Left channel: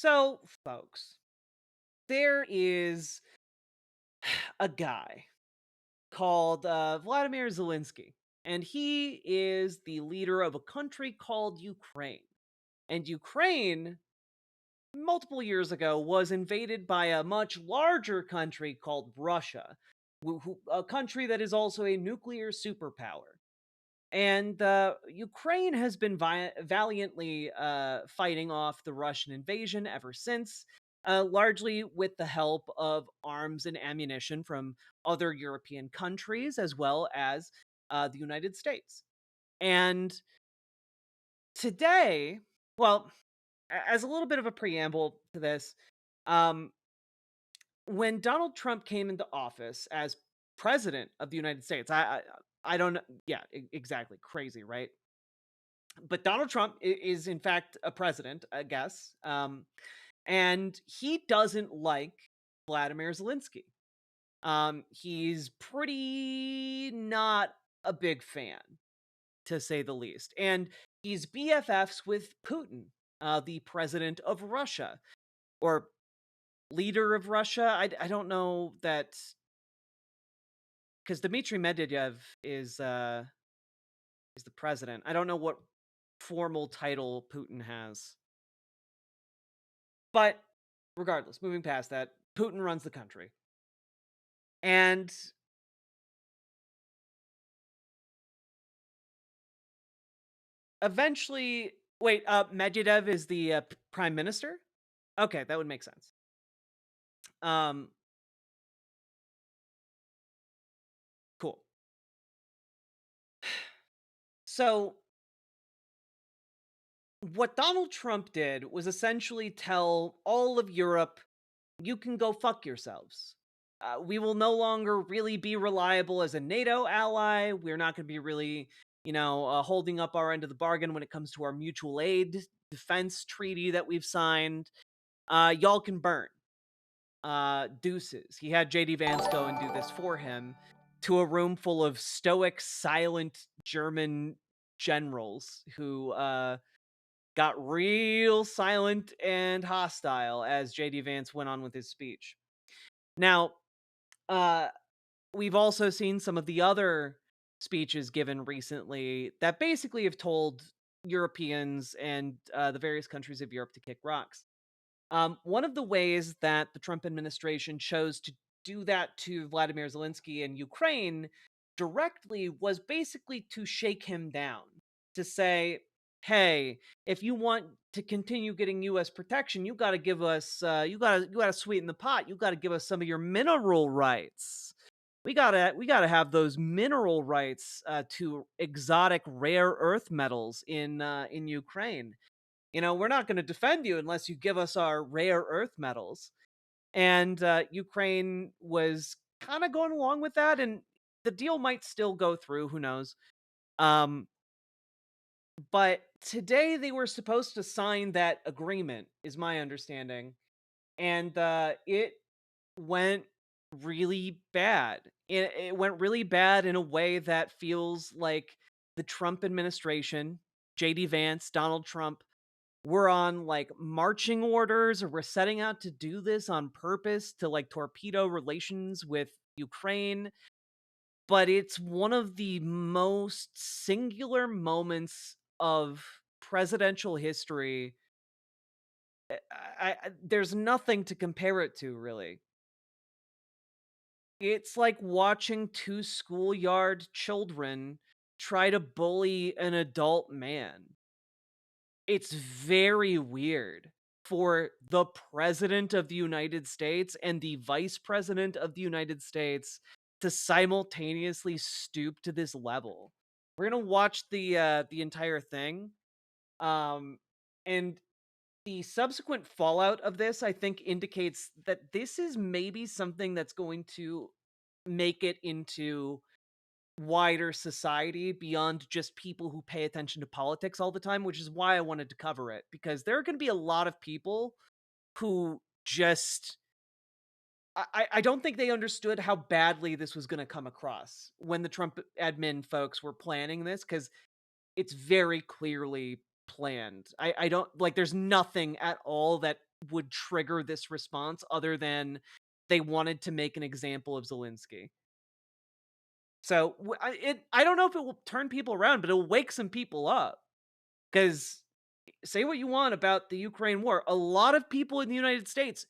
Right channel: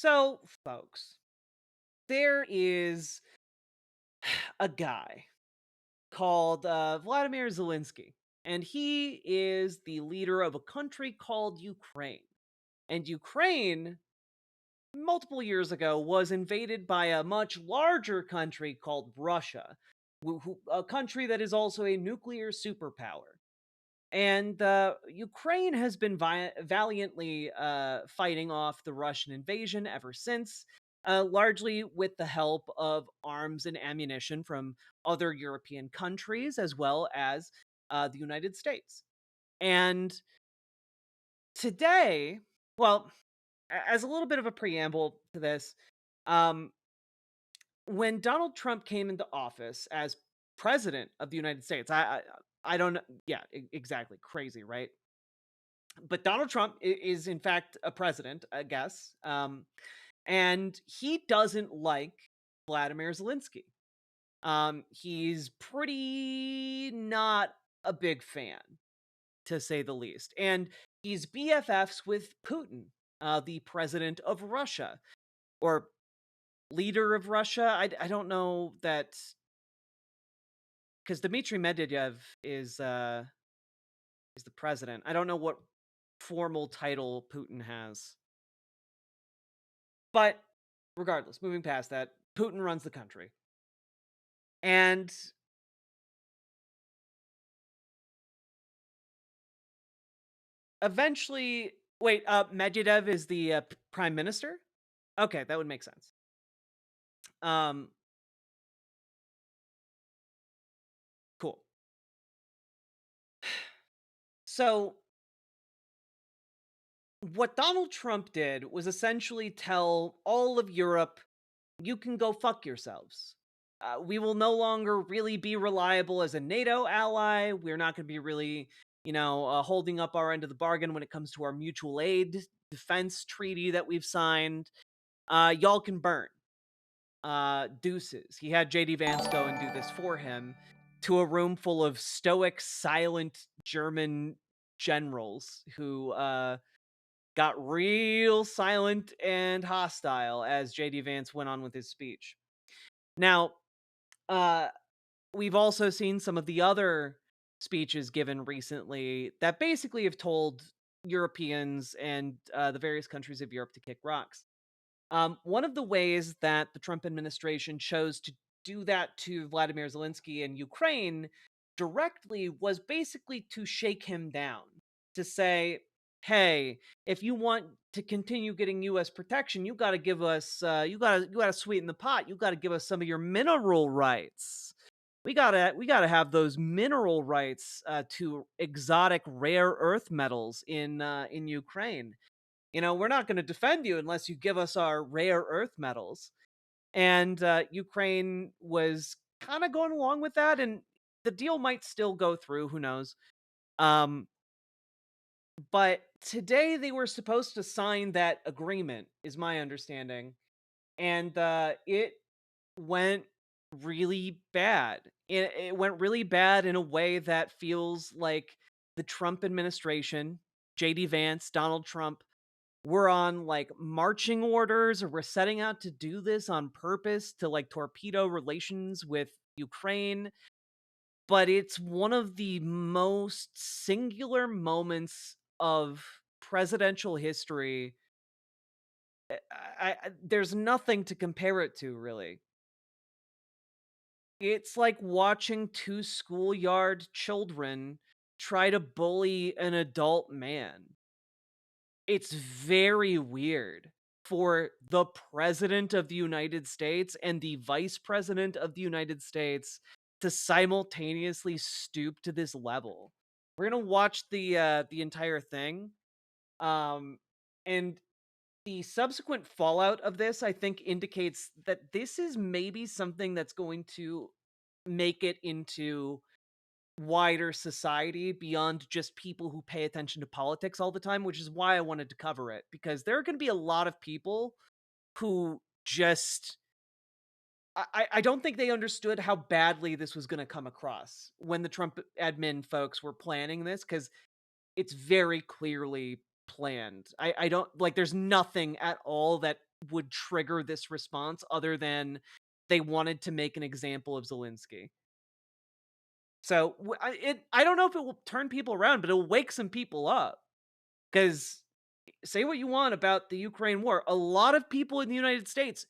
So, folks, there is a guy called Vladimir Zelensky, and he is the leader of a country called Ukraine. And Ukraine, multiple years ago, was invaded by a much larger country called Russia, a country that is also a nuclear superpower. And Ukraine has been valiantly fighting off the Russian invasion ever since, largely with the help of arms and ammunition from other European countries, as well as the United States. And today, well, as a little bit of a preamble to this, um, when Donald Trump came into office as president of the United States, I don't know. Yeah, exactly. Crazy, right? But Donald Trump is in fact a president, I guess, and he doesn't like Vladimir Zelensky. He's pretty not a big fan, to say the least, and he's BFFs with Putin, the president of Russia or leader of Russia. I don't know that because Dmitry Medvedev is the president. I don't know what formal title Putin has. But regardless, moving past that, Putin runs the country. And eventually, wait, Medvedev is the prime minister? Okay, that would make sense. Um, cool. So, what Donald Trump did was essentially tell all of Europe, you can go fuck yourselves. We will no longer really be reliable as a NATO ally. We're not going to be really, holding up our end of the bargain when it comes to our mutual aid defense treaty that we've signed. Y'all can burn. Deuces. He had JD Vance go and do this for him to a room full of stoic, silent German generals who got real silent and hostile as JD Vance went on with his speech. Now, uh, we've also seen some of the other speeches given recently that basically have told Europeans and the various countries of Europe to kick rocks. One of the ways that the Trump administration chose to do that to Vladimir Zelensky in Ukraine directly was basically to shake him down, to say, "Hey, if you want to continue getting U.S. protection, you got to give us, you got to sweeten the pot. You got to give us some of your mineral rights. We gotta have those mineral rights to exotic rare earth metals in Ukraine." We're not going to defend you unless you give us our rare earth metals. And Ukraine was kind of going along with that, and the deal might still go through. Who knows? Um, but today they were supposed to sign that agreement, is my understanding, and it went really bad. It went really bad in a way that feels like the Trump administration, JD Vance, Donald Trump, we're on like marching orders or we're setting out to do this on purpose to like torpedo relations with Ukraine. But it's one of the most singular moments of presidential history. There's nothing to compare it to, really. It's like watching two schoolyard children try to bully an adult man. It's very weird for the president of the United States and the vice president of the United States to simultaneously stoop to this level. We're gonna watch the entire thing, um, and the subsequent fallout of this, I think, indicates that this is maybe something that's going to make it into wider society beyond just people who pay attention to politics all the time, which is why I wanted to cover it, because there are going to be a lot of people who just I don't think they understood how badly this was going to come across when the Trump admin folks were planning this, because it's very clearly planned. I don't like there's nothing at all that would trigger this response other than they wanted to make an example of Zelensky. So I don't know if it will turn people around, but it'll wake some people up. Because say what you want about the Ukraine war, a lot of people in the United States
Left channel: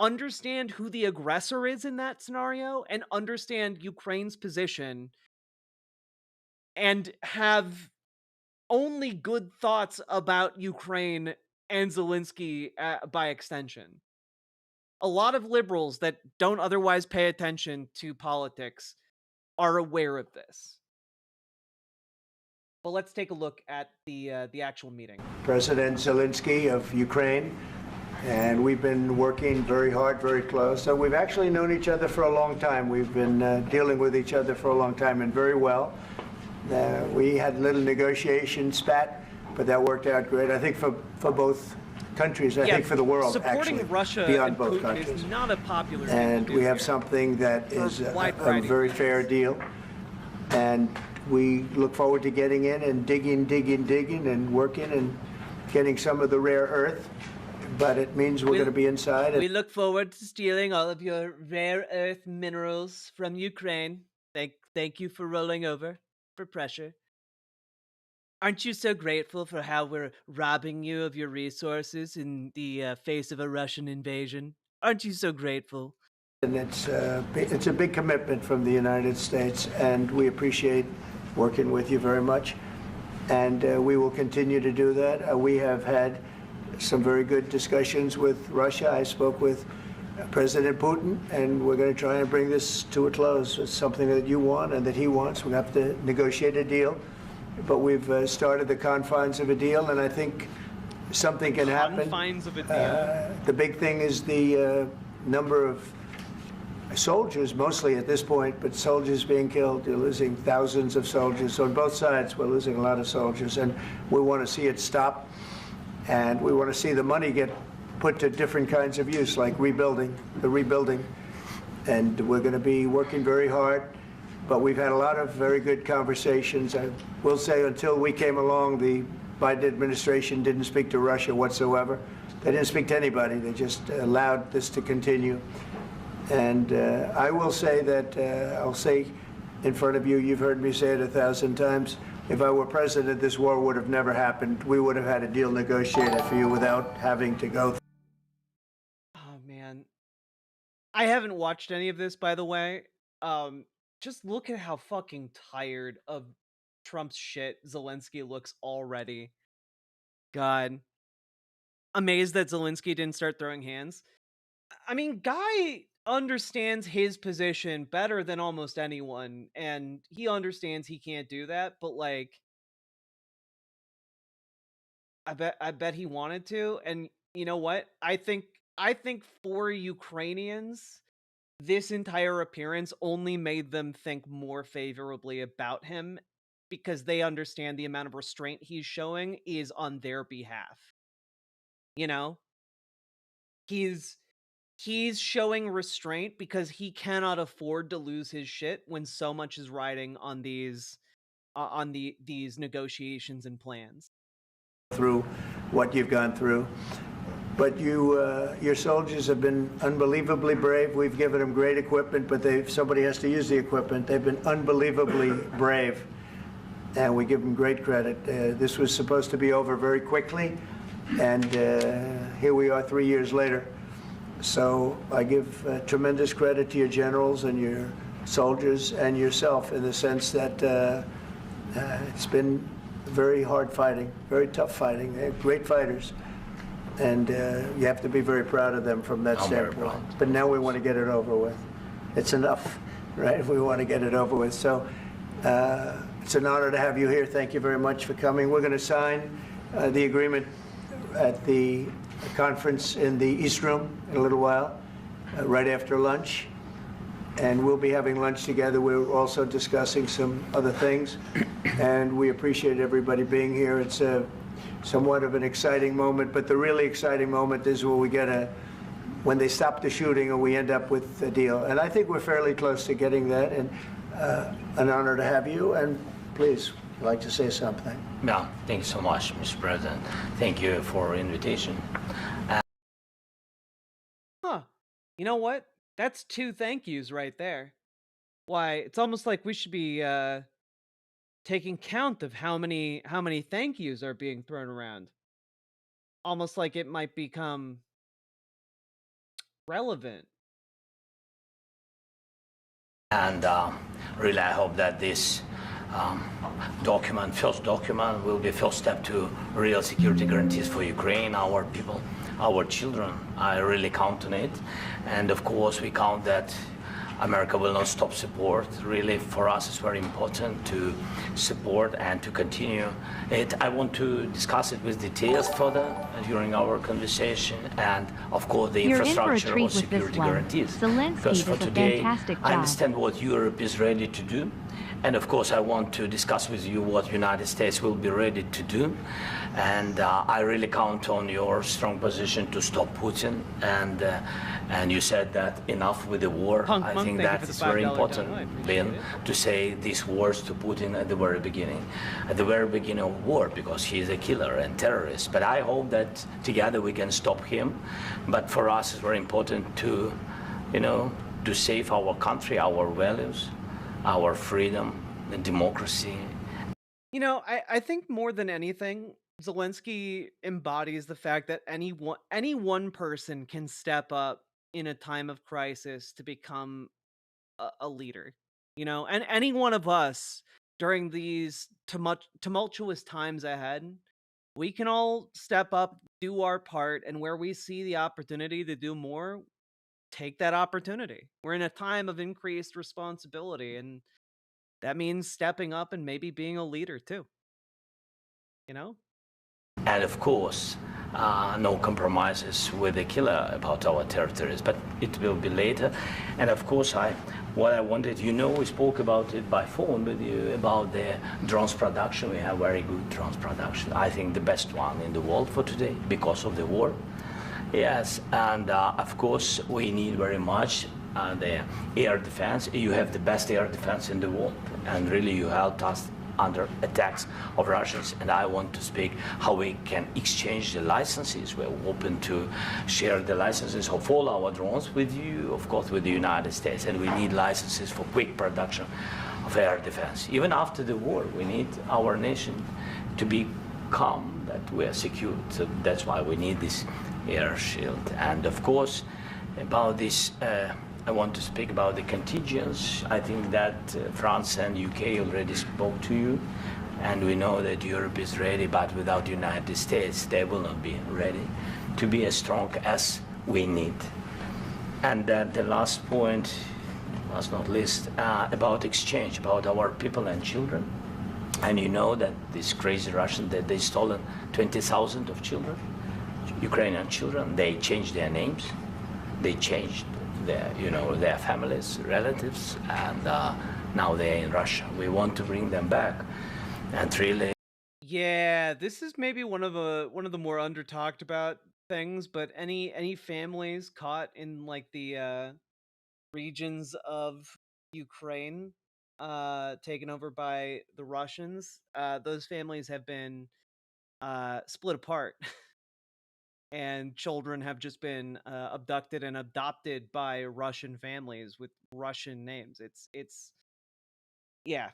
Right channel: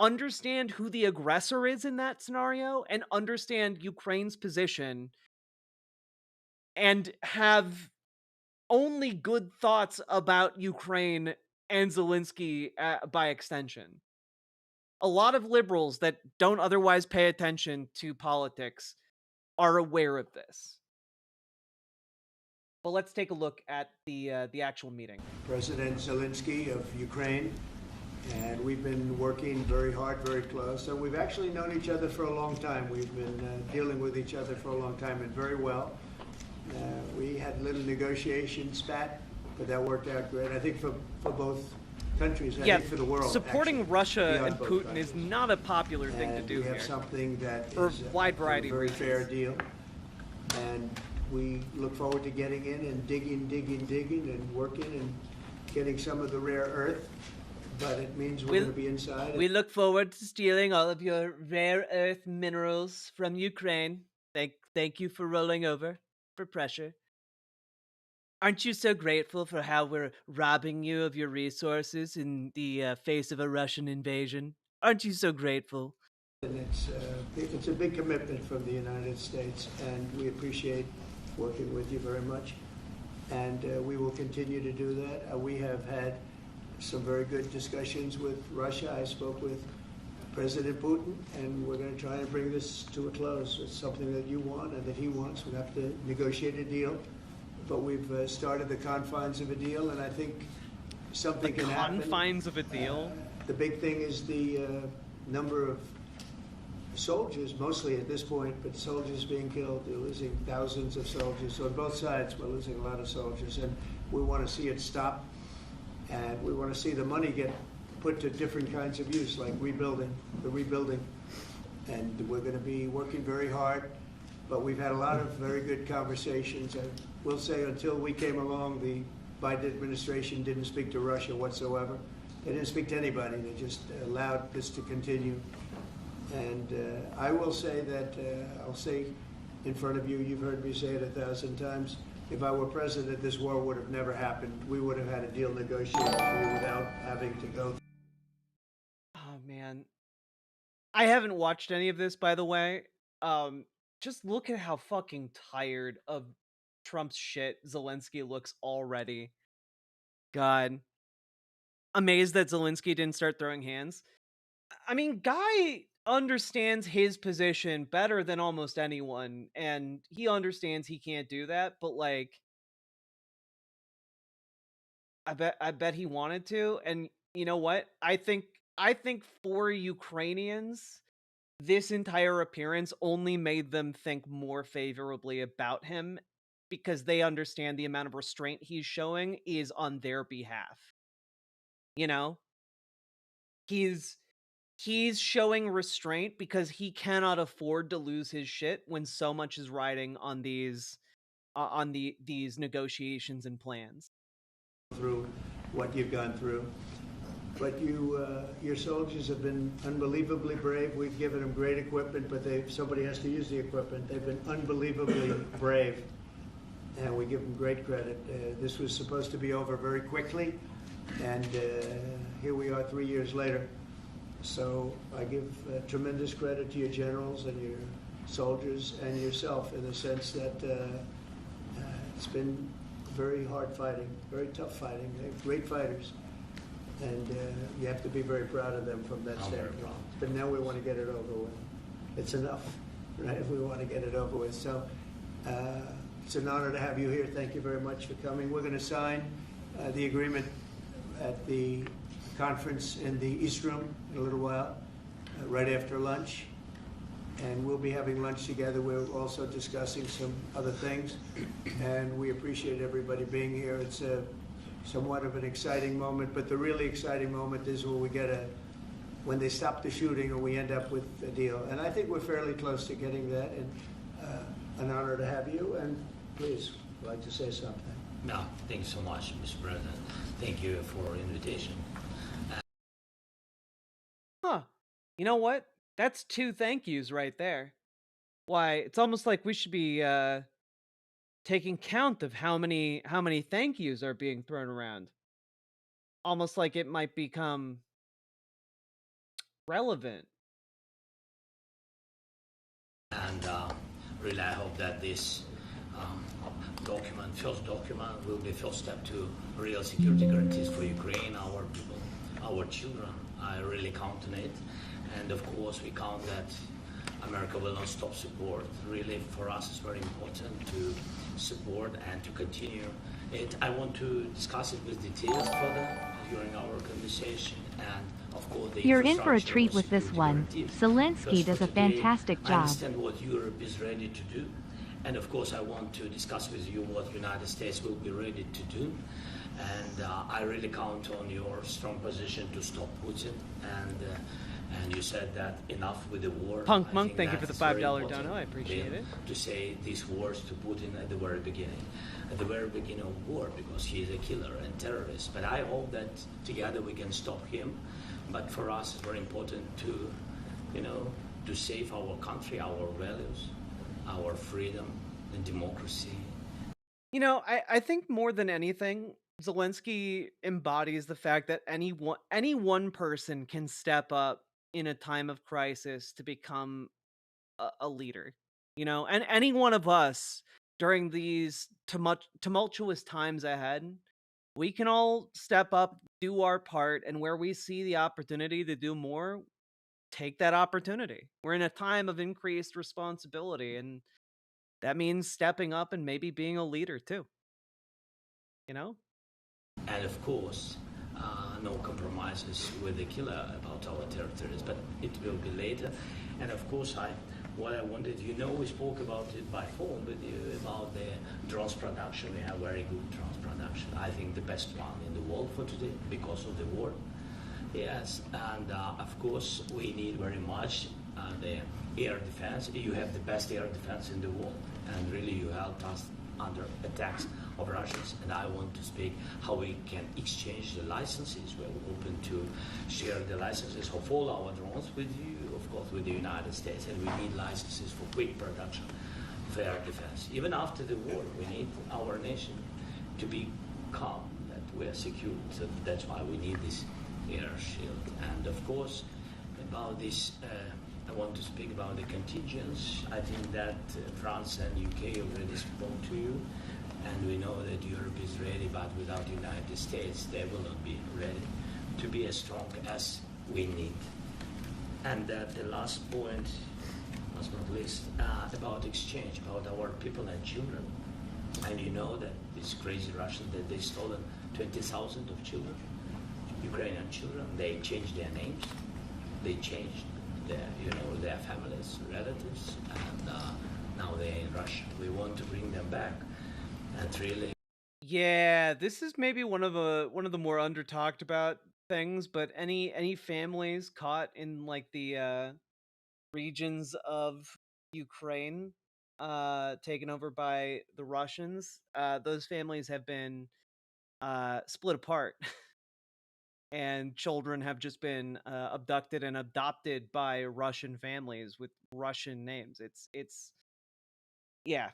understand who the aggressor is in that scenario and understand Ukraine's position and have only good thoughts about Ukraine and Zelensky by extension. A lot of liberals that don't otherwise pay attention to politics are aware of this. But let's take a look at the actual meeting. President Zelensky of Ukraine, and we've been working very hard, very close. So we've actually known each other for a long time. We've been dealing with each other for a long time and very well. We had a little negotiation spat, but that worked out great. I think for both countries, I think for the world. Supporting actually, Russia and Putin countries is not a popular thing to do. And we have something that is a very fair deal. And we look forward to getting in and digging and working and getting some of the rare earth. But it means we're going to be inside. We look forward to stealing all of your rare earth minerals from Ukraine. Thank you for rolling over for pressure. Aren't you so grateful for how we're robbing you of your resources in the face of a Russian invasion? Aren't you so grateful? And it's a big commitment from the United States, and we appreciate working with you very much. And we will continue to do that. We have had some very good discussions with Russia. I spoke with President Putin, and we're going to try and bring this to a close. It's something that you want and that he wants. We have to negotiate a deal. But we've started the confines of a deal, and I think something can happen. Confines of a deal? The big thing is the number of soldiers, mostly at this point, but soldiers being killed. You're losing thousands of soldiers. So on both sides, we're losing a lot of soldiers, and we want to see it stop. And we want to see the money get put to different kinds of use, like rebuilding. And we're going to be working very hard. But we've had a lot of very good conversations. I will say until we came along, the Biden administration didn't speak to Russia whatsoever. They didn't speak to anybody. They just allowed this to continue. And I will say that, I'll say in front of you, you've heard me say it 1,000 times, if I were president, this war would have never happened. We would have had a deal negotiated for you without having to go. Oh, man. I haven't watched any of this, by the way. Just look at how fucking tired of Trump's shit Zelensky looks already. God. Amazed that Zelensky didn't start throwing hands. I mean, Guy understands his position better than almost anyone, and he understands he can't do that, but like I bet he wanted to, and you know what? I think for Ukrainians, this entire appearance only made them think more favorably about him because they understand the amount of restraint he's showing is on their behalf. You know? He's showing restraint because he cannot afford to lose his shit when so much is riding on these negotiations and plans. Through what you've gone through. But your soldiers have been unbelievably brave. We've given them great equipment, but somebody has to use the equipment. They've been unbelievably brave, and we give them great credit. This was supposed to be over very quickly, and here we are 3 years later. So I give tremendous credit to your generals and your soldiers and yourself in the sense that it's been very hard fighting, very tough fighting. They're great fighters. And you have to be very proud of them from that standpoint. But now we want to get it over with. It's enough, right? We want to get it over with. So it's an honor to have you here. Thank you very much for coming. We're going to sign the agreement at the conference in the East Room in a little while, right after lunch. And we'll be having lunch together. We're also discussing some other things. And we appreciate everybody being here. It's somewhat of an exciting moment, but the really exciting moment is when they stop the shooting and we end up with a deal. And I think we're fairly close to getting that, and an honor to have you. And please, I'd like to say something. Yeah, thank you so much, Mr. President. Thank you for invitation. You know what? That's 2 thank yous right there. Why, it's almost like we should be, taking count of how many thank yous are being thrown around. Almost like it might become relevant. And really, I hope that this um, first document, will be first step to real security guarantees for Ukraine, our people, our children. I really count on it. And of course, we count that America will not stop support. Really, for us, it's very important to support and to continue it. I want to discuss it with details further during our conversation, and of course the You're in infrastructure for a treat of with this security one. guarantees. Zelensky Because for does a today, fantastic I job. understand what Europe is ready to do, and of course I want to discuss with you what United States will be ready to do. And I really count on your strong position to stop Putin. And you said that enough with the war. Punk I Monk, think thank you that for the it's very $5 important, dono. I appreciate Lynn, it. to say these words to Putin at the very beginning of war, because he is a killer and terrorist. But I hope that together we can stop him. But for us, it's very important to, to save our country, our values, our freedom and democracy. I think more than anything, Zelensky embodies the fact that any one person can step up in a time of crisis to become a leader. And any one of us during these tumultuous times ahead, we can all step up, do our part, and where we see the opportunity to do more, take that opportunity. We're in a time of increased responsibility, and that means stepping up and maybe being a leader too. You know? And of course, no compromises with the killer about our territories, but it will be later. And of course, what I wanted, we spoke about it by phone with you about the drones production. We have very good drones production. I think the best one in the world for today because of the war. Yes, and of course, we need very much the air defense. You have the best air defense in the world, and really you helped us under attacks of Russians. And I want to speak how we can exchange the licenses. We're open to share the licenses of all our drones with you, of course, with the United States. And we need licenses for quick production of air defense. Even after the war, we need our nation to be calm, that we are secure. So that's why we need this air shield. And of course, about this, I want to speak about the contingents. I think that France and UK already spoke to you, and we know that Europe is ready, but without the United States, they will not be ready to be as strong as we need. And the last point, last not least, about exchange, about our people and children. And you know that these crazy Russians, that they stolen 20,000 of children, Ukrainian children. They changed their names, they changed their families, relatives, and now they're in Russia. We want to bring them back, and really. Yeah, this is maybe one of the more under talked about things, but any families caught in like the regions of Ukraine taken over by the Russians, those families have been split apart. And children have just been abducted and adopted by Russian families with Russian names. It's yeah.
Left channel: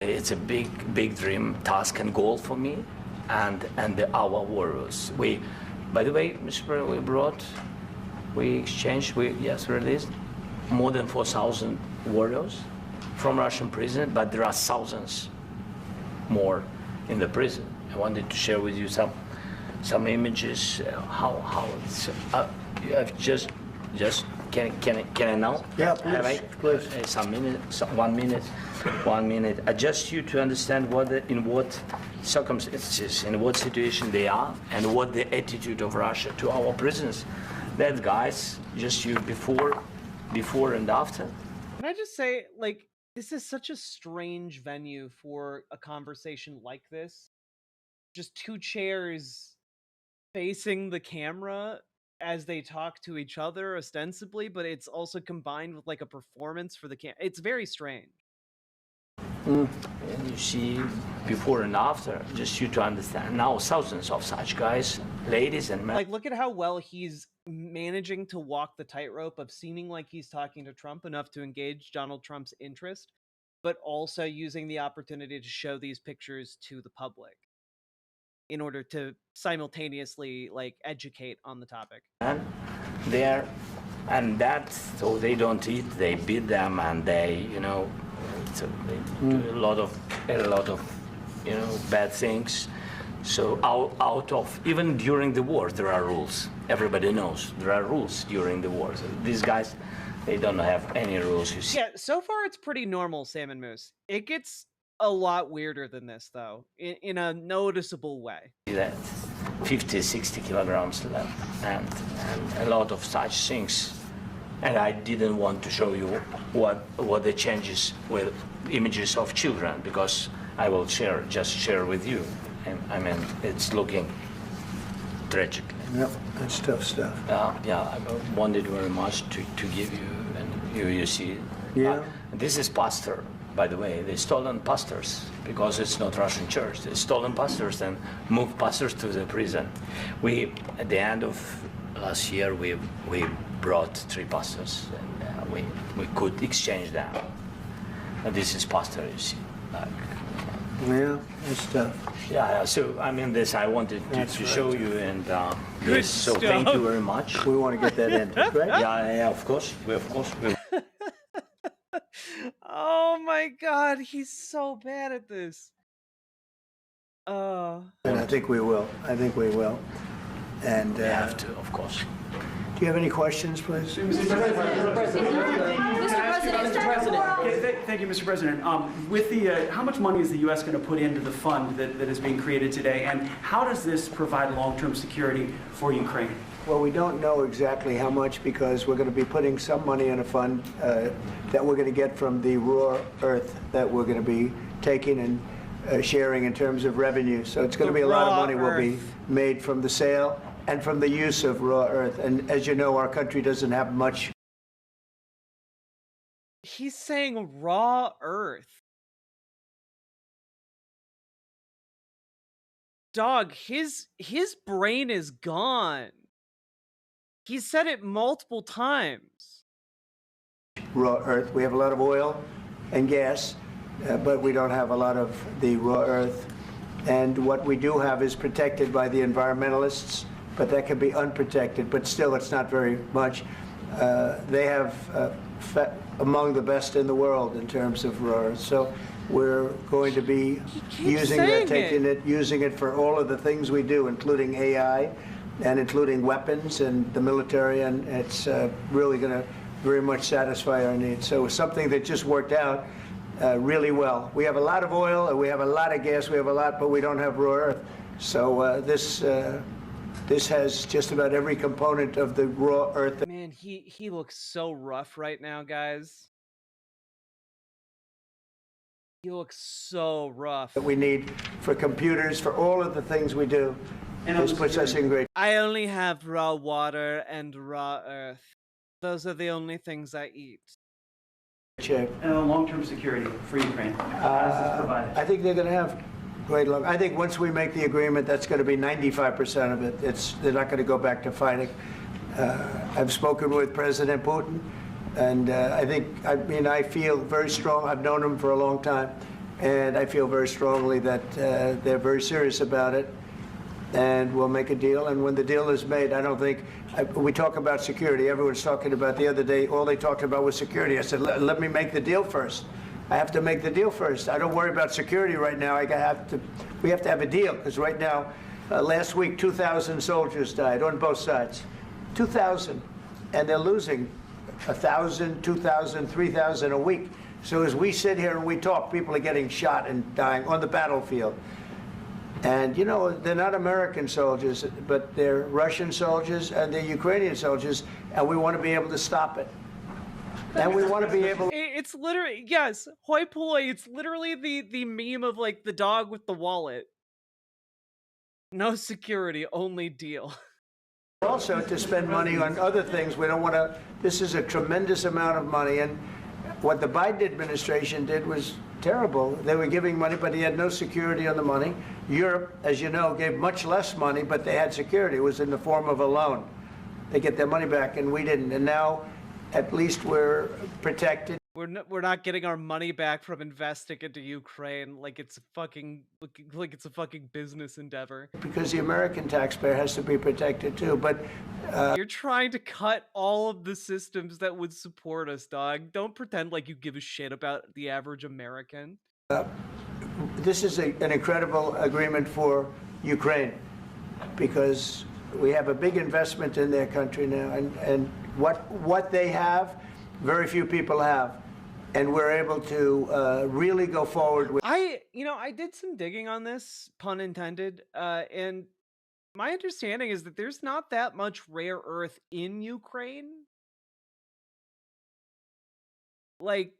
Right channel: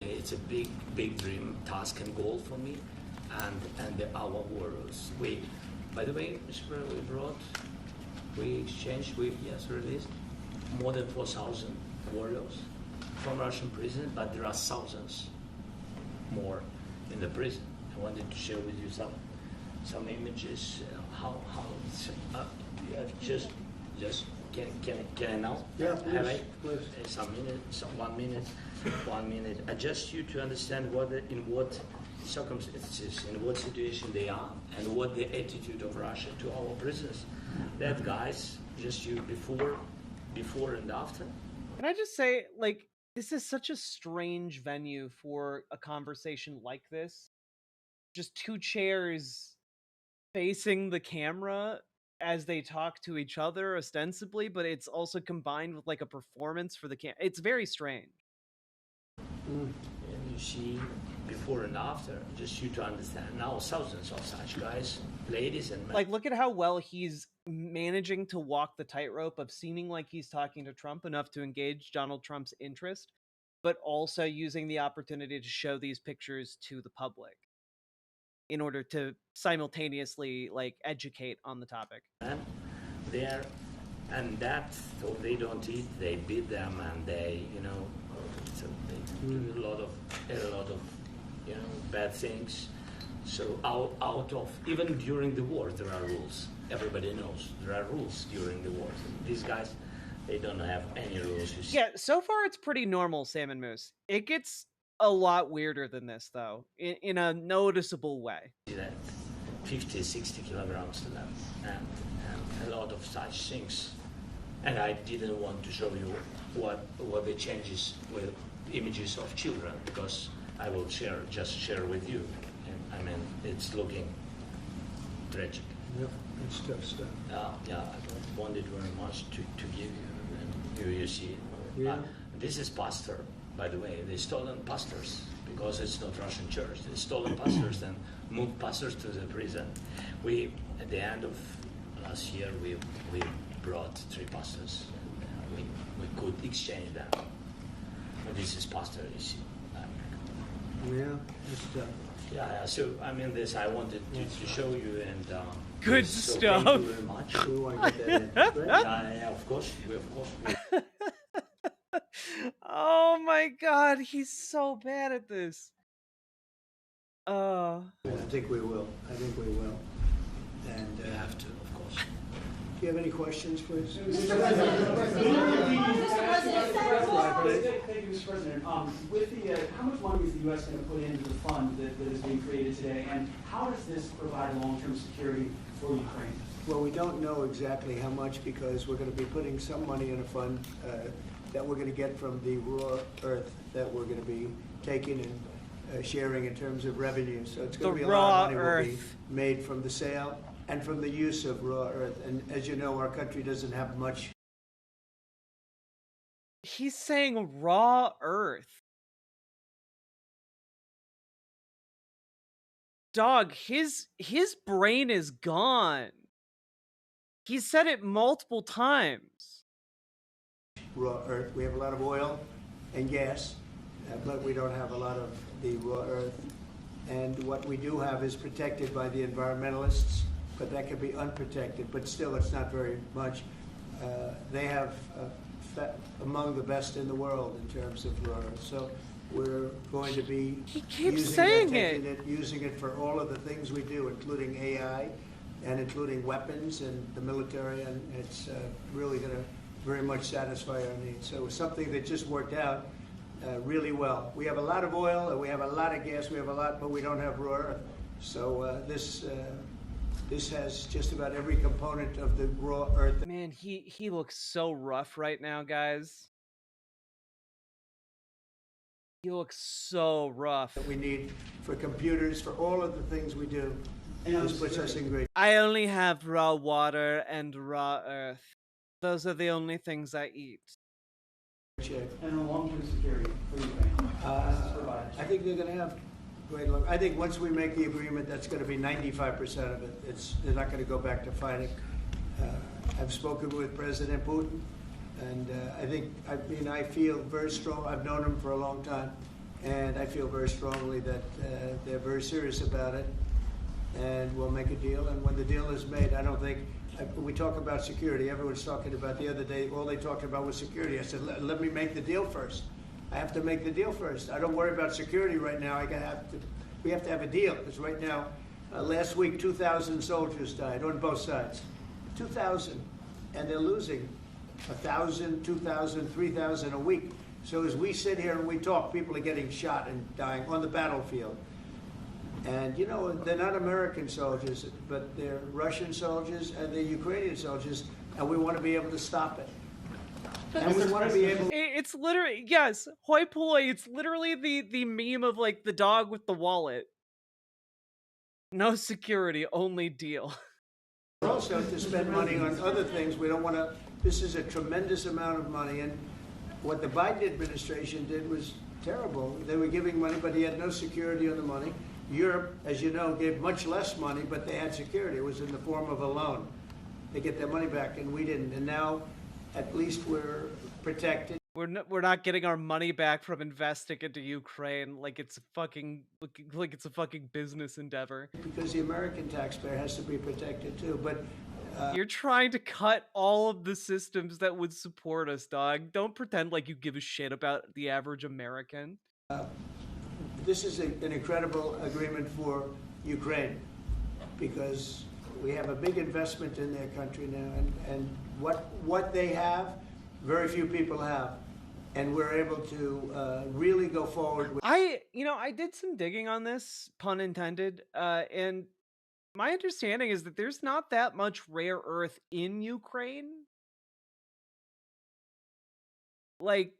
It's a big dream, task, and goal for me, and our warriors. By the way, Mr. President, we exchanged, released more than 4,000 warriors from Russian prison, but there are thousands more in the prison. I wanted to share with you some images. How it's, you have just can I now? Yeah, Have I? please. Some minute, 1 minute, 1 minute. Just you to understand in what circumstances, in what situation they are, and what the attitude of Russia to our prisoners. That guys, just you before and after. Can I just say, like, this is such a strange venue for a conversation like this. Just two chairs facing the camera as they talk to each other ostensibly, but it's also combined with like a performance for the It's very strange. And you see before and after, just you to understand. Now thousands of such guys, ladies and men. Like, look at how well he's managing to walk the tightrope of seeming like he's talking to Trump enough to engage Donald Trump's interest, but also using the opportunity to show these pictures to the public in order to simultaneously like educate on the topic. And they're, and that's so they don't eat, they beat them, and they, you know, so they do a lot of, you know, bad things. So out of, even during the war, there are rules. Everybody knows there are rules during the wars. And these guys, they don't have any rules. You see. Yeah, so far it's pretty normal, Salmon Moose. It gets a lot weirder than this, though, in a noticeable way. That 50, 60 kilograms left, and a lot of such things. And I didn't want to show you what the changes with images of children, because I will just share with you. And I mean, it's looking tragic. Yep, that's tough stuff. Yeah, I wanted very much to give you, and you see. Yeah. This is pastor, by the way. They stolen pastors because it's not Russian church. They stolen pastors and moved pastors to the prison. We, at the end of last year, we brought 3 pastors, and we could exchange them. And this is pastor, you see. Like, Yeah, that's tough. yeah, so I mean, this I wanted to show you, and Good yes, so stuff. thank you very much. We want to get that in, right? Yeah, of course. Oh my god, he's so bad at this. And I think we will. I think we will. And We have to, of course. do you have any questions, please? Thank you, Mr. President. With the, how much money is the U.S. going to put into the fund that is being created today, and how does this provide long-term security for Ukraine? Well, we don't know exactly how much, because we're going to be putting some money in a fund that we're going to get from the raw earth that we're going to be taking and sharing in terms of revenue. So it's going to The be a lot of raw money will be earth. made from the sale and from the use of raw earth. And as you know, our country doesn't have much. He's saying raw earth. Dog, his brain is gone. He said it multiple times. Raw earth. We have a lot of oil and gas, but we don't have a lot of the raw earth. And what we do have is protected by the environmentalists, but that can be unprotected. But still, it's not very much. They have among the best in the world in terms of raw earth. So we're going to be using that, taking it, using it for all of the things we do, including AI and including weapons and the military, and it's really going to very much satisfy our needs. So it's something that just worked out really well. We have a lot of oil, and we have a lot of gas, we have a lot, but we don't have raw earth. So this has just about every component of the raw earth. Man, he looks so rough right now, guys. He looks so rough. That we need for computers, for all of the things we do. This puts us in great I only have raw water and raw earth. Those are the only things I eat. shape. And long-term security for Ukraine. How does this provide it? I think they're going to have great luck. I think once we make the agreement, that's going to be 95% of it. They're not going to go back to fighting. I've spoken with President Putin, and I feel very strong. I've known him for a long time, and I feel very strongly that they're very serious about it, and we'll make a deal. And when the deal is made, I don't think we talk about security. Everyone's talking about the other day. All they talked about was security. I said, let me make the deal first. I have to make the deal first. I don't worry about security right now. We have to have a deal, because right now, last week, 2,000 soldiers died on both sides. 2,000, and they're losing 1,000, 2,000, 3,000 a week. So as we sit here and we talk, people are getting shot and dying on the battlefield. And you know, they're not American soldiers, but they're Russian soldiers and they're Ukrainian soldiers, and we want to be able to stop it. And we want to be able. It's literally, yes, hoi polloi. It's literally the meme of like the dog with the wallet. No security, only deal. Also to spend money on other things. We don't want to. This is a tremendous amount of money, and what the Biden administration did was terrible. They were giving money, but he had no security on the money. Europe, as you know, gave much less money, but they had security. It was in the form of a loan. They get their money back, and we didn't. And now, at least we're protected. We're not getting our money back from investing into Ukraine like it's a fucking business endeavor. Because the American taxpayer has to be protected too. But you're trying to cut all of the systems that would support us, dog. Don't pretend like you give a shit about the average American. This is an incredible agreement for Ukraine, because we have a big investment in their country now, and what they have, very few people have. And we're able to really go forward with. I did some digging on this, pun intended, and my understanding is that there's not that much rare earth in Ukraine. Like,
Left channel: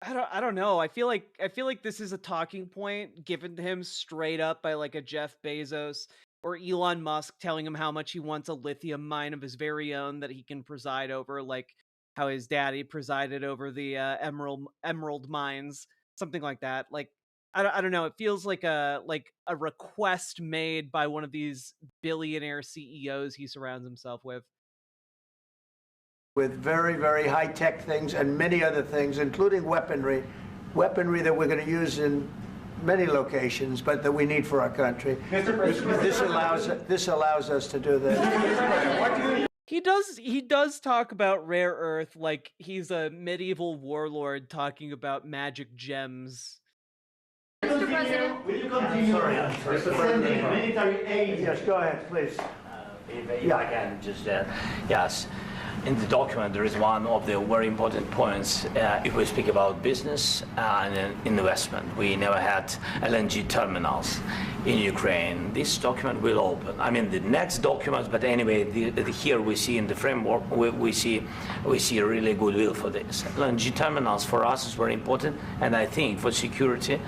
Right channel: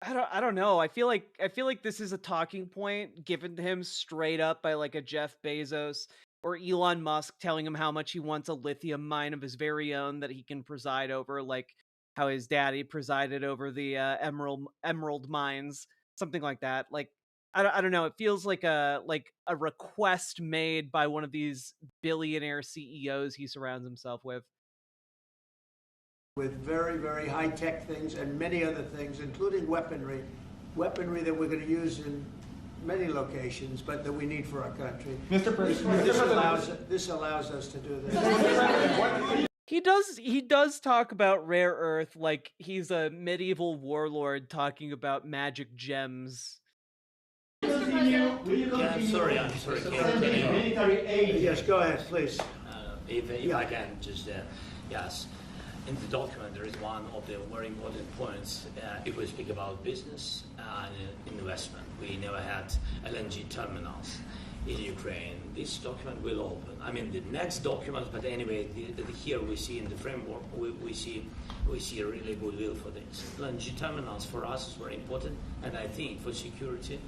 I don't know. I feel like this is a talking point given to him straight up by like a Jeff Bezos or Elon Musk telling him how much he wants a lithium mine of his very own that he can preside over, like how his daddy presided over the emerald mines, something like that. Like, I don't know. It feels like a request made by one of these billionaire CEOs he surrounds himself with. With very, very high-tech things and many other things, including weaponry that we're going to use in many locations, but that we need for our country. Mr. President, this allows us to do this. He does talk about rare earth like he's a medieval warlord talking about magic gems. Mr. President. Will you continue? Sorry, I'm sorry. Military aid. Yes, go ahead, please. If I can just, yes. In the document, there is one of the very important points. If we speak about business and investment, we never had LNG terminals in Ukraine. This document will open. I mean, the next documents, but anyway, here we see in the framework, we see really goodwill for this. LNG terminals for us is very important, and I think for security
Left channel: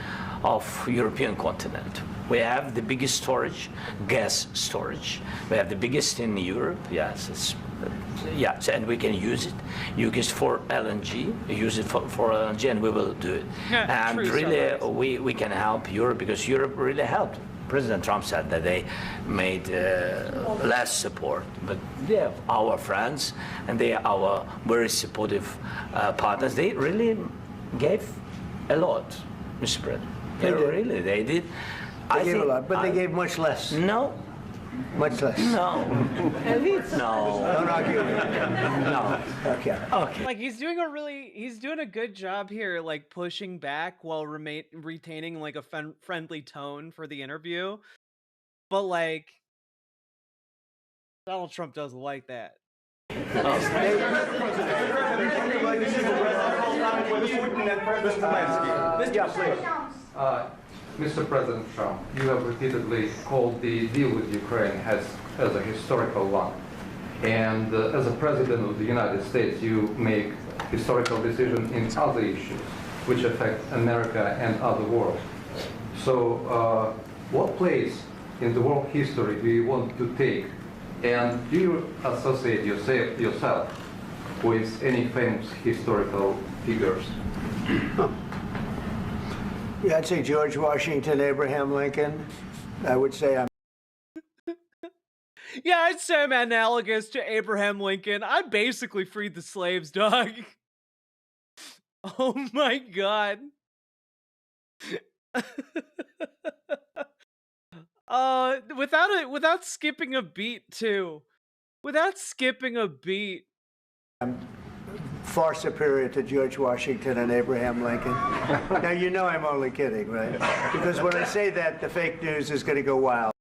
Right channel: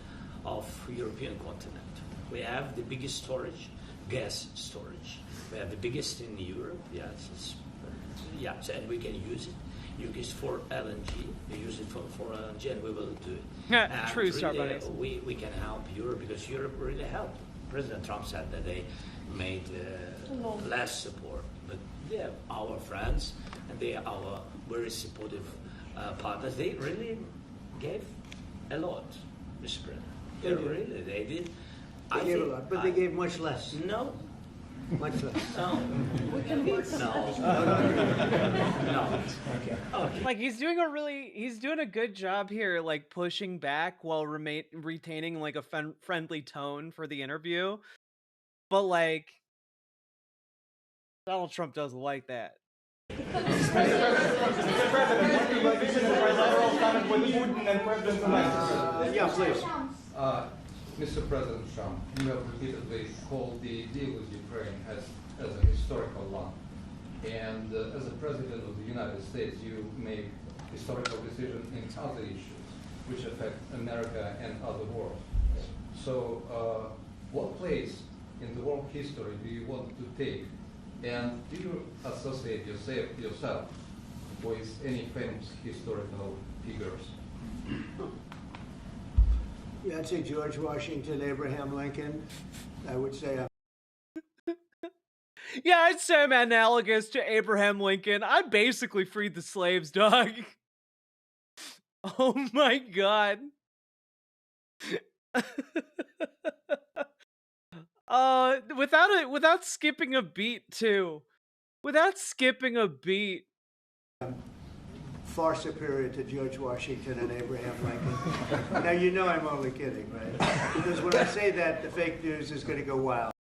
of European continent. We have the biggest storage, gas storage. We have the biggest in Europe. Yes, yes, and we can use it. Use it for LNG. Use it for LNG, and we will do it. Yeah, and true, really, we can help Europe because Europe really helped. President Trump said that they made less support, but they are our friends and they are our very supportive partners. They really gave a lot, Mr. President. They did. They gave a lot, but they gave much less. No. Much less. No. No. No. Okay. Like he's doing a good job here, like pushing back while retaining like a friendly tone for the interview. But like Donald Trump doesn't like that. Mr. President Trump, you have repeatedly called the deal with Ukraine as a historical one. And as a President of the United States, you make historical decisions in other issues which affect America and other world. So what place in the world history do you want to take? And do you associate yourself with any famous historical figures? Yeah, I'd say George Washington, Abraham Lincoln. I would say I'm. Yeah, I'd say I'm analogous to Abraham Lincoln. I basically freed the slaves, dog. Oh my god. Without skipping a beat too. Without skipping a beat. I'm far superior to George Washington and Abraham Lincoln. Now, you know I'm only kidding, right? Because when I say that, the fake news is going to go wild.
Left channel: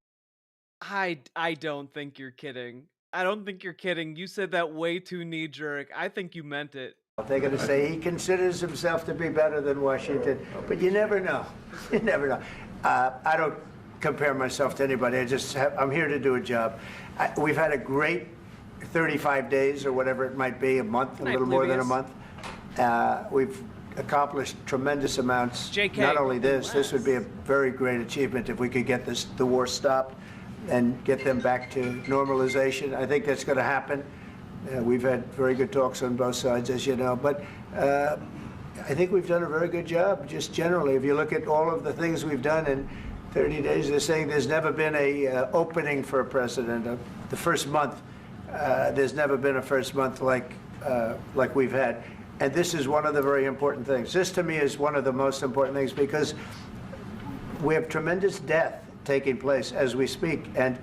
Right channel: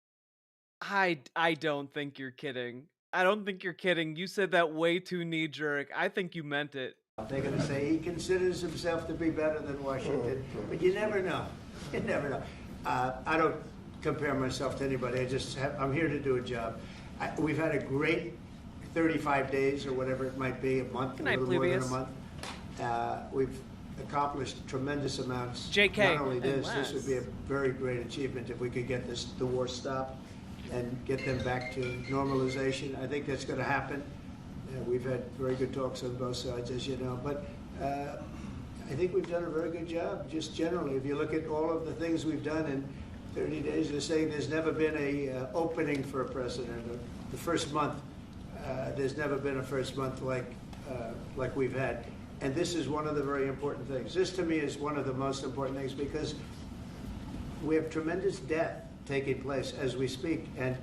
I don't think you're kidding. I don't think you're kidding. You said that way too knee-jerk. I think you meant it. They're going to say he considers himself to be better than Washington, but you never know. You never know. I don't compare myself to anybody. I'm here to do a job. We've had a great 35 days or whatever it might be, a month, a little more than a month. We've accomplished tremendous amounts. JK, not only this would be a very great achievement if we could get the war stopped and get them back to normalization. I think that's going to happen. We've had very good talks on both sides, as you know, but I think we've done a very good job, just generally. If you look at all of the things we've done in 30 days. They're saying there's never been a opening for a president. The first month, there's never been a first month like we've had. And this is one of the very important things. This, to me, is one of the most important things because we have tremendous death taking place as we speak. And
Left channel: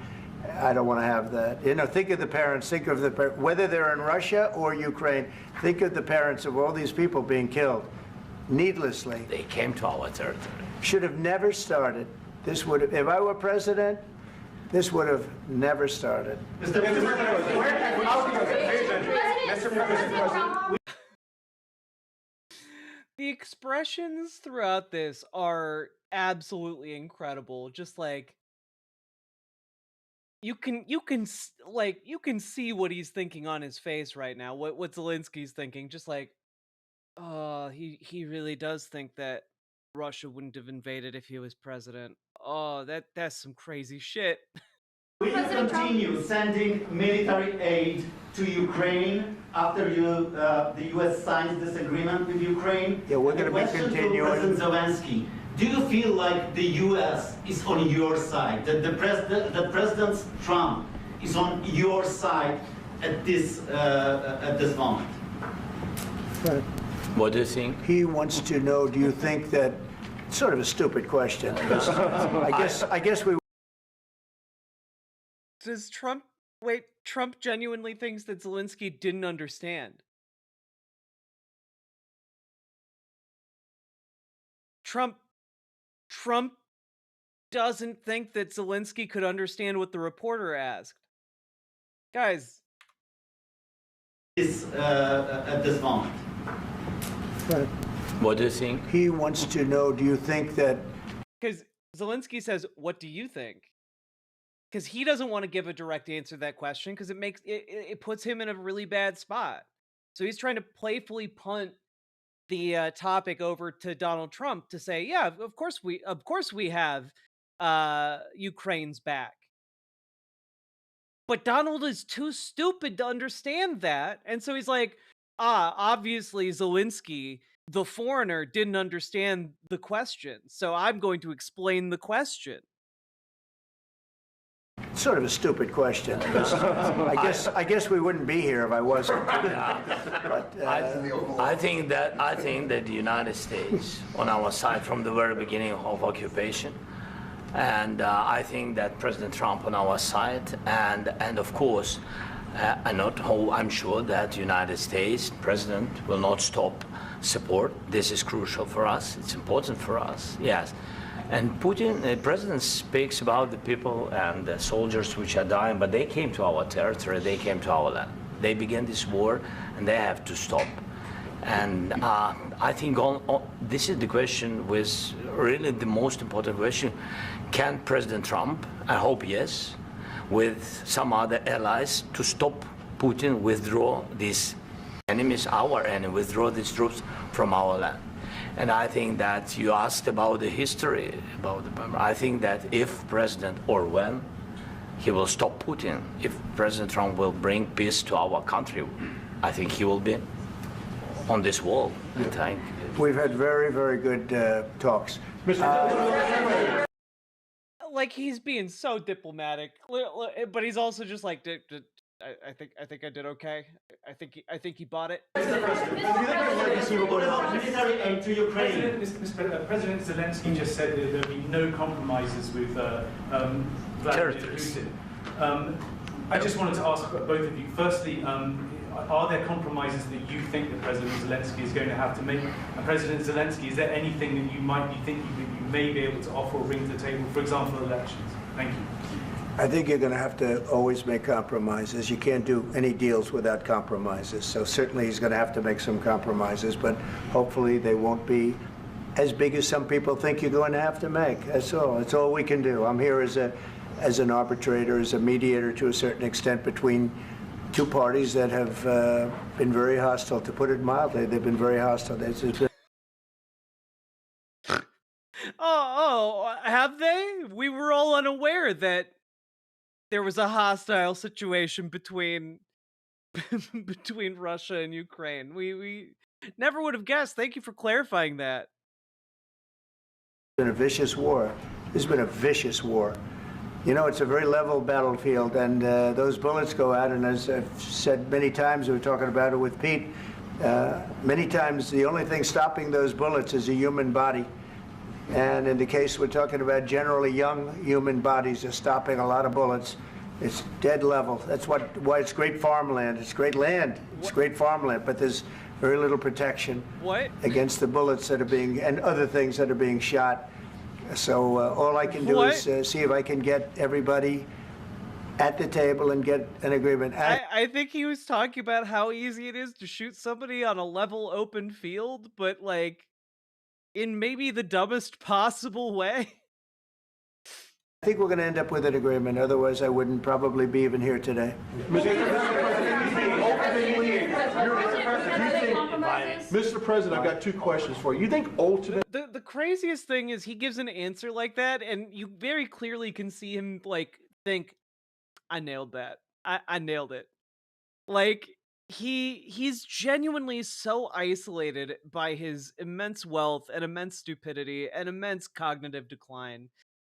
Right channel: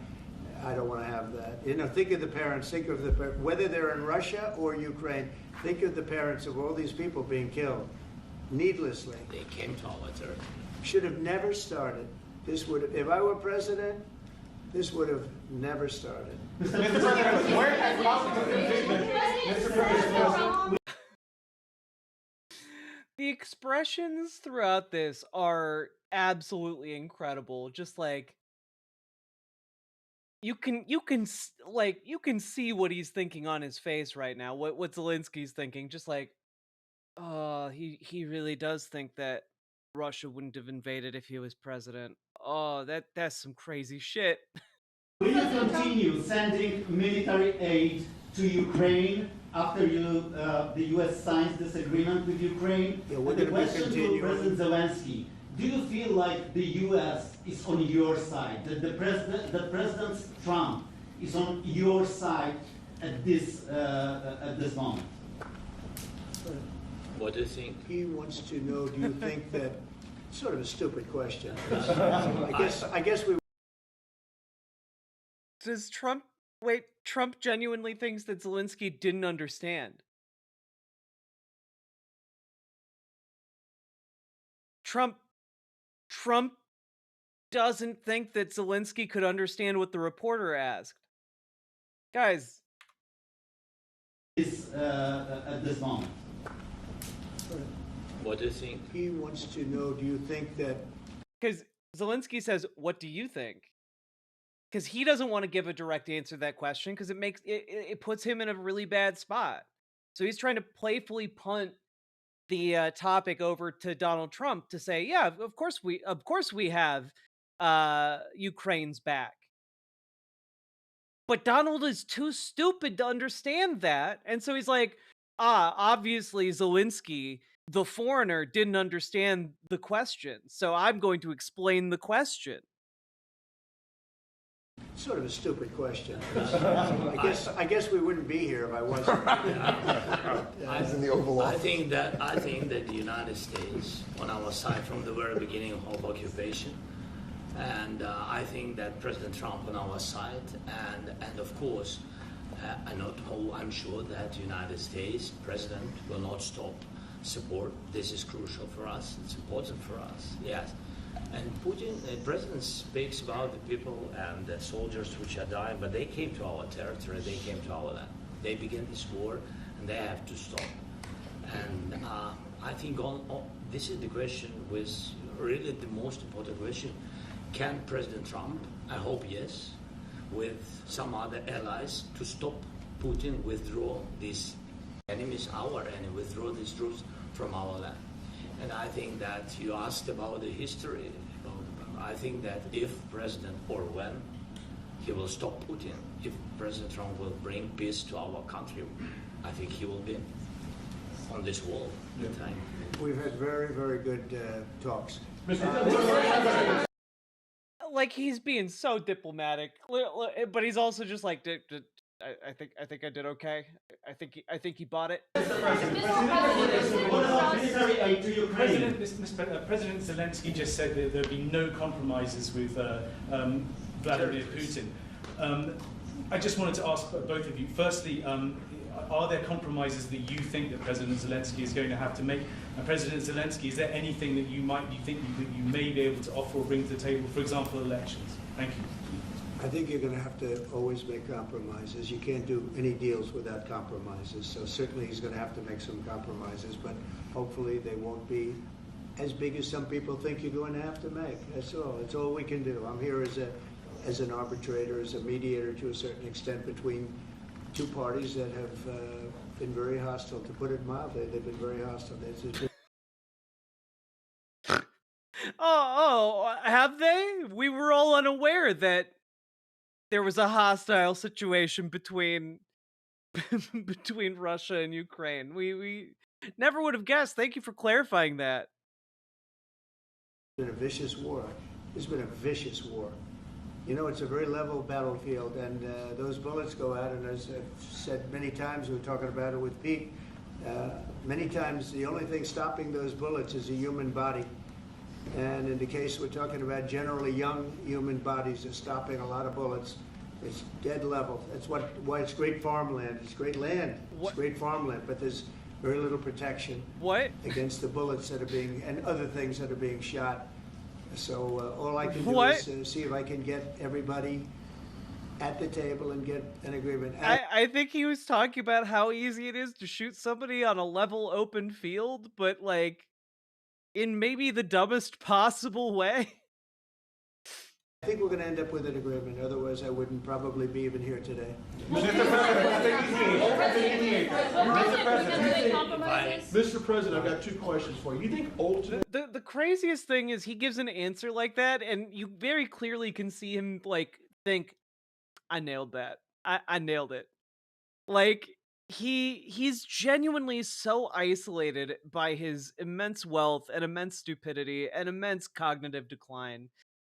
I don't want to have that. You know, think of the parents, think of the whether they're in Russia or Ukraine, think of the parents of all these people being killed needlessly. They came to our territory. Should have never started. This would have, if I were president, this would have never started. Mr. President, where has out your conviction? Mr. President. The expressions throughout this are absolutely incredible. Just like you can see what he's thinking on his face right now. What Zelensky's thinking. Just like, oh, he really does think that Russia wouldn't have invaded if he was president. Oh, that's some crazy shit. Will you continue sending military aid to Ukraine after the U.S. signs this agreement with Ukraine? Yeah, we're going to be continuing. To President Zelensky, do you feel like the U.S. is on your side? That President Trump is on your side at this moment? What do you think? He wants to know, do you think that, sort of a stupid question. I guess we. Does Trump genuinely thinks that Zelensky didn't understand? Trump doesn't think that Zelensky could understand what the reporter asked. Guys. At this moment. What do you think? He wants to know, do you think that. Because Zelensky says, what do you think? Because he doesn't want to give a direct answer to that question because it puts him in a really bad spot. So he's trying to playfully punt the topic over to Donald Trump to say, yeah, of course we have Ukraine's back. But Donald is too stupid to understand that. And so he's like, obviously Zelensky, the foreigner, didn't understand the question. So I'm going to explain the question. Sort of a stupid question. I guess we wouldn't be here if I wasn't. I think that the United States on our side from the very beginning of occupation, and I think that President Trump on our side, and of course, I'm sure that the United States President will not stop support. This is crucial for us. It's important for us. Yes. And Putin, the president, speaks about the people and the soldiers which are dying, but they came to our territory, they came to our land. They began this war, and they have to stop. And I think this is the question, with really the most important question. Can President Trump, I hope yes, with some other allies, to stop Putin, withdraw these enemies, our enemy, withdraw these troops from our land? And I think that you asked about the history, I think that if President, or when, he will stop Putin, if President Trump will bring peace to our country, I think he will be on this wall. We've had very, very good talks. Like, he's being so diplomatic, but he's also just like, I think I did okay. I think he bought it. What about military aid to Ukraine? President Zelensky just said that there will be no compromises with Vladimir Putin. I just wanted to ask both of you. Firstly, are there compromises that you think that President Zelensky is going to have to make? And President Zelensky, is there anything that you may be able to offer or bring to the table, for example, elections? Thank you. I think you're going to have to always make compromises. You can't do any deals without compromises. So certainly he's going to have to make some compromises, but hopefully they won't be as big as some people think you're going to have to make. That's all. That's all we can do. I'm here as an arbitrator, as a mediator to a certain extent between two parties that have been very hostile, to put it mildly. They've been very hostile. Have they? We were all unaware that there was a hostile situation between Russia and Ukraine. We never would have guessed. Thank you for clarifying that. It's been a vicious war. This has been a vicious war. You know, it's a very level battlefield, and those bullets go out, and as I've said many times, we were talking about it with Pete, many times the only thing stopping those bullets is a human body. And in the case we're talking about, generally young human bodies are stopping a lot of bullets. It's dead level. That's why it's great farmland. It's great land. It's great farmland, but there's very little protection against the bullets that are being, and other things that are being shot. So all I can do is see if I can get everybody at the table and get an agreement. I think he was talking about how easy it is to shoot somebody on a level open field, but like in maybe the dumbest possible way. I think we're going to end up with an agreement. Otherwise, I wouldn't probably be even here today. Mr. President, I've got two questions for you. You think ultimately The craziest thing is he gives an answer like that, and you very clearly can see him like think, I nailed that. I nailed it. Like he's genuinely so isolated by his immense wealth and immense stupidity and immense cognitive decline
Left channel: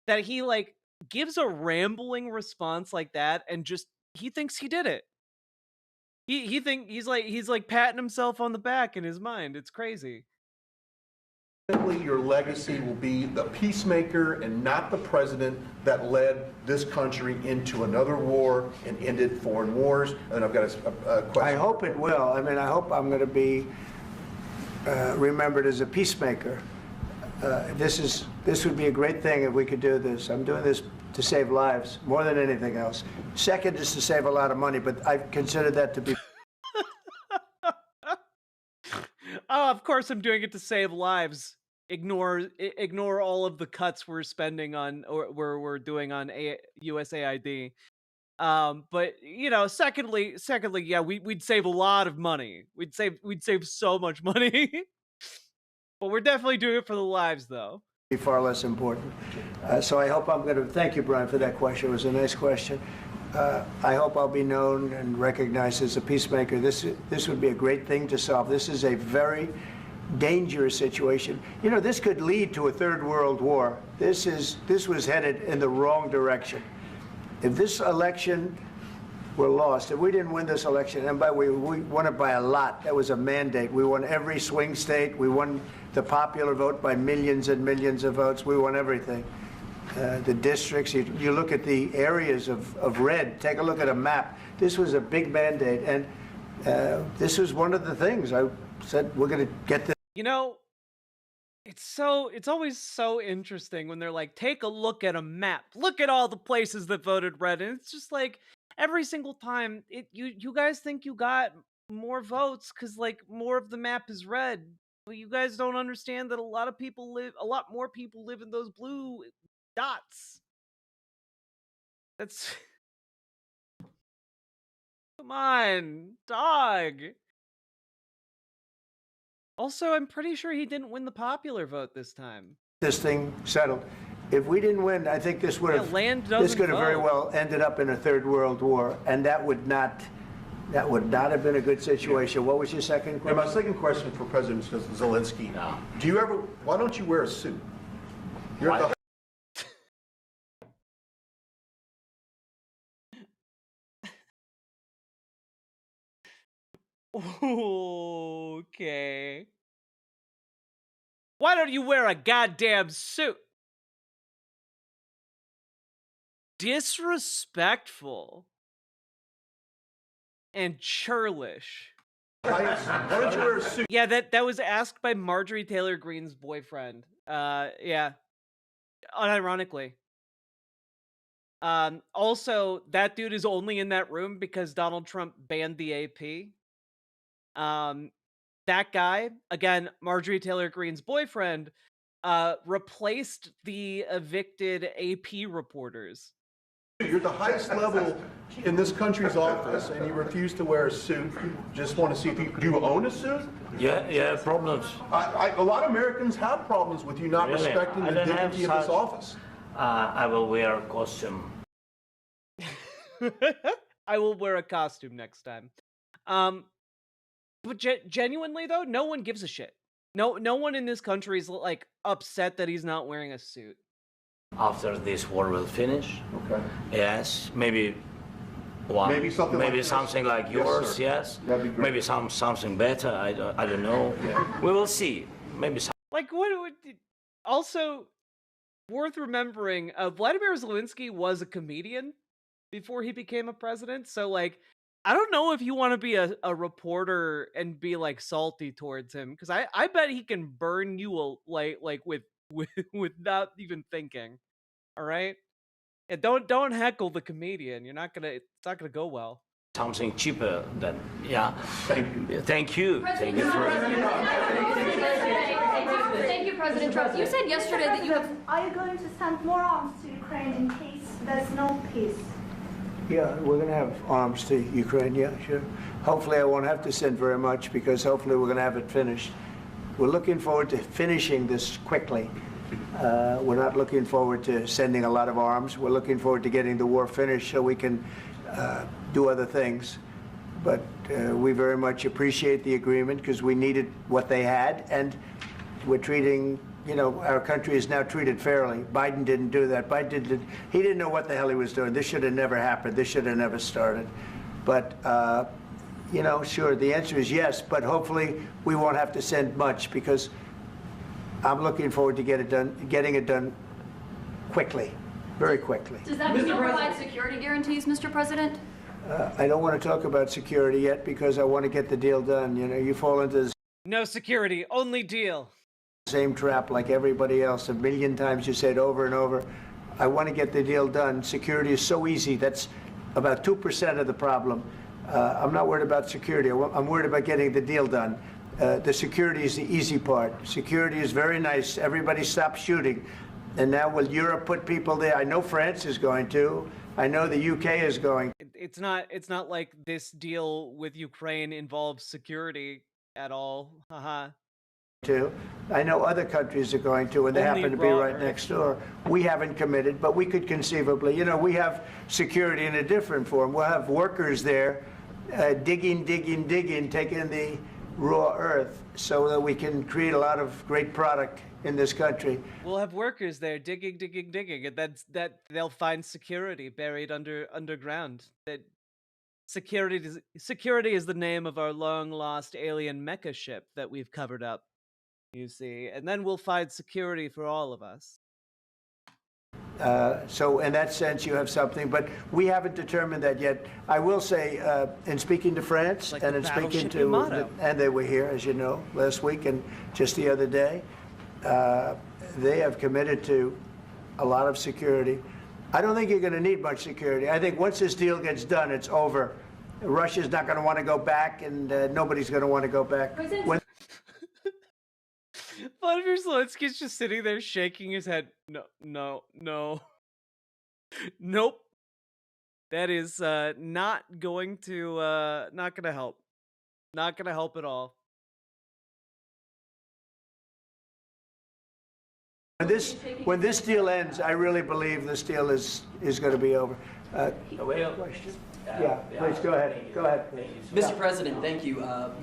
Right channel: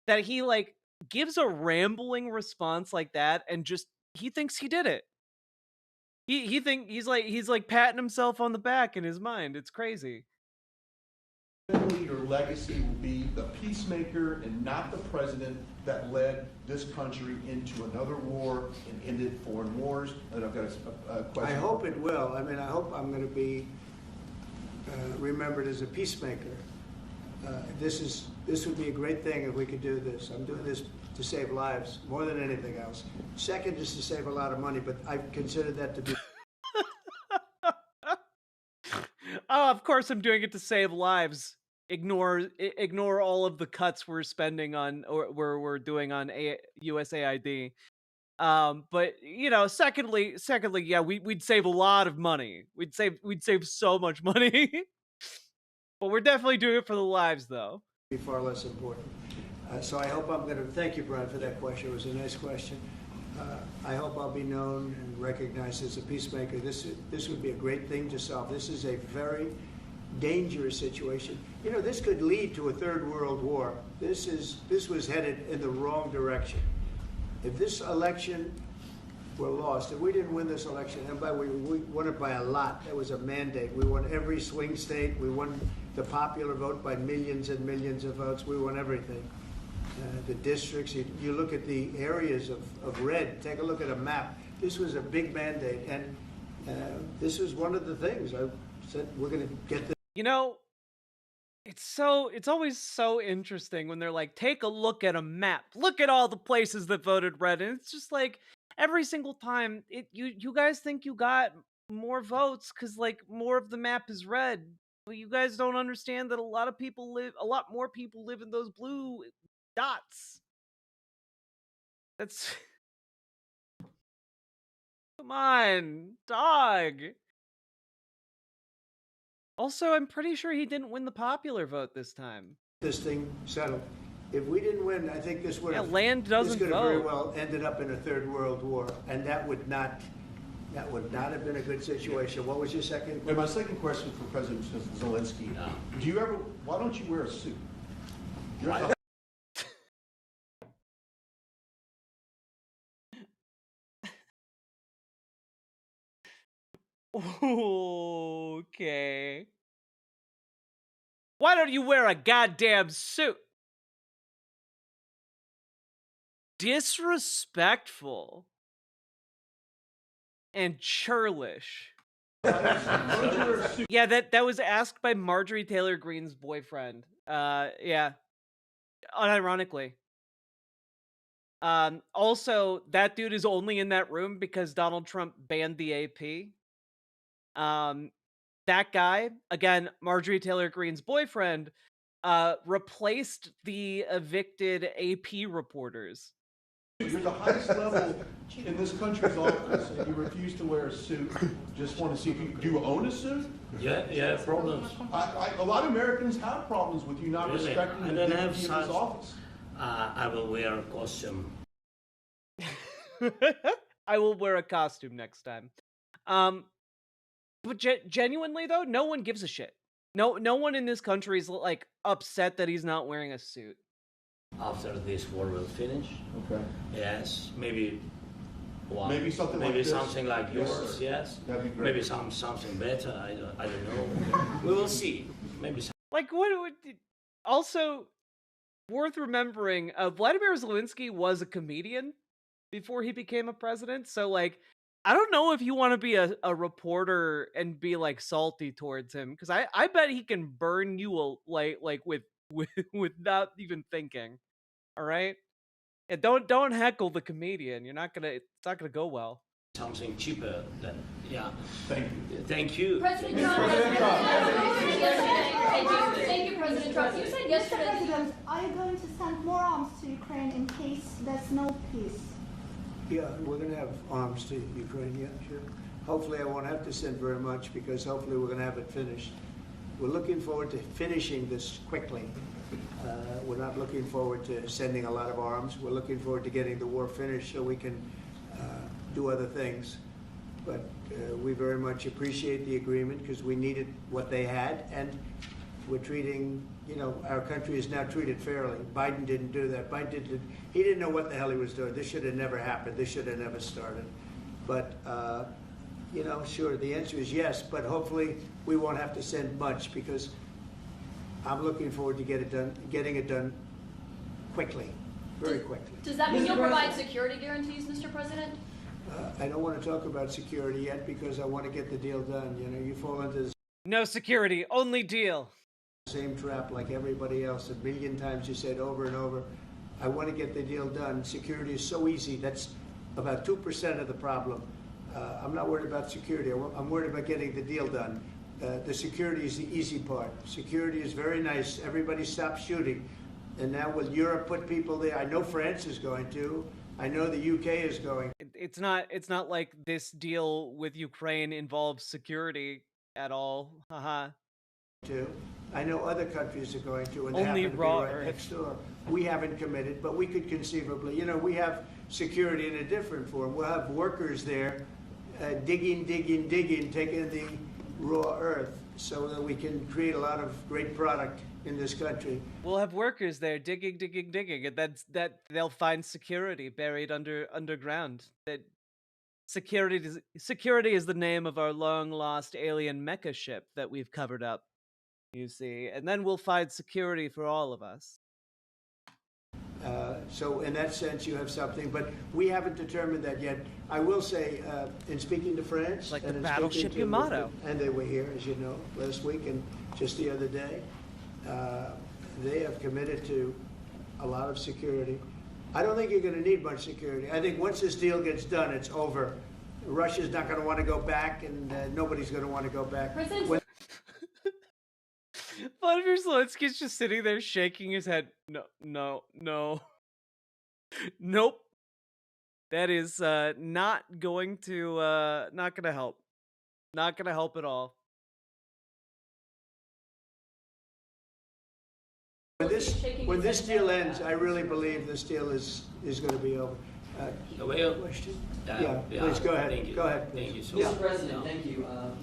that he like gives a rambling response like that and just he thinks he did it. He's like patting himself on the back in his mind. It's crazy. your legacy will be the peacemaker and not the president that led this country into another war and ended foreign wars? And I've got a question. I hope it will. I mean, I hope I'm going to be remembered as a peacemaker. This would be a great thing if we could do this. I'm doing this to save lives more than anything else. Second is to save a lot of money, but I consider that to be. Oh, of course I'm doing it to save lives. Ignore all of the cuts we're spending on or we're doing on USAID. But you know, secondly, yeah, we'd save a lot of money. We'd save so much money. But we're definitely doing it for the lives, though. Be far less important. So I hope I'm going to thank you, Brian, for that question. It was a nice question. I hope I'll be known and recognized as a peacemaker. This would be a great thing to solve. This is a very dangerous situation. You know, this could lead to a third world war. This was headed in the wrong direction. If this election were lost, if we didn't win this election, and by the way, we won it by a lot. That was a mandate. We won every swing state. We won the popular vote by millions and millions of votes. We won everything. The districts, you look at the areas of red, take a look at a map. This was a big mandate, and this was one of the things I said, we're going to get this. You know, it's always so interesting when they're like, take a look at a map. Look at all the places that voted red. And it's just like, every single time, you guys think you got more votes because like more of the map is red. But you guys don't understand that a lot more people live in those blue dots. That's come on, dog. Also, I'm pretty sure he didn't win the popular vote this time. This thing settled. If we didn't win, I think this would have this could have very well ended up in a third world war, and that would not have been a good situation. What was your second question? And my second question for President Zelensky: why don't you wear a suit? Okay. Why don't you wear a goddamn suit? Disrespectful and churlish. Why don't you wear a suit? Yeah, that was asked by Marjorie Taylor Greene's boyfriend. Yeah. Unironically. Also, that dude is only in that room because Donald Trump banned the AP. That guy, again, Marjorie Taylor Greene's boyfriend, replaced the evicted AP reporters. You're the highest level in this country's office, and you refuse to wear a suit. Just want to see if do you own a suit? Yeah, problems. A lot of Americans have problems with you not Really? respecting I the don't have dignity of this such- office. I will wear a costume. I will wear a costume next time. But genuinely though, no one gives a shit. No one in this country is like upset that he's not wearing a suit. after this war will finish. Okay. Yes, maybe one. Maybe something like this. Something like Yes, yours. sir. Yes. That'd be great. Maybe something better. I don't know. We will see. Maybe. Like, what would... Also, worth remembering, Vladimir Zelensky was a comedian before he became a president, so, like, I don't know if you want to be a reporter and be, like, salty towards him, because I bet he can burn you, like with without even thinking, alright? Yeah, don't heckle the comedian, it's not gonna go well. Something cheaper than, yeah. Thank you. Thank you. President Trump, thank you, President Trump. You said yesterday that you have... Are you going to send more arms to Ukraine in case there's no peace? Yeah, we're going to have arms to Ukraine, yeah, sure. Hopefully I won't have to send very much because hopefully we're going to have it finished. We're looking forward to finishing this quickly. We're not looking forward to sending a lot of arms. We're looking forward to getting the war finished so we can do other things. But we very much appreciate the agreement because we needed what they had, and we're treating, our country is now treated fairly. Biden didn't do that. He didn't know what the hell he was doing. This should have never happened. This should have never started. But, sure, the answer is yes, but hopefully we won't have to send much because I'm looking forward to getting it done quickly, very quickly. Does that mean you'll provide security guarantees, Mr. President? I don't want to talk about security yet because I want to get the deal done. You fall into the No security, only deal. same trap like everybody else. A million times you say it over and over. I want to get the deal done. Security is so easy. That's about 2% of the problem. I'm not worried about security. I'm worried about getting the deal done. The security is the easy part. Security is very nice. Everybody stops shooting. And now will Europe put people there? I know France is going to. I know the UK is going. It's not like this deal with Ukraine involves security at all. Haha. To. I know other countries are going to, and they Only happen to be raw right earth. next door. We haven't committed, but we could conceivably. We have security in a different form. We'll have workers there digging, taking the raw earth so that we can create a lot of great product in this country. We'll have workers there digging, and that they'll find security buried underground. That security is the name of our long lost alien mecha ship that we've covered up. You see, and then we'll find security for all of us. So in that sense, you have something, but we haven't determined that yet. I will say, in speaking to France, Like and the in battleship speaking to, Yamato. and they were here, as you know, last week and just the other day, they have committed to a lot of security. I don't think you're going to need much security. I think once this deal gets done, it's over. Russia's not going to want to go back, and nobody's going to want to go back. President Vladimir Zelensky's just sitting there shaking his head. No. Nope. That is not going to help. Not gonna help at all. When this deal ends, I really believe this deal is going to be over. Question? Yeah, please go ahead. Thank you. Go ahead, Thank you please. so much. Mr. President, thank you.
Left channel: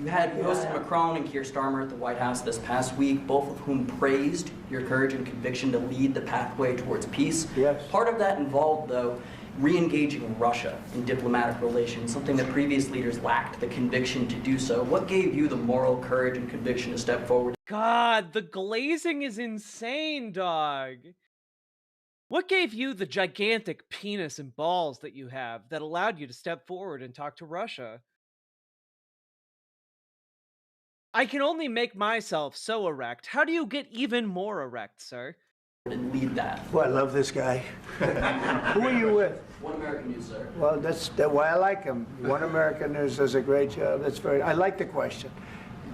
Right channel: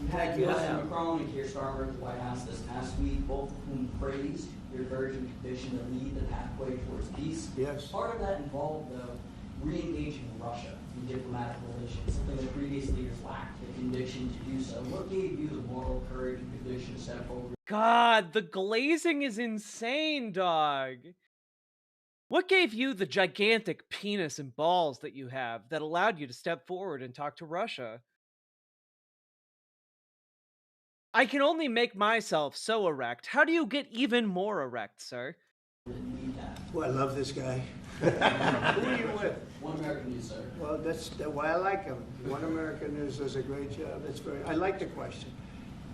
You had President Macron and Keir Starmer at the White House this past week, both of whom praised your courage and conviction to lead the pathway towards peace. Yes. Part of that involved, though, re-engaging Russia in diplomatic relations, something that previous leaders lacked the conviction to do so. What gave you the moral courage and conviction to step forward? God, the glazing is insane, dog. What gave you the gigantic penis and balls that you have that allowed you to step forward and talk to Russia? I can only make myself so erect. How do you get even more erect, sir? And lead that. Well, I love this guy. Who are you with? One American News, sir. Well, that's why I like him. One American News does a great job. I like the question.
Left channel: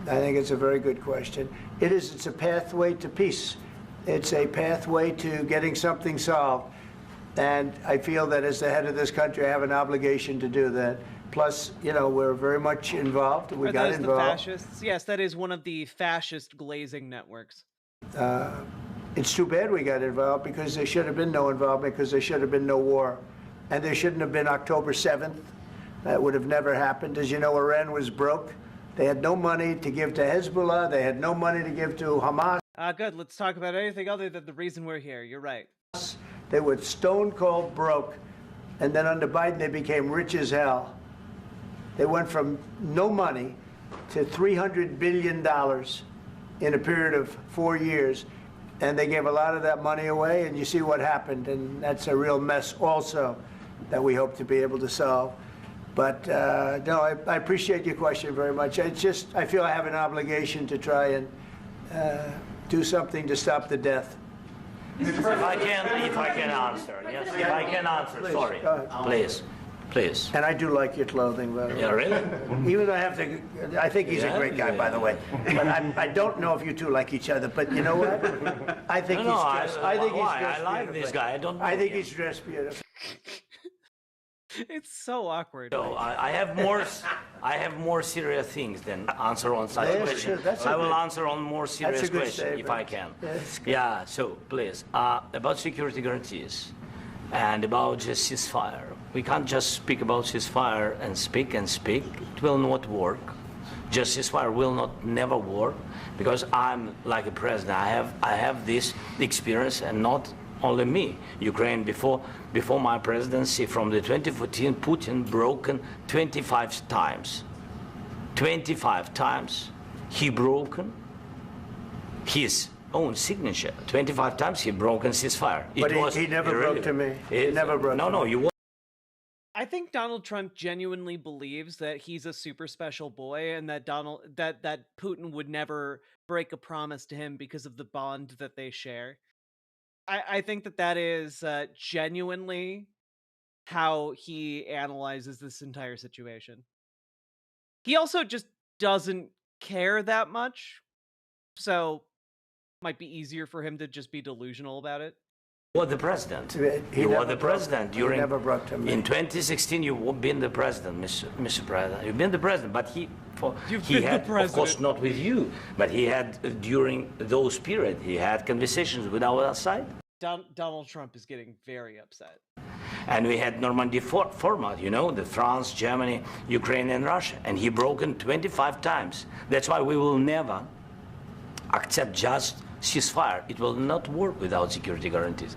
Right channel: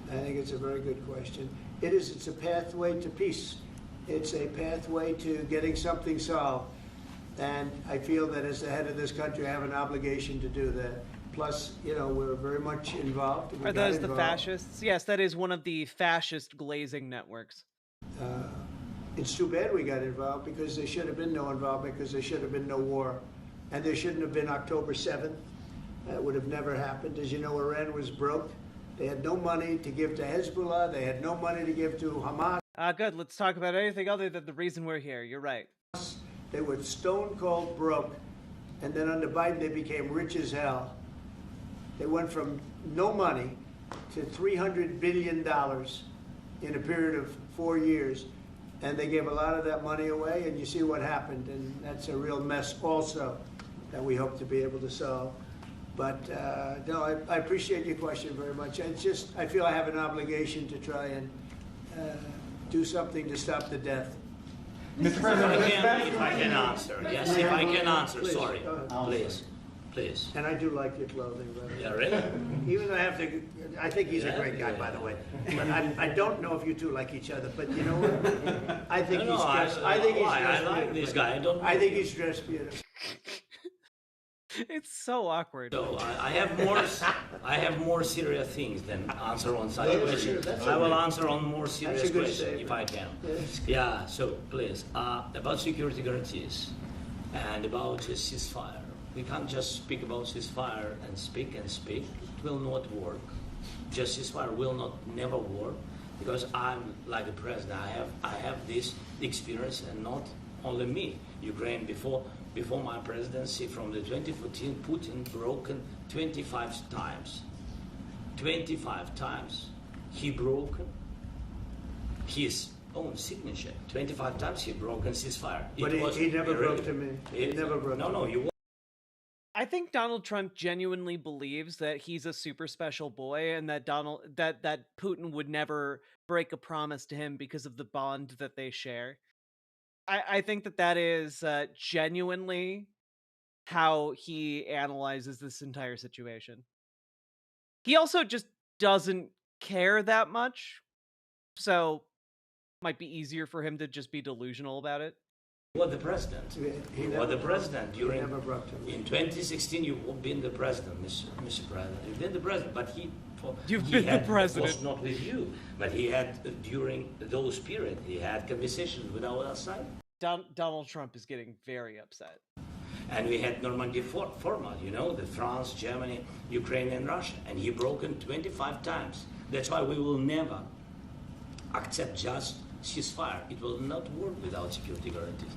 I think it's a very good question. It's a pathway to peace. It's a pathway to getting something solved. And I feel that as the head of this country, I have an obligation to do that. Plus, we're very much involved. Are those the fascists? Yes, that is one of the fascist glazing networks. It's too bad we got involved because there should have been no involvement because there should have been no war. And there shouldn't have been October 7th. That would have never happened. As you know, Iran was broke. They had no money to give to Hezbollah. They had no money to give to Hamas. Good. Let's talk about anything other than the reason we're here. You're right. They were stone cold broke. And then under Biden, they became rich as hell. They went from no money to $300 billion in a period of 4 years. And they gave a lot of that money away, and you see what happened. And that's a real mess also that we hope to be able to solve. But no, I appreciate your question very much. I feel I have an obligation to try and do something to stop the death. If I can answer, yes, if I can answer, Please, sorry, go ahead. please. And I do like your clothing, by the way. Yeah, really? Even though I think he's a great guy, by the way. But I don't know if you two like each other. But you know what? I think he's dressed. I think he's dressed. I like this guy. I don't know. I think he's dressed beautiful. It's so awkward. So I have more serious things than answer on such Yeah, questions. sure, that's I will okay. answer on more serious That's a good questions if I can. Yeah, so please, about security guarantees and about just ceasefire. We can't just speak about ceasefire and speak and speak. It will not work. Just ceasefire will not never work because I'm like a president. I have this experience, and not only me. Ukraine before my presidency, from the 2014, Putin broken 25 times. 25 times he broken his own signature. 25 times he broken ceasefire. But he never broke to me. He never broke to me. No, you. I think Donald Trump genuinely believes that he's a super special boy, and that that Putin would never break a promise to him because of the bond that they share. I think that is genuinely how he analyzes this entire situation. He also just doesn't care that much, so might be easier for him to just be delusional about it. You were the president. You were the president He during. never broke to me. In 2016, you've been the president, Mr. President. You've been the president, but You've he been had, the president. of course, not with you, but he had during those periods. He had conversations with our side. Donald Trump is getting very upset. And we had Normandy format, you know, the France, Germany, Ukraine, and Russia. And he broken 25 times. That's why we will never accept just ceasefire. It will not work without security guarantees.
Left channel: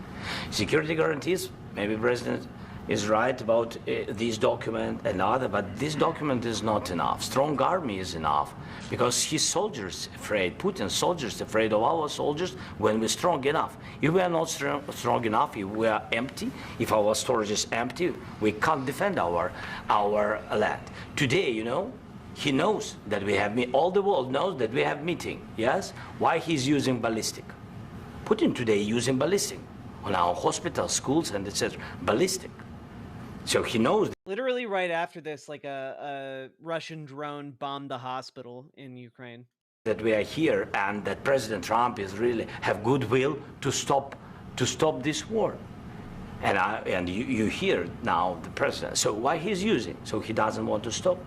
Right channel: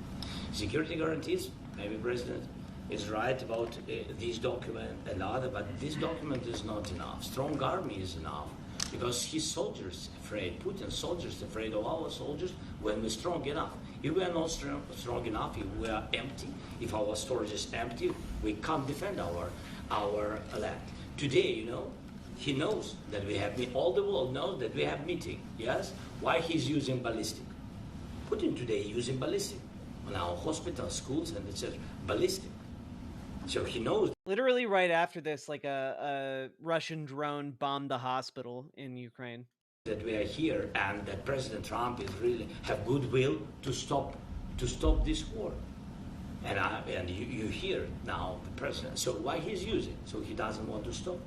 Security guarantees, maybe President is right about this document and other, but this document is not enough. Strong army is enough. Because his soldiers afraid, Putin's soldiers afraid of our soldiers when we're strong enough. If we are not strong enough, if we are empty, if our storage is empty, we can't defend our land. Today, you know, he knows that we have, all the world knows that we have meeting, yes? Why he's using ballistic? Putin today using ballistic on our hospitals, schools, and etc. Ballistic. So he knows. Literally right after this, like a Russian drone bombed the hospital in Ukraine. That we are here and that President Trump is really have goodwill to stop this war. And you hear now the president. So why he's using? So he doesn't want to stop.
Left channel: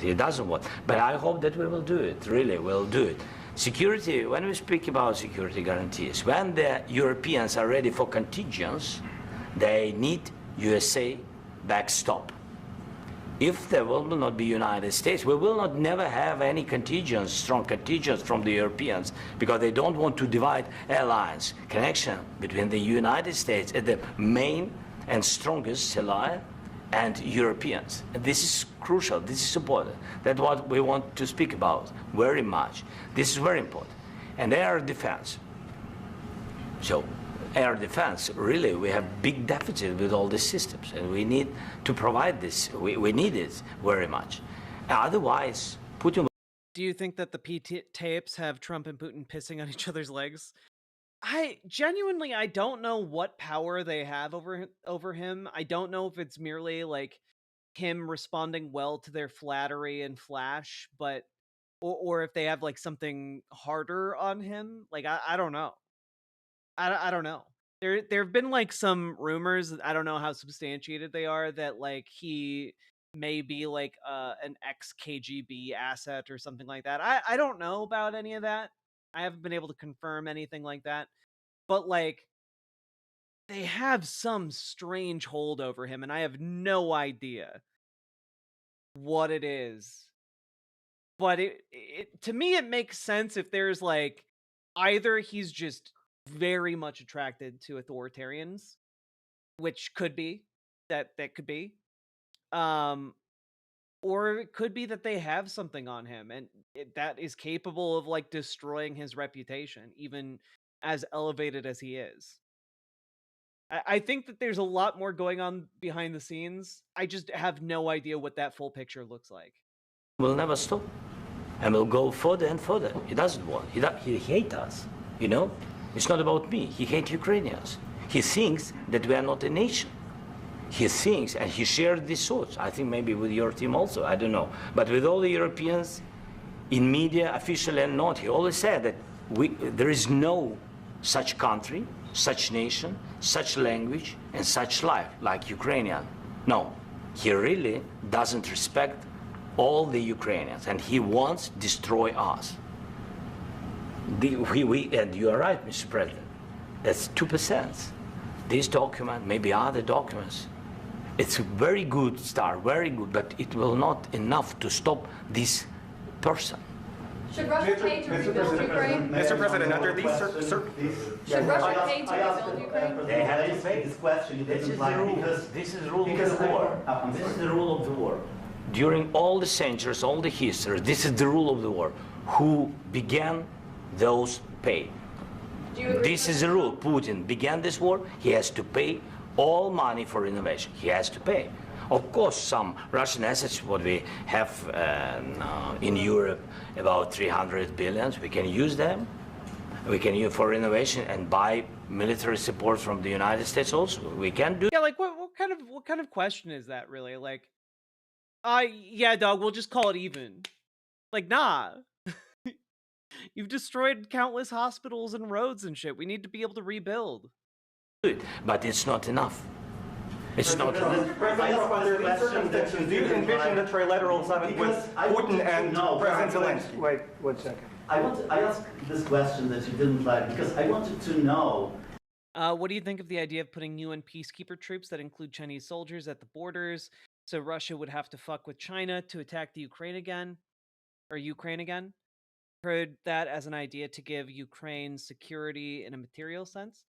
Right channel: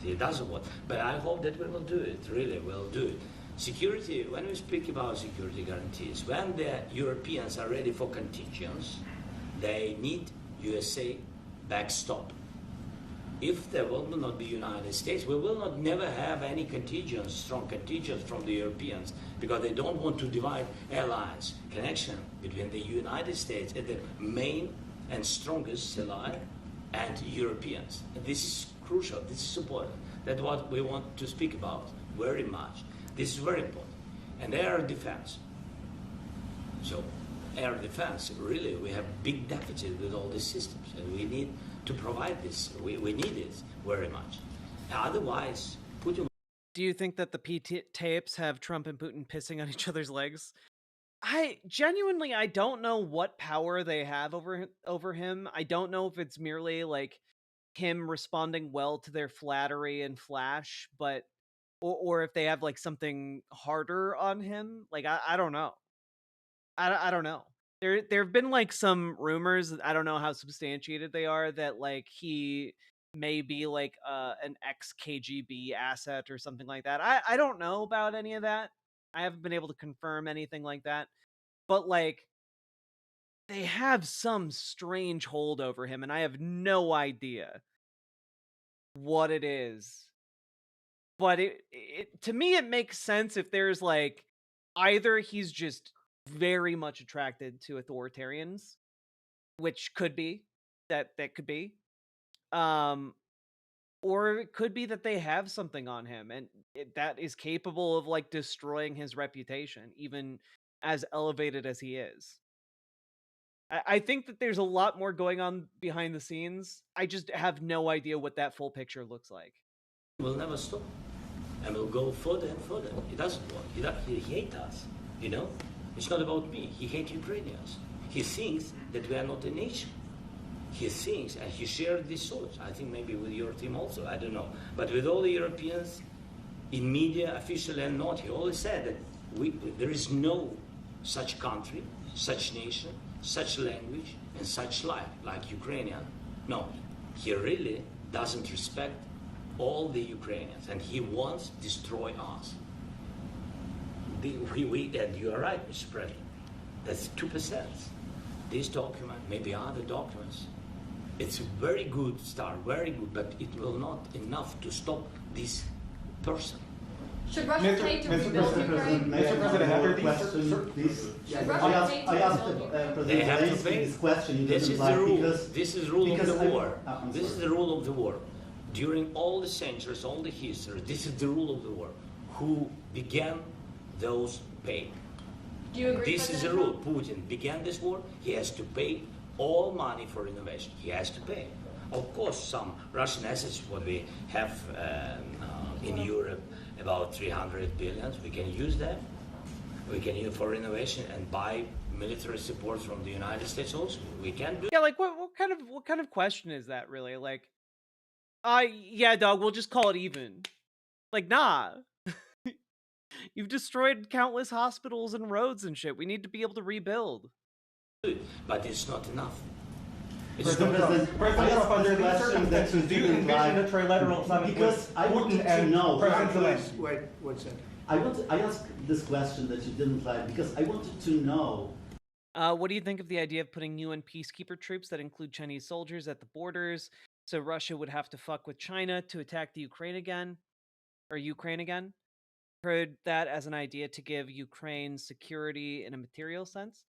He doesn't want. But I hope that we will do it. Really, we'll do it. Security. When we speak about security guarantees, when the Europeans are ready for contingents, they need USA backstop. If there will not be United States, we will not never have any contingents, strong contingents from the Europeans, because they don't want to divide alliance, connection between the United States and the main and strongest ally and Europeans. And this is crucial, this is important. That's what we want to speak about very much. This is very important. And air defense. So air defense, really, we have big deficit with all these systems, and we need to provide this. We need it very much. Otherwise, Putin. Do you think that the tapes have Trump and Putin pissing on each other's legs? I don't know what power they have over him. I don't know if it's merely like him responding well to their flattery and flash, but or if they have like something harder on him. Like I don't know. I don't know. There have been like some rumors, I don't know how substantiated they are, that like he may be like an ex-KGB asset or something like that. I don't know about any of that. I haven't been able to confirm anything like that. But like they have some strange hold over him, and I have no idea what it is. But it to me it makes sense if there's like either he's just very much attracted to authoritarians, which could be that could be. Or it could be that they have something on him and that is capable of like destroying his reputation, even as elevated as he is. I think that there's a lot more going on behind the scenes. I just have no idea what that full picture looks like. Will never stop, and will go further and further. He doesn't want. He hates us. You know, it's not about me. He hates Ukrainians. He thinks that we are not a nation. He thinks, and he shared these thoughts. I think maybe with your team also. I don't know, but with all the Europeans, in media, officially and not, he always said that there is no such country, such nation, such language, and such life like Ukrainian. No, he really doesn't respect all the Ukrainians, and he wants to destroy us. And you are right, Mr. President. That's 2%. This document, maybe other documents, it's a very good start, very good, but it will not enough to stop this person. Should Russia pay to rebuild Ukraine? Mr. President, under these Should Russia pay to rebuild Ukraine? They have to pay. This question. This is the rule. This is the rule of the war. This is the rule of the war. During all the centuries, all the history, this is the rule of the war. Who began, those pay. Do you agree? This is the rule. Putin began this war. He has to pay all money for innovation. He has to pay. Of course, some Russian assets, what we have in Europe, about 300 billion, we can use them. We can use for innovation and buy military support from the United States also. We can do. Yeah, like what kind of question is that really? Like, yeah, dog, we'll just call it even. Like, nah. You've destroyed countless hospitals and roads and shit. We need to be able to rebuild. But it's not enough. It's Under these circumstances, do you envision a trilateral summit with Putin and President Zelensky? Wait 1 second. I asked this question that you didn't like because I wanted to know. What do you think of the idea of putting UN peacekeeper troops that include Chinese soldiers at the borders, so Russia would have to fuck with China to attack the Ukraine again? Heard that as an idea to give Ukraine security in a material sense.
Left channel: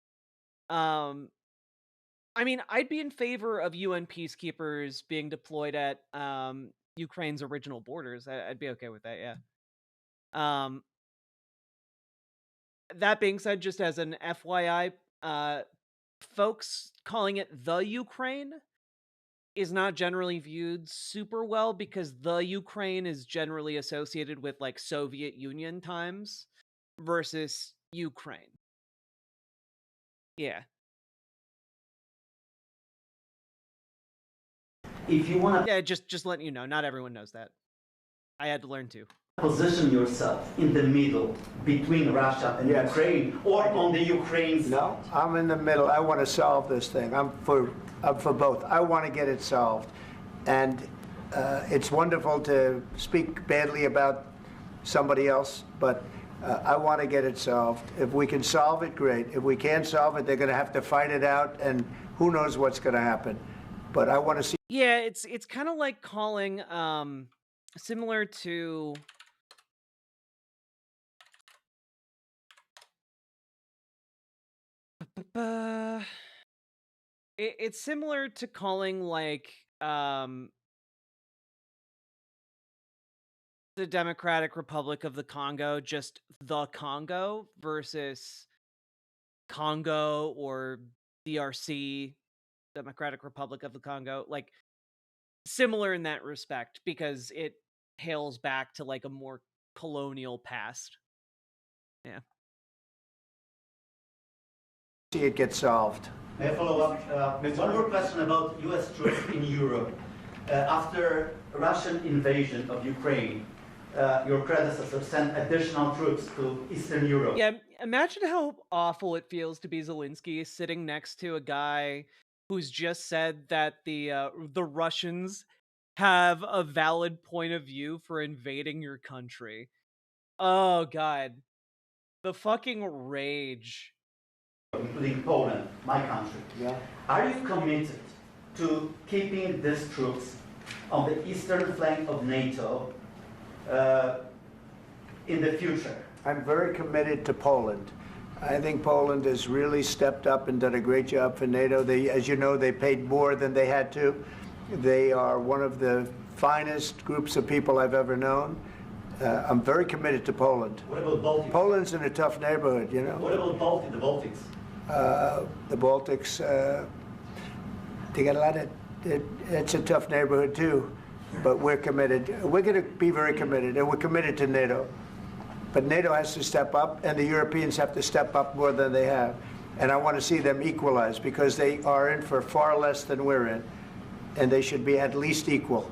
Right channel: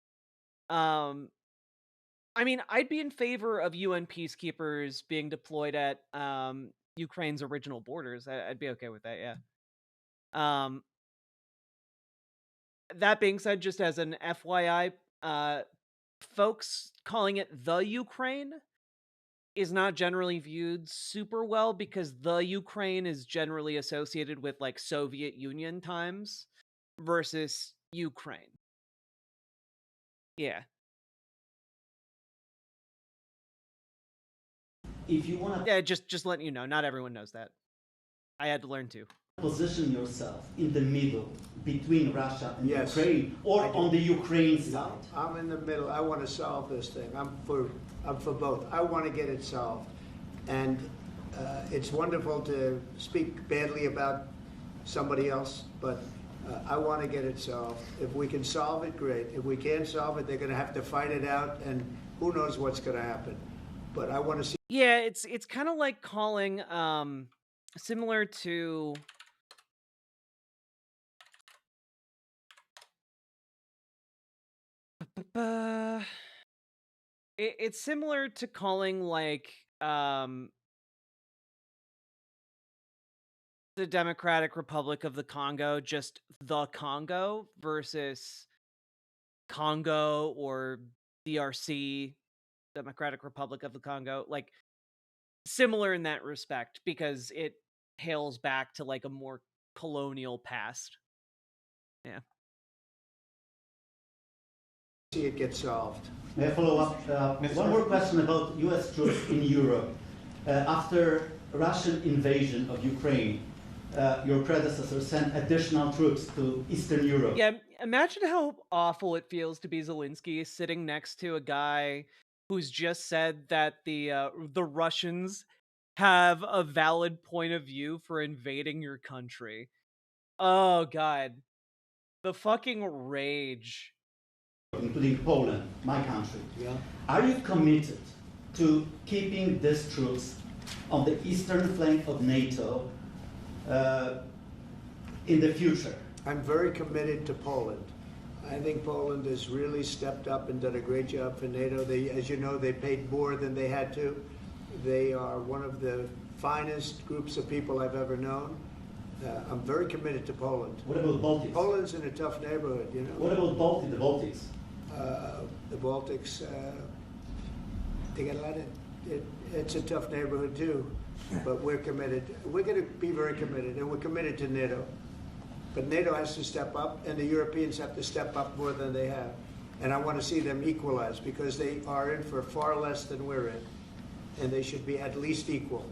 I mean, I'd be in favor of UN peacekeepers being deployed at Ukraine's original borders. I'd be okay with that, yeah. That being said, just as an FYI, folks calling it the Ukraine is not generally viewed super well because the Ukraine is generally associated with like Soviet Union times versus Ukraine. Yeah. If you want to, Yeah, just letting you know, not everyone knows that. I had to learn to. position yourself in the middle between Russia and Yes. Ukraine, or on the Ukraine's. No, I'm in the middle. I want to solve this thing. I'm for both. I want to get it solved. And it's wonderful to speak badly about somebody else, but I want to get it solved. If we can solve it, great. If we can't solve it, they're going to have to fight it out, and who knows what's going to happen. But I want to see. Yeah, it's kind of like calling similar to it's similar to calling like the Democratic Republic of the Congo just the Congo versus Congo or DRC, Democratic Republic of the Congo. Like similar in that respect because it hails back to like a more colonial past. Yeah. See it get solved. May I follow up? One more question about U.S. troops in Europe. After Russian invasion of Ukraine, your predecessor sent additional troops to Eastern Europe. Yeah, imagine how awful it feels to be Zelensky sitting next to a guy who's just said that the Russians have a valid point of view for invading your country. Oh god. The fucking rage. Including Poland, my country. Yeah. Are you committed to keeping these troops on the eastern flank of NATO in the future? I'm very committed to Poland. I think Poland has really stepped up and done a great job for NATO. They, as you know, they paid more than they had to. They are one of the finest groups of people I've ever known. I'm very committed to Poland. What about Baltics? Poland's in a tough neighborhood, you know. What about the Baltics? The Baltics, they got a lot of, it's a tough neighborhood too, but we're committed. We're going to be very committed, and we're committed to NATO. But NATO has to step up, and the Europeans have to step up more than they have. And I want to see them equalize, because they are in for far less than we're in, and they should be at least equal.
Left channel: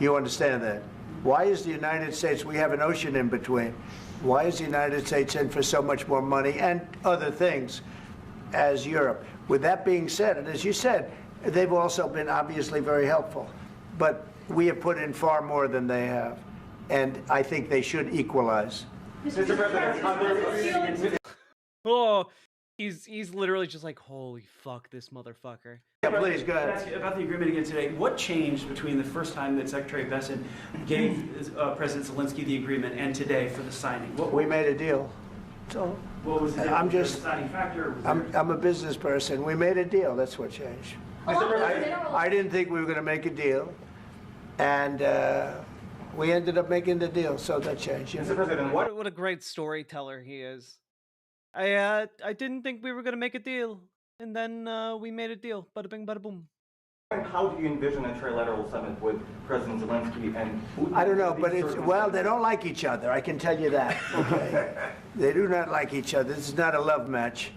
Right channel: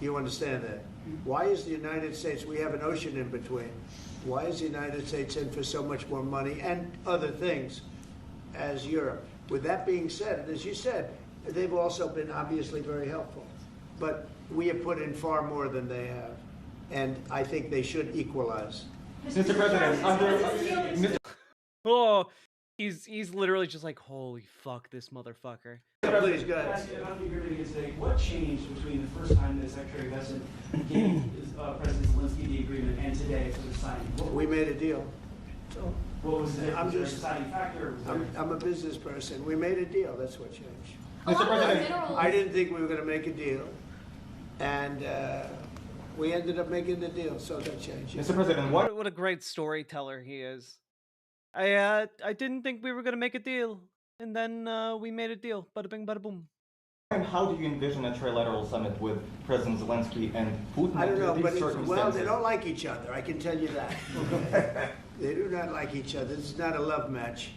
You understand that? Why is the United States, we have an ocean in between, why is the United States in for so much more money and other things as Europe? With that being said, and as you said, they've also been obviously very helpful, but we have put in far more than they have, and I think they should equalize. Mr. President, Oh, he's literally just like, holy fuck, this motherfucker. Yeah, please, go ahead. Ask you about the agreement again today. What changed between the first time that Secretary Bessent gave President Zelensky the agreement and today for the signing? We made a deal. So What was the I'm just, deciding factor? I'm a business person. We made a deal. That's what changed. Along with minerals. I didn't think we were going to make a deal, and we ended up making the deal, so that changed. Mr. President, What a great storyteller he is. I didn't think we were gonna make a deal, and then we made a deal. Bada bing, bada boom. how do you envision a trilateral summit with President Zelensky and Putin? I don't know, under but these well, they circumstances? don't like each other. I can tell you that. Okay? They do not like each other. This is not a love match,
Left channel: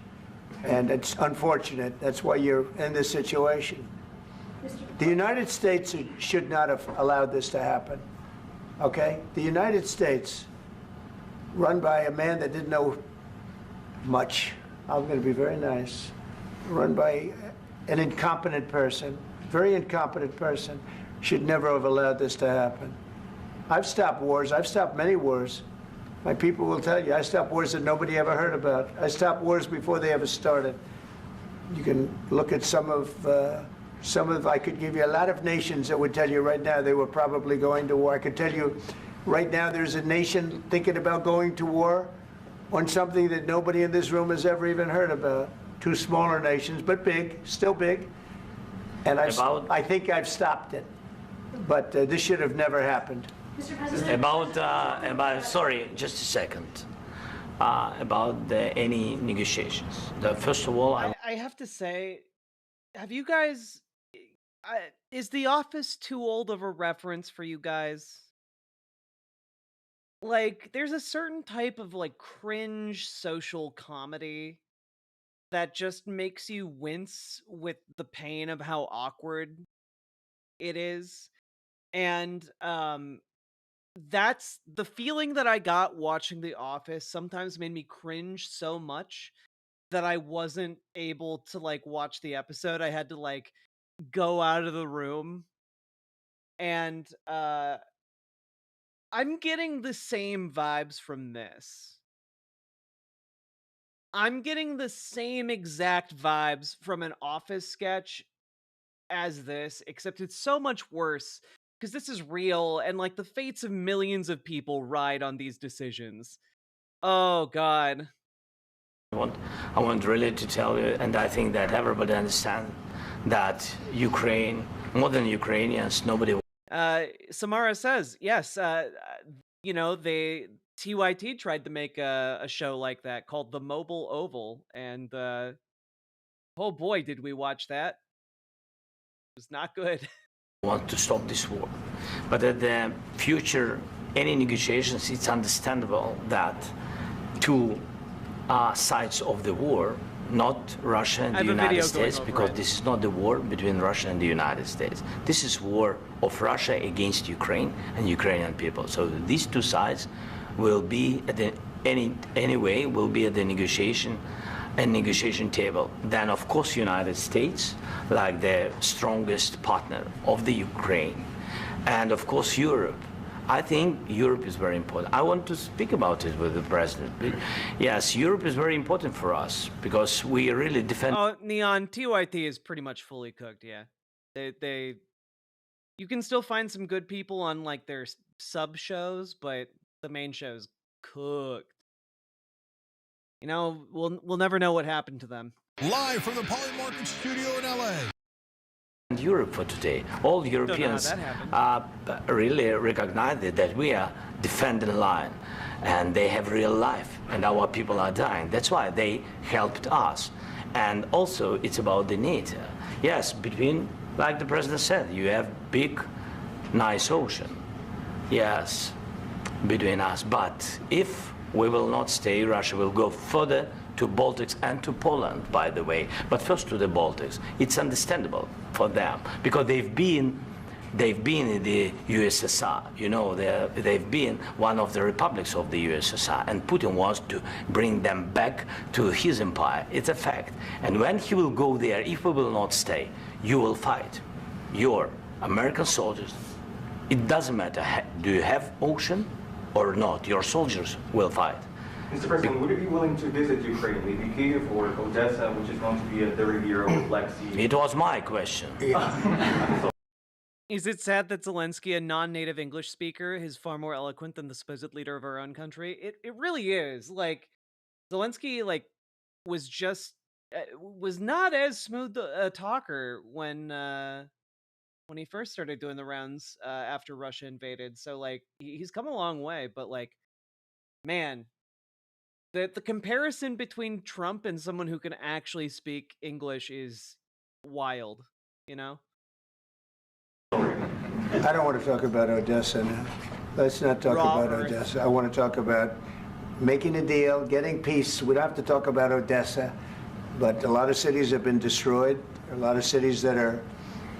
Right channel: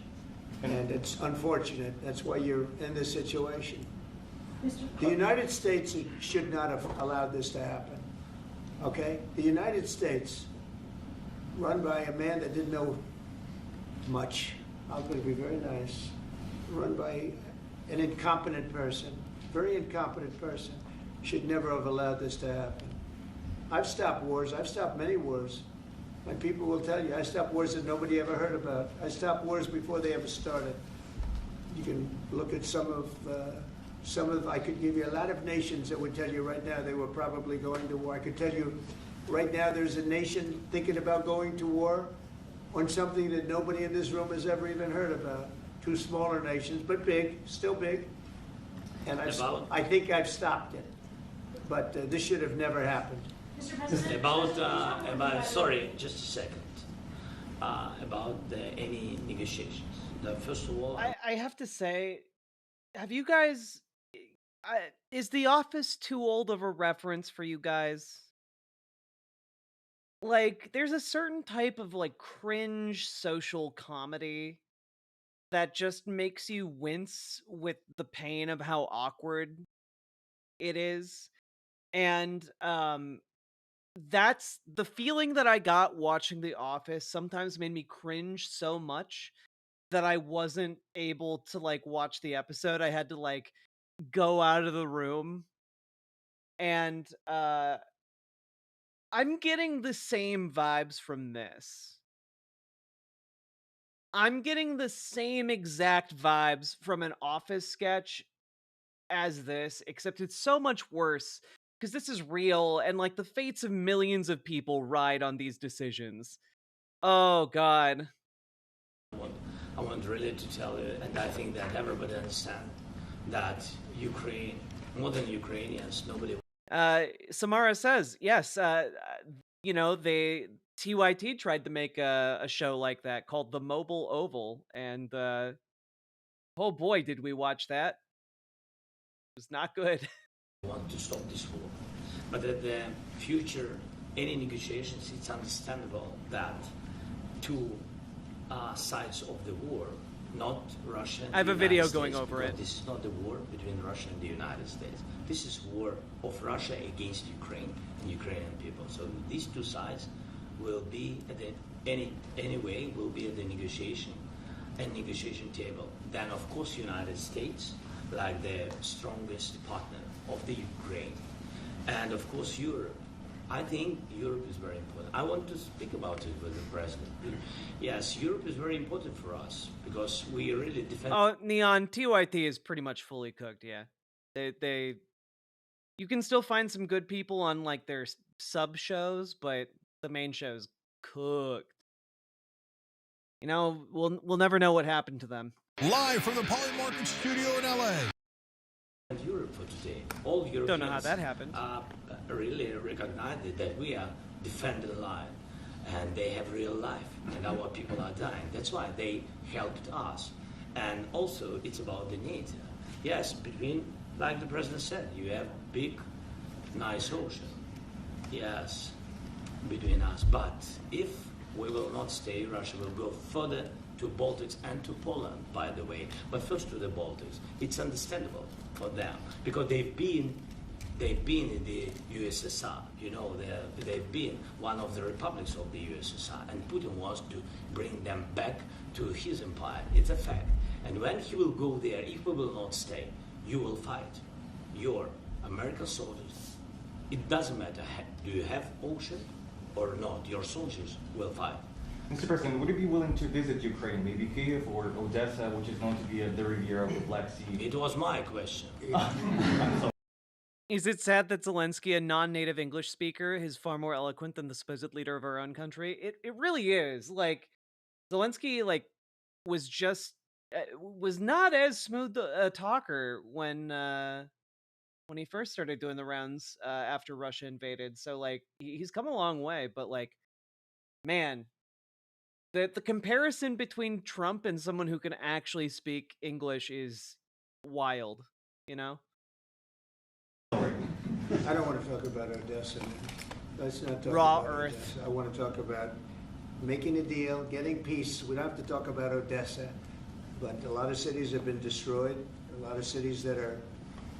and it's unfortunate. That's why you're in this situation. The United States should not have allowed this to happen. Okay? The United States, run by a man that didn't know much, I'm going to be very nice, run by an incompetent person, very incompetent person, should never have allowed this to happen. I've stopped wars. I've stopped many wars. My people will tell you, I stopped wars that nobody ever heard about. I stopped wars before they ever started. You can look at some of, I could give you a lot of nations that would tell you right now they were probably going to war. I could tell you right now there's a nation thinking about going to war on something that nobody in this room has ever even heard about. Two smaller nations, but big, still big. And I think I've stopped it. But this should have never happened. Mr. President. About sorry, just a second. About any negotiations. First of all, I have to say, have you guys? Is The Office too old of a reference for you guys? Like, there's a certain type of like cringe social comedy that just makes you wince with the pain of how awkward it is. And that's the feeling that I got watching The Office sometimes made me cringe so much that I wasn't able to like watch the episode. I had to like go out of the room. And I'm getting the same vibes from this. I'm getting the same exact vibes from an Office sketch as this, except it's so much worse because this is real and like the fates of millions of people ride on these decisions. Oh God. I want really to tell you, and I think that everybody understands that Ukraine, more than Ukrainians, nobody. Samara says, yes, you know, TYT tried to make a show like that called The Mobile Oval, and oh boy, did we watch that. It was not good. Want to stop this war. But at the future, any negotiations, it's understandable that two sides of the war, not Russia and the United States, because this is not the war between Russia and the United States. This is war of Russia against Ukraine and Ukrainian people. So these two sides will be at the anyway will be at the negotiation table. Then of course United States, like the strongest partner of the Ukraine, and of course Europe. I think Europe is very important. I want to speak about it with the president. Yes, Europe is very important for us because we really defend. Oh, Neon, TYT is pretty much fully cooked. Yeah, you can still find some good people on like their sub shows, but the main show is cooked. You know, we'll never know what happened to them. Live from the Polymarket studio in LA. And Europe for today, all Europeans Don't know how that happened. really recognize that we are defending line, and they have real life, and our people are dying. That's why they helped us. And also, it's about the NATO. Yes, between, like the president said, you have big, nice ocean. Yes, between us. But if we will not stay, Russia will go further to Baltics and to Poland, by the way. But first to the Baltics. It's understandable for them because they've been in the USSR. You know, they've been one of the republics of the USSR, and Putin wants to bring them back to his empire. It's a fact. And when he will go there, if we will not stay, you will fight. Your American soldiers, it doesn't matter, do you have ocean or not, your soldiers will fight. Mr. President, would you be willing to visit Ukraine, maybe Kiev or Odessa, which is known to be a 30-year-old Black Sea? It was my question. Is it sad that Zelensky, a non-native English speaker, is far more eloquent than the supposed leader of our own country? It really is. Like, Zelensky, like, was just was not as smooth a talker when he first started doing the rounds after Russia invaded. So like he's come a long way, but like, man, the comparison between Trump and someone who can actually speak English is wild, you know? I don't want to talk about Odessa now. Let's not talk Raw about Earth. Odessa. I want to talk about making a deal, getting peace. We don't have to talk about Odessa, but a lot of cities have been destroyed. A lot of cities that are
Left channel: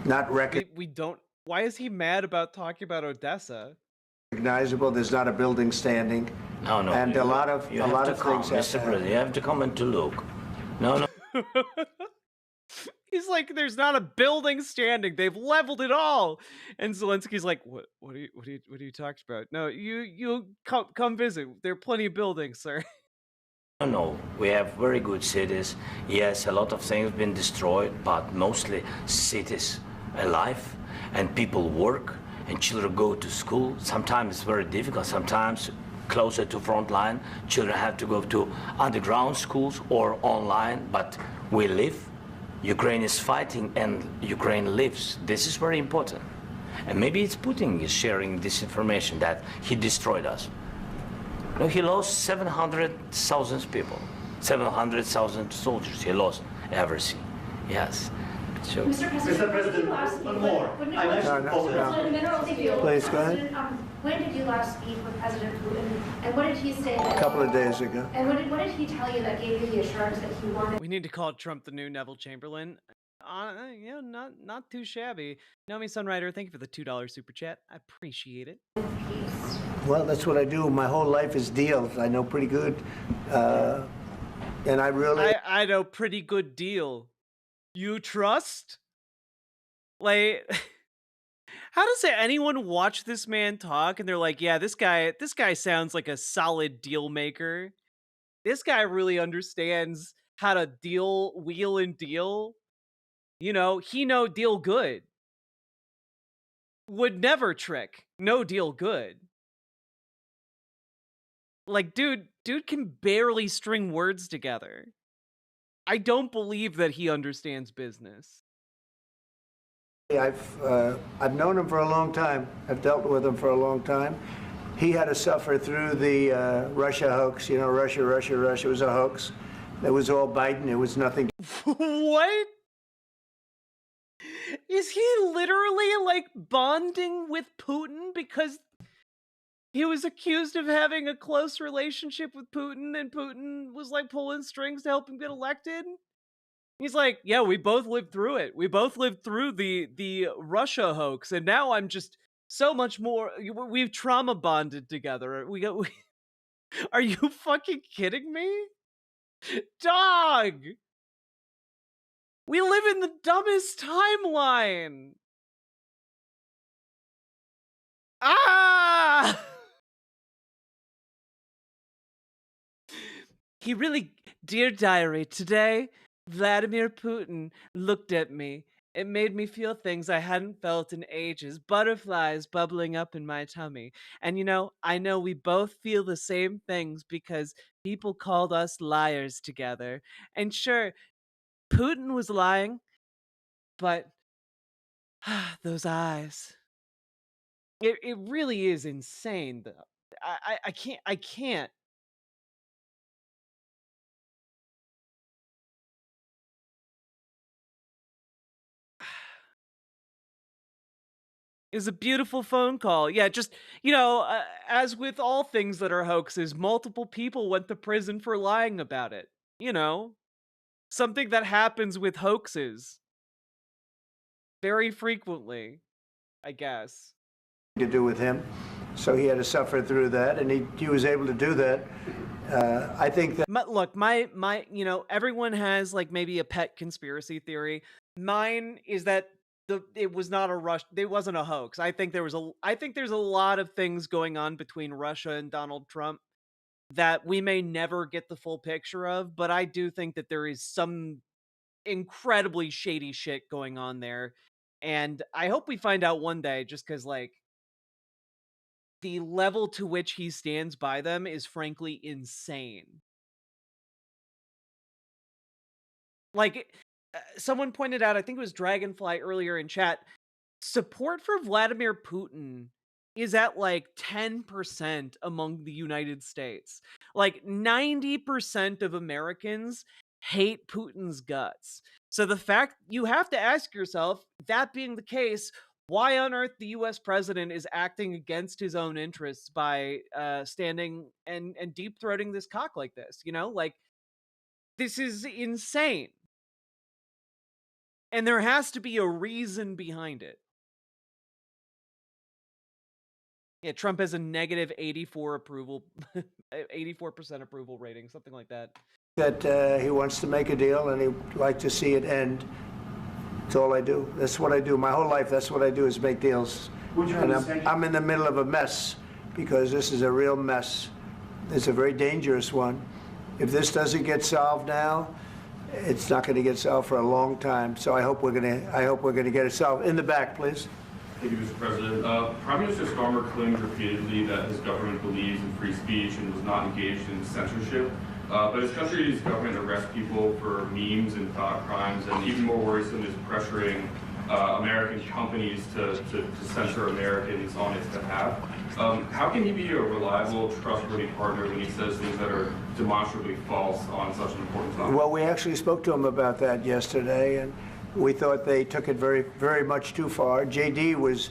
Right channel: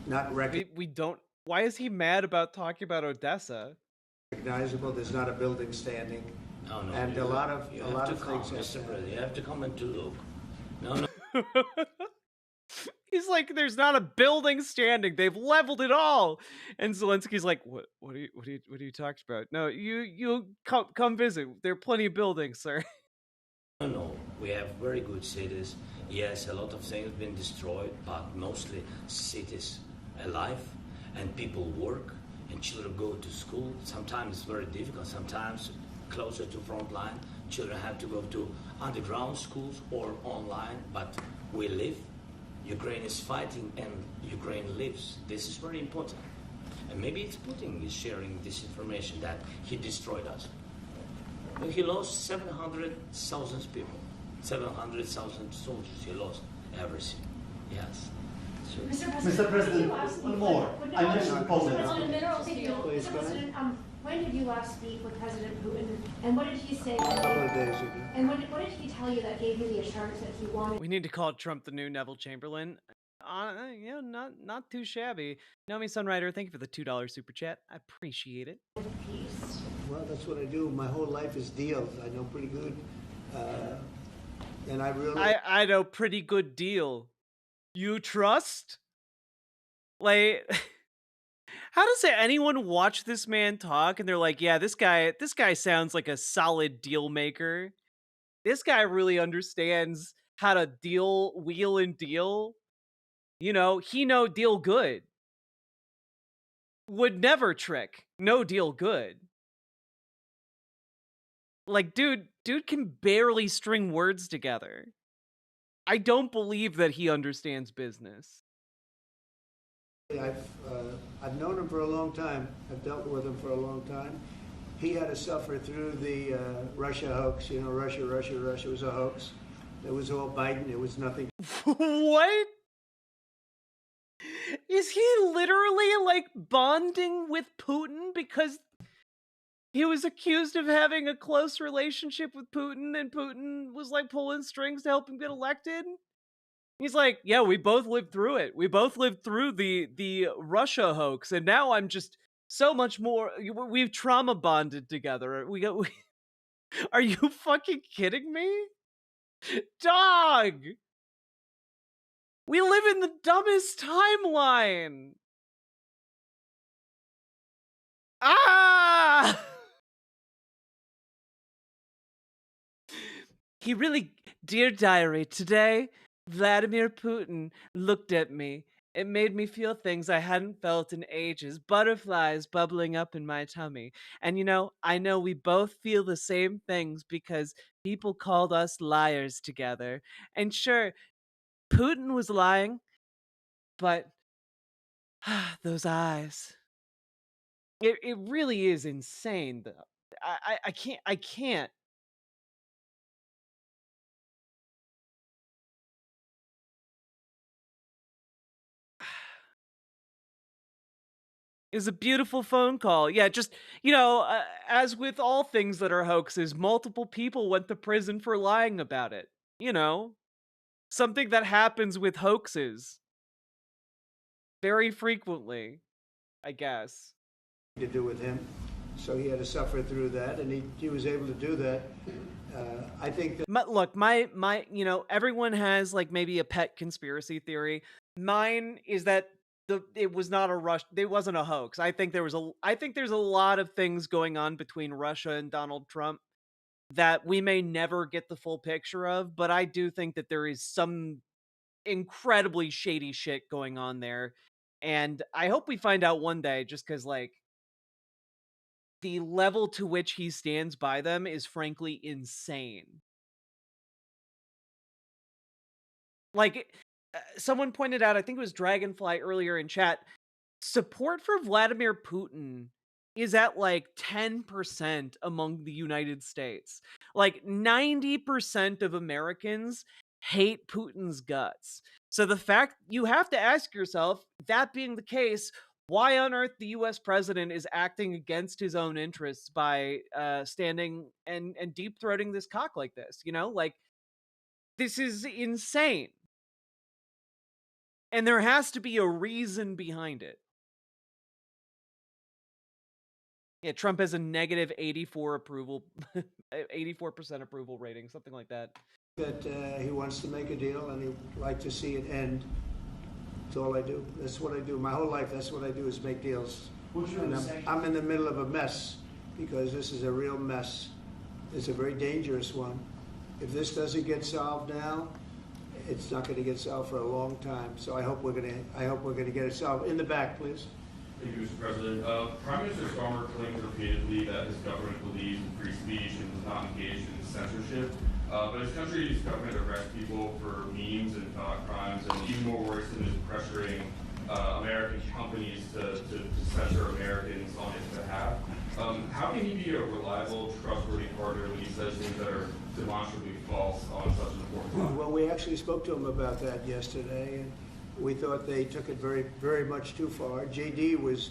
not We don't. Why is he mad about talking about Odessa? recognizable. There's not a building standing. No, no. And a lot of you have to come, things have Mr. to happen. President. You have to come and to look. No, no. He's like, there's not a building standing. They've leveled it all. And Zelensky's like, what are you talking about? No, you come visit. There are plenty of buildings, sir. No, we have very good cities. Yes, a lot of things have been destroyed, but mostly cities alive, and people work, and children go to school. Sometimes it's very difficult. Sometimes closer to front line, children have to go to underground schools or online, but we live. Ukraine is fighting, and Ukraine lives. This is very important. And maybe it's Putin is sharing this information that he destroyed us. No, he lost 700,000 people, 700,000 soldiers. He lost everything. Yes. So, Mr. President, one more. I mentioned Poland. Please, go ahead. When did you last speak with President Putin, and what did he say? A couple of days ago. And what did he tell you that gave you the assurance that he wanted? We need to call Trump the new Neville Chamberlain. You know, not too shabby. Naomi Sunrider, thank you for the $2 super chat. I appreciate it. Peace. Well, that's what I do. My whole life is deals. I know pretty good. And I really... I know pretty good deal. You trust? Like, how does anyone watch this man talk and they're like, yeah, this guy sounds like a solid deal maker. This guy really understands how to wheel and deal. You know, he no deal good. Would never trick. No deal good. Like, dude can barely string words together. I don't believe that he understands business. I've known him for a long time. I've dealt with him for a long time. He had to suffer through the Russia hoax. You know, Russia was a hoax. It was all Biden. It was nothing. What? Is he literally like bonding with Putin because he was accused of having a close relationship with Putin and Putin was like pulling strings to help him get elected? He's like, yeah, we both lived through it. We both lived through the Russia hoax, and now I'm just so much more. We've trauma bonded together. Are you fucking kidding me? Dog! We live in the dumbest timeline! Ah! He really, dear diary, today, Vladimir Putin looked at me It made me feel things I hadn't felt in ages, butterflies bubbling up in my tummy. And I know we both feel the same things because people called us liars together. And sure, Putin was lying, but those eyes. It really is insane though. I can't. It was a beautiful phone call. Yeah, just, as with all things that are hoaxes, multiple people went to prison for lying about it. You know, something that happens with hoaxes very frequently, I guess. To do with him. So he had to suffer through that, and he was able to do that. I think that. Look, my, everyone has like maybe a pet conspiracy theory. Mine is that it was not a rush. It wasn't a hoax. I think there's a lot of things going on between Russia and Donald Trump that we may never get the full picture of, but I do think that there is some incredibly shady shit going on there. And I hope we find out one day, just because, like, the level to which he stands by them is frankly insane. Like, someone pointed out, I think it was Dragonfly earlier in chat, support for Vladimir Putin is at like 10% among the United States. Like 90% of Americans hate Putin's guts. So the fact you have to ask yourself, that being the case, why on earth the US president is acting against his own interests by standing and deep throating this cock like this, Like, this is insane. And there has to be a reason behind it. Yeah, Trump has a negative 84 approval, 84% approval rating, something like that. That he wants to make a deal, and he'd like to see it end. That's all I do. That's what I do. My whole life, that's what I do, is make deals. And I'm in the middle of a mess, because this is a real mess. It's a very dangerous one. If this doesn't get solved now, it's not going to get solved for a long time. So I hope we're going to get it solved. In the back, please. Thank you, Mr. President. Prime Minister Starmer claimed repeatedly that his government believes in free speech and was not engaged in censorship. But his country's government arrests people for memes and thought crimes, and even more worrisome is pressuring American companies to censor Americans on its behalf. How can he be a reliable, trustworthy partner when he says things that are demonstrably false on such an important topic? Well, we actually spoke to him about that yesterday, and we thought they took it very, very much too far. JD was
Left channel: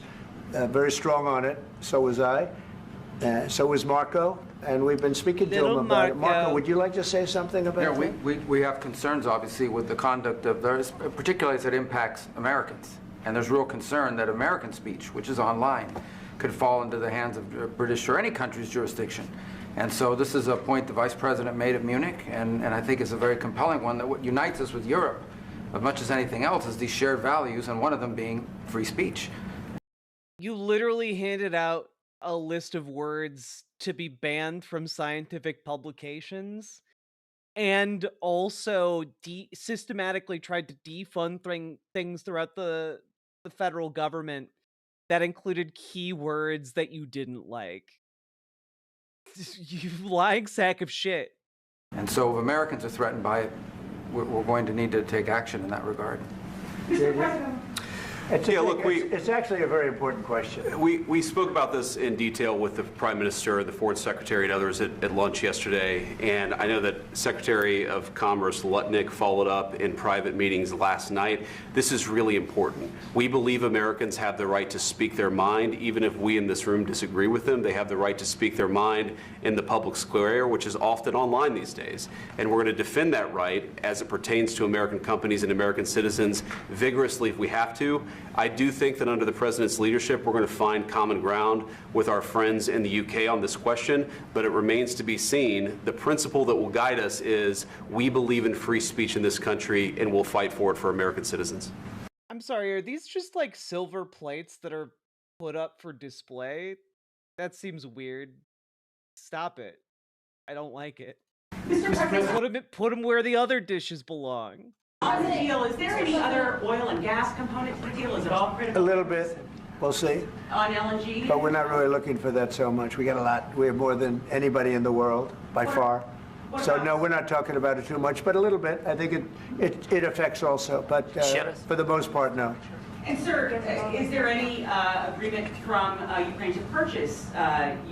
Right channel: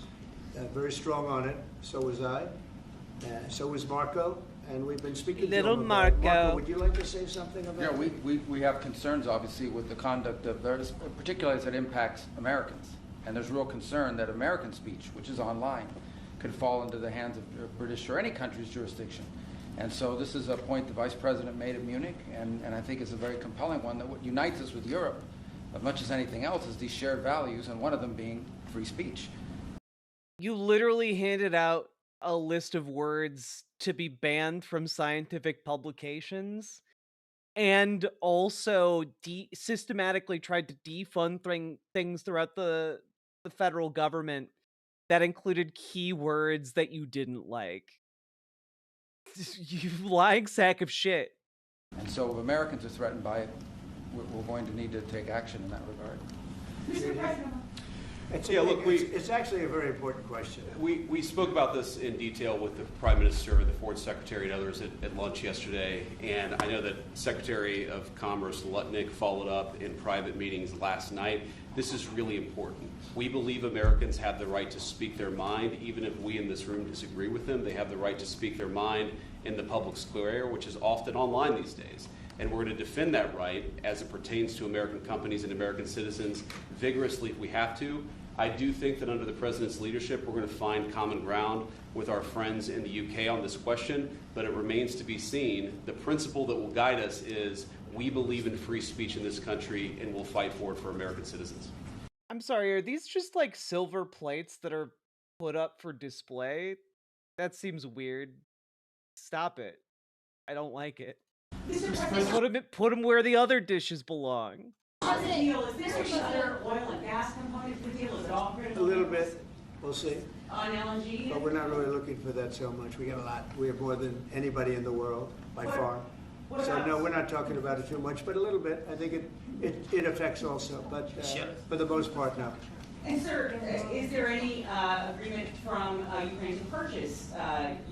very strong on it. So was I. So was Marco. And we've been speaking to him about it. Marco, would you like to say something about that? We have concerns, obviously, with the conduct of those, particularly as it impacts Americans. And there's real concern that American speech, which is online, could fall into the hands of British or any country's jurisdiction. And so this is a point the Vice President made of Munich, and I think it's a very compelling one, that what unites us with Europe, as much as anything else, is these shared values, and one of them being free speech. You literally handed out a list of words to be banned from scientific publications, and also systematically tried to defund things throughout the federal government that included keywords that you didn't like. You lying sack of shit. And so if Americans are threatened by it, we're going to need to take action in that regard. Mr. President. It's actually a very important question. We spoke about this in detail with the Prime Minister, the Foreign Secretary, and others at lunch yesterday, and I know that Secretary of Commerce Lutnick followed up in private meetings last night. This is really important. We believe Americans have the right to speak their mind, even if we in this room disagree with them. They have the right to speak their mind in the public square, which is often online these days. And we're going to defend that right as it pertains to American companies and American citizens vigorously if we have to. I do think that under the President's leadership, we're going to find common ground with our friends in the UK on this question, but it remains to be seen. The principle that will guide us is we believe in free speech in this country, and we'll fight for it for American citizens. I'm sorry, are these just like silver plates that are put up for display? That seems weird. Stop it. I don't like it. Mr. President. Put them where the other dishes belong. On the deal, is there any other oil and gas component to the deal? Is it all critical? A little bit. We'll see. On LNG? But we're not really looking for that so much. We got a lot. We have more than anybody in the world, by far. So no, we're not talking about it too much, but a little bit. I think it affects also, but for the most part, no. And sir, is there any agreement from Ukraine to purchase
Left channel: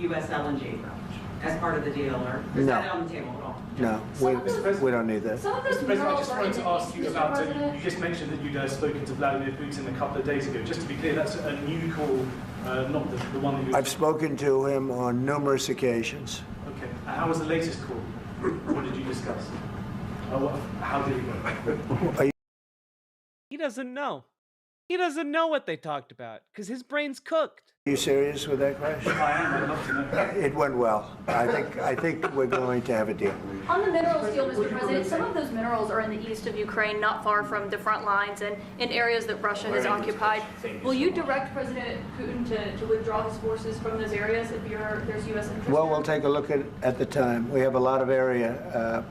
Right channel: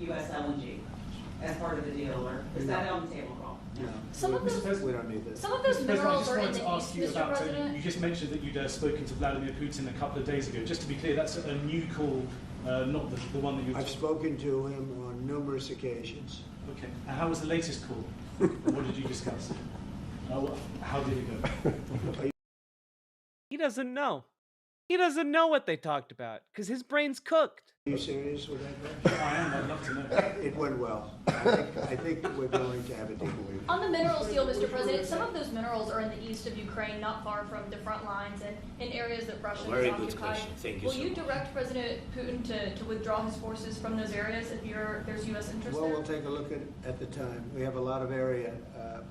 U.S. LNG as part of the deal, or is that on the table at all? No, we don't need that. Mr. President, I just wanted to ask you about, you just mentioned that you'd spoken to Vladimir Putin a couple of days ago. Just to be clear, that's a new call, not the one that you... I've spoken to him on numerous occasions. Okay. And how was the latest call? What did you discuss? How did it go? He doesn't know. He doesn't know what they talked about because his brain's cooked. Are you serious with that question? I am. I'd love to know. It went well. I think we're going to have a deal. On the minerals deal, Mr. President, some of those minerals are in the east of Ukraine, not far from the front lines and in areas that Russia has occupied. Will you direct President Putin to withdraw his forces from those areas if there's U.S. interest Well, there? we'll take a look at the time. We have a lot of area.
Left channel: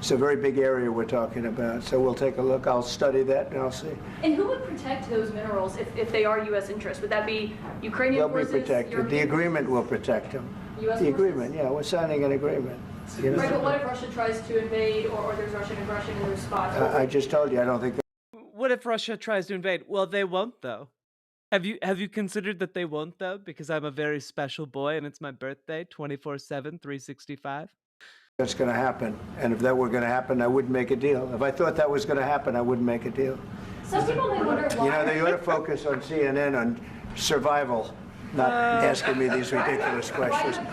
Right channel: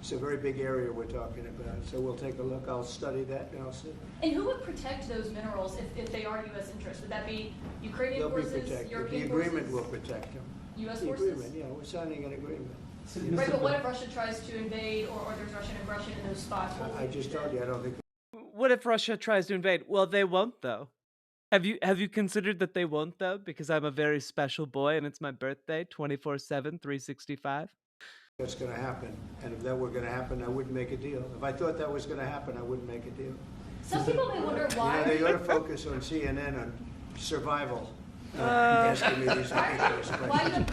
It's a very big area we're talking about, so we'll take a look. I'll study that and I'll see. And who would protect those minerals if they are U.S. interests? Would that be Ukrainian They'll forces? be protected. The European agreement forces? will protect them. U.S. The forces? agreement, yeah, we're signing an agreement. You know? Right, but what if Russia tries to invade or there's Russian aggression in their spots? I just told you, I don't think. What if Russia tries to invade? Well, they won't, though. Have you considered that they won't, though? Because I'm a very special boy and it's my birthday, 24/7, 365. That's going to happen. And if that were going to happen, I wouldn't make a deal. If I thought that was going to happen, I wouldn't make a deal. Some people may wonder why. You know, you ought to focus on CNN on survival, not asking me these ridiculous questions.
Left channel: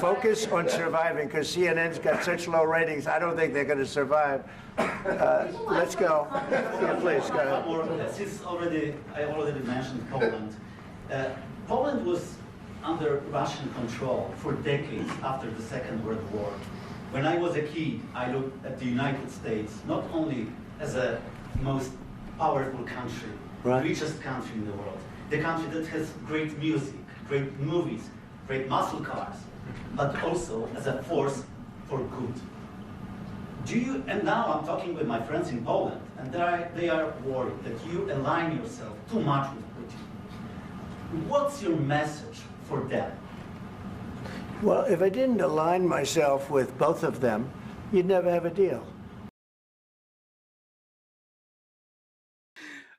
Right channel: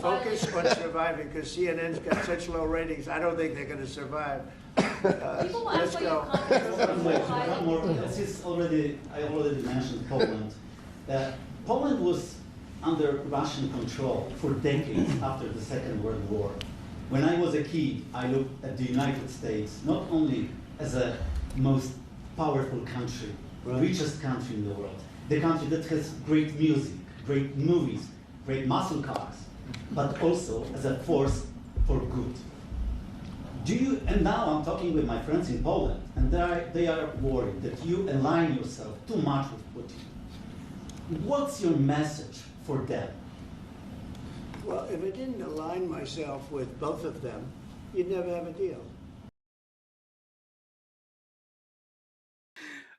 Focus on surviving, because CNN's got such low ratings, I don't think they're going to survive. Let's go. Please, go ahead. Since I already mentioned Poland. Poland was under Russian control for decades after the Second World War. When I was a kid, I looked at the United States not only as a most powerful country, richest country in the world, the country that has great music, great movies, great muscle cars, but also as a force for good. And now I'm talking with my friends in Poland, and they are worried that you align yourself too much with Putin. What's your message for them? Well, if I didn't align myself with both of them, you'd never have a deal.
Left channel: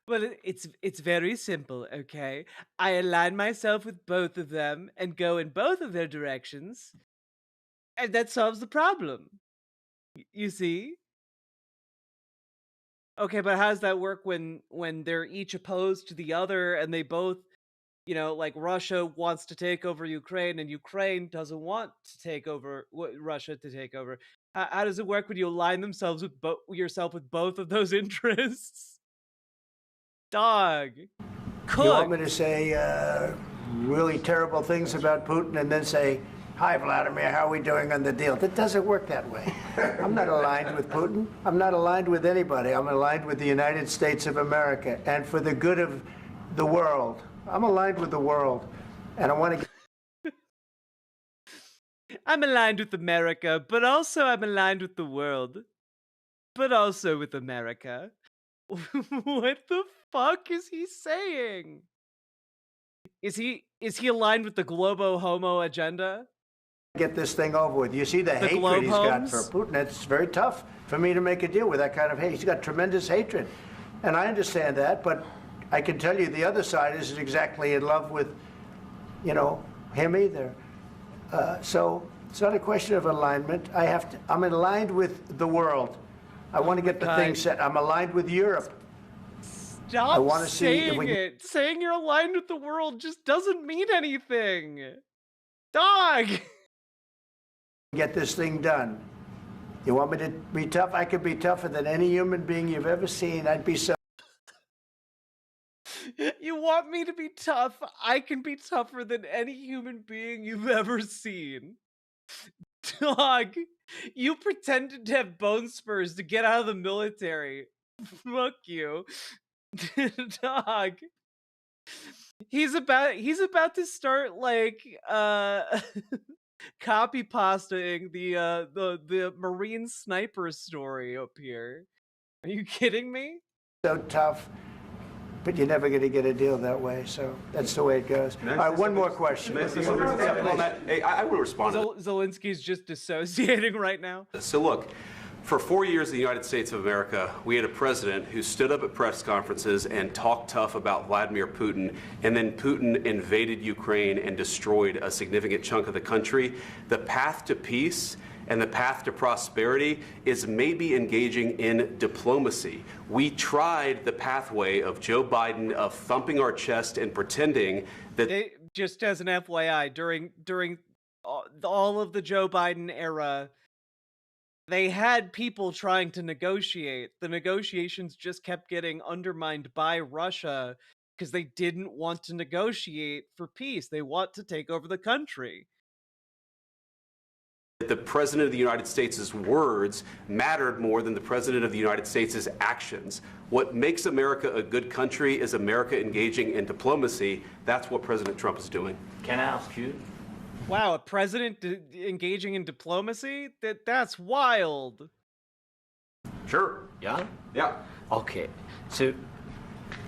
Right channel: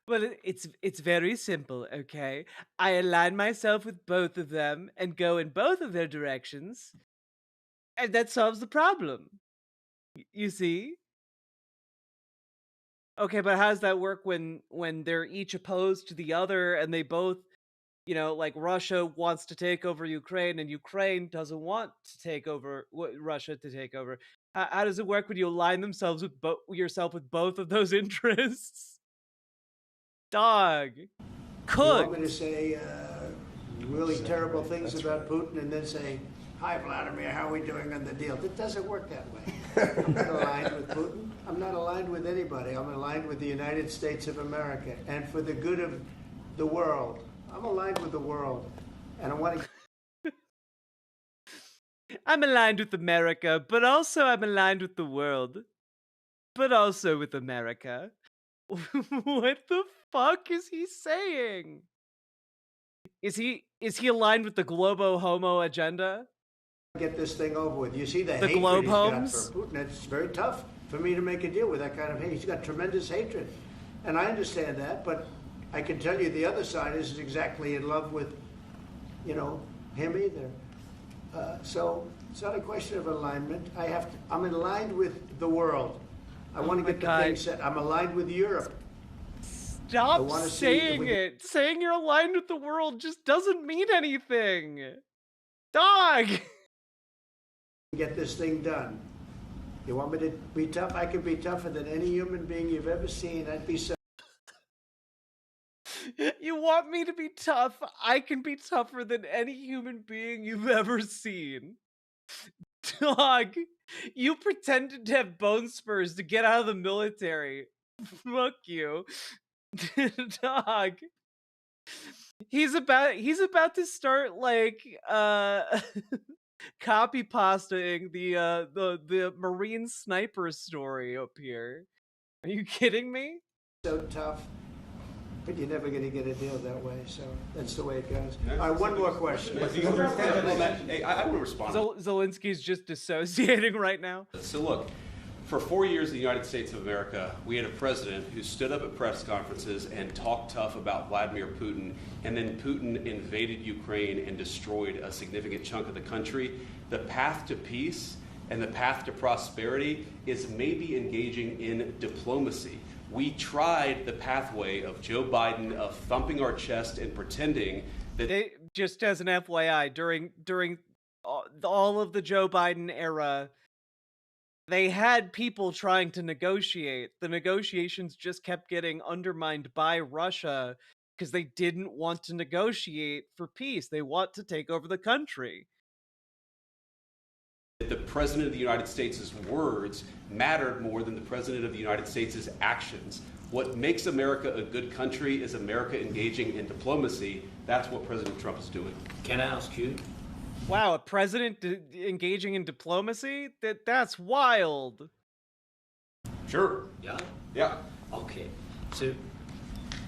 Well, it's very simple, okay? I align myself with both of them and go in both of their directions, and that solves the problem. You see? Okay, but how does that work when they're each opposed to the other and they both, you know, like Russia wants to take over Ukraine and Ukraine doesn't want to take over Russia to take over? How does it work when you align yourself with both of those interests? Dog. You want me to say really terrible things about Putin and then say, "Hi, Vladimir, how are we doing on the deal?" That doesn't work that way. I'm not aligned with Putin. I'm not aligned with anybody. I'm aligned with the United States of America and for the good of the world. I'm aligned with the world, and I want to... I'm aligned with America, but also I'm aligned with the world. But also with America. What the fuck is he saying? Is he aligned with the Globo Homo agenda? Get this thing over with. You see the hatred Globe he's got Homes? for Putin. It's very tough for me to make a deal with that kind of hate. He's got tremendous hatred, and I understand that, but I can tell you the other side isn't exactly in love with, you know, him either. So it's not a question of alignment. I'm aligned with the world. I want to get the thing set. I'm aligned with Europe. Stop saying it. Saying you're aligned with the world just doesn't mean anything. Dog. Get this thing done. You want me to be tough? I could be tougher than any human being you've ever seen. I'd be so... You want me to be tough? I can be tougher than any human being you've ever seen. Dog, you pretended to have bone spurs to get out of the military. Fuck you. Dog. He's about to start like copy pastaing the Marine sniper story up here. Are you kidding me? So tough, but you're never going to get a deal that way. So that's the way it goes. All right, one more question. Hey, I will respond. Zelensky's just dissociating right now. So look, for 4 years in the United States of America, we had a president who stood up at press conferences and talked tough about Vladimir Putin, and then Putin invaded Ukraine and destroyed a significant chunk of the country. The path to peace and the path to prosperity is maybe engaging in diplomacy. We tried the pathway of Joe Biden of thumping our chest and pretending that... Just as an FYI, during all of the Joe Biden era, they had people trying to negotiate. The negotiations just kept getting undermined by Russia because they didn't want to negotiate for peace. They want to take over the country. The President of the United States' words mattered more than the President of the United States' actions. What makes America a good country is America engaging in diplomacy. That's what President Trump is doing. Can I ask you? Wow, a president engaging in diplomacy? That's wild. Sure. Yeah? Yeah. Okay. So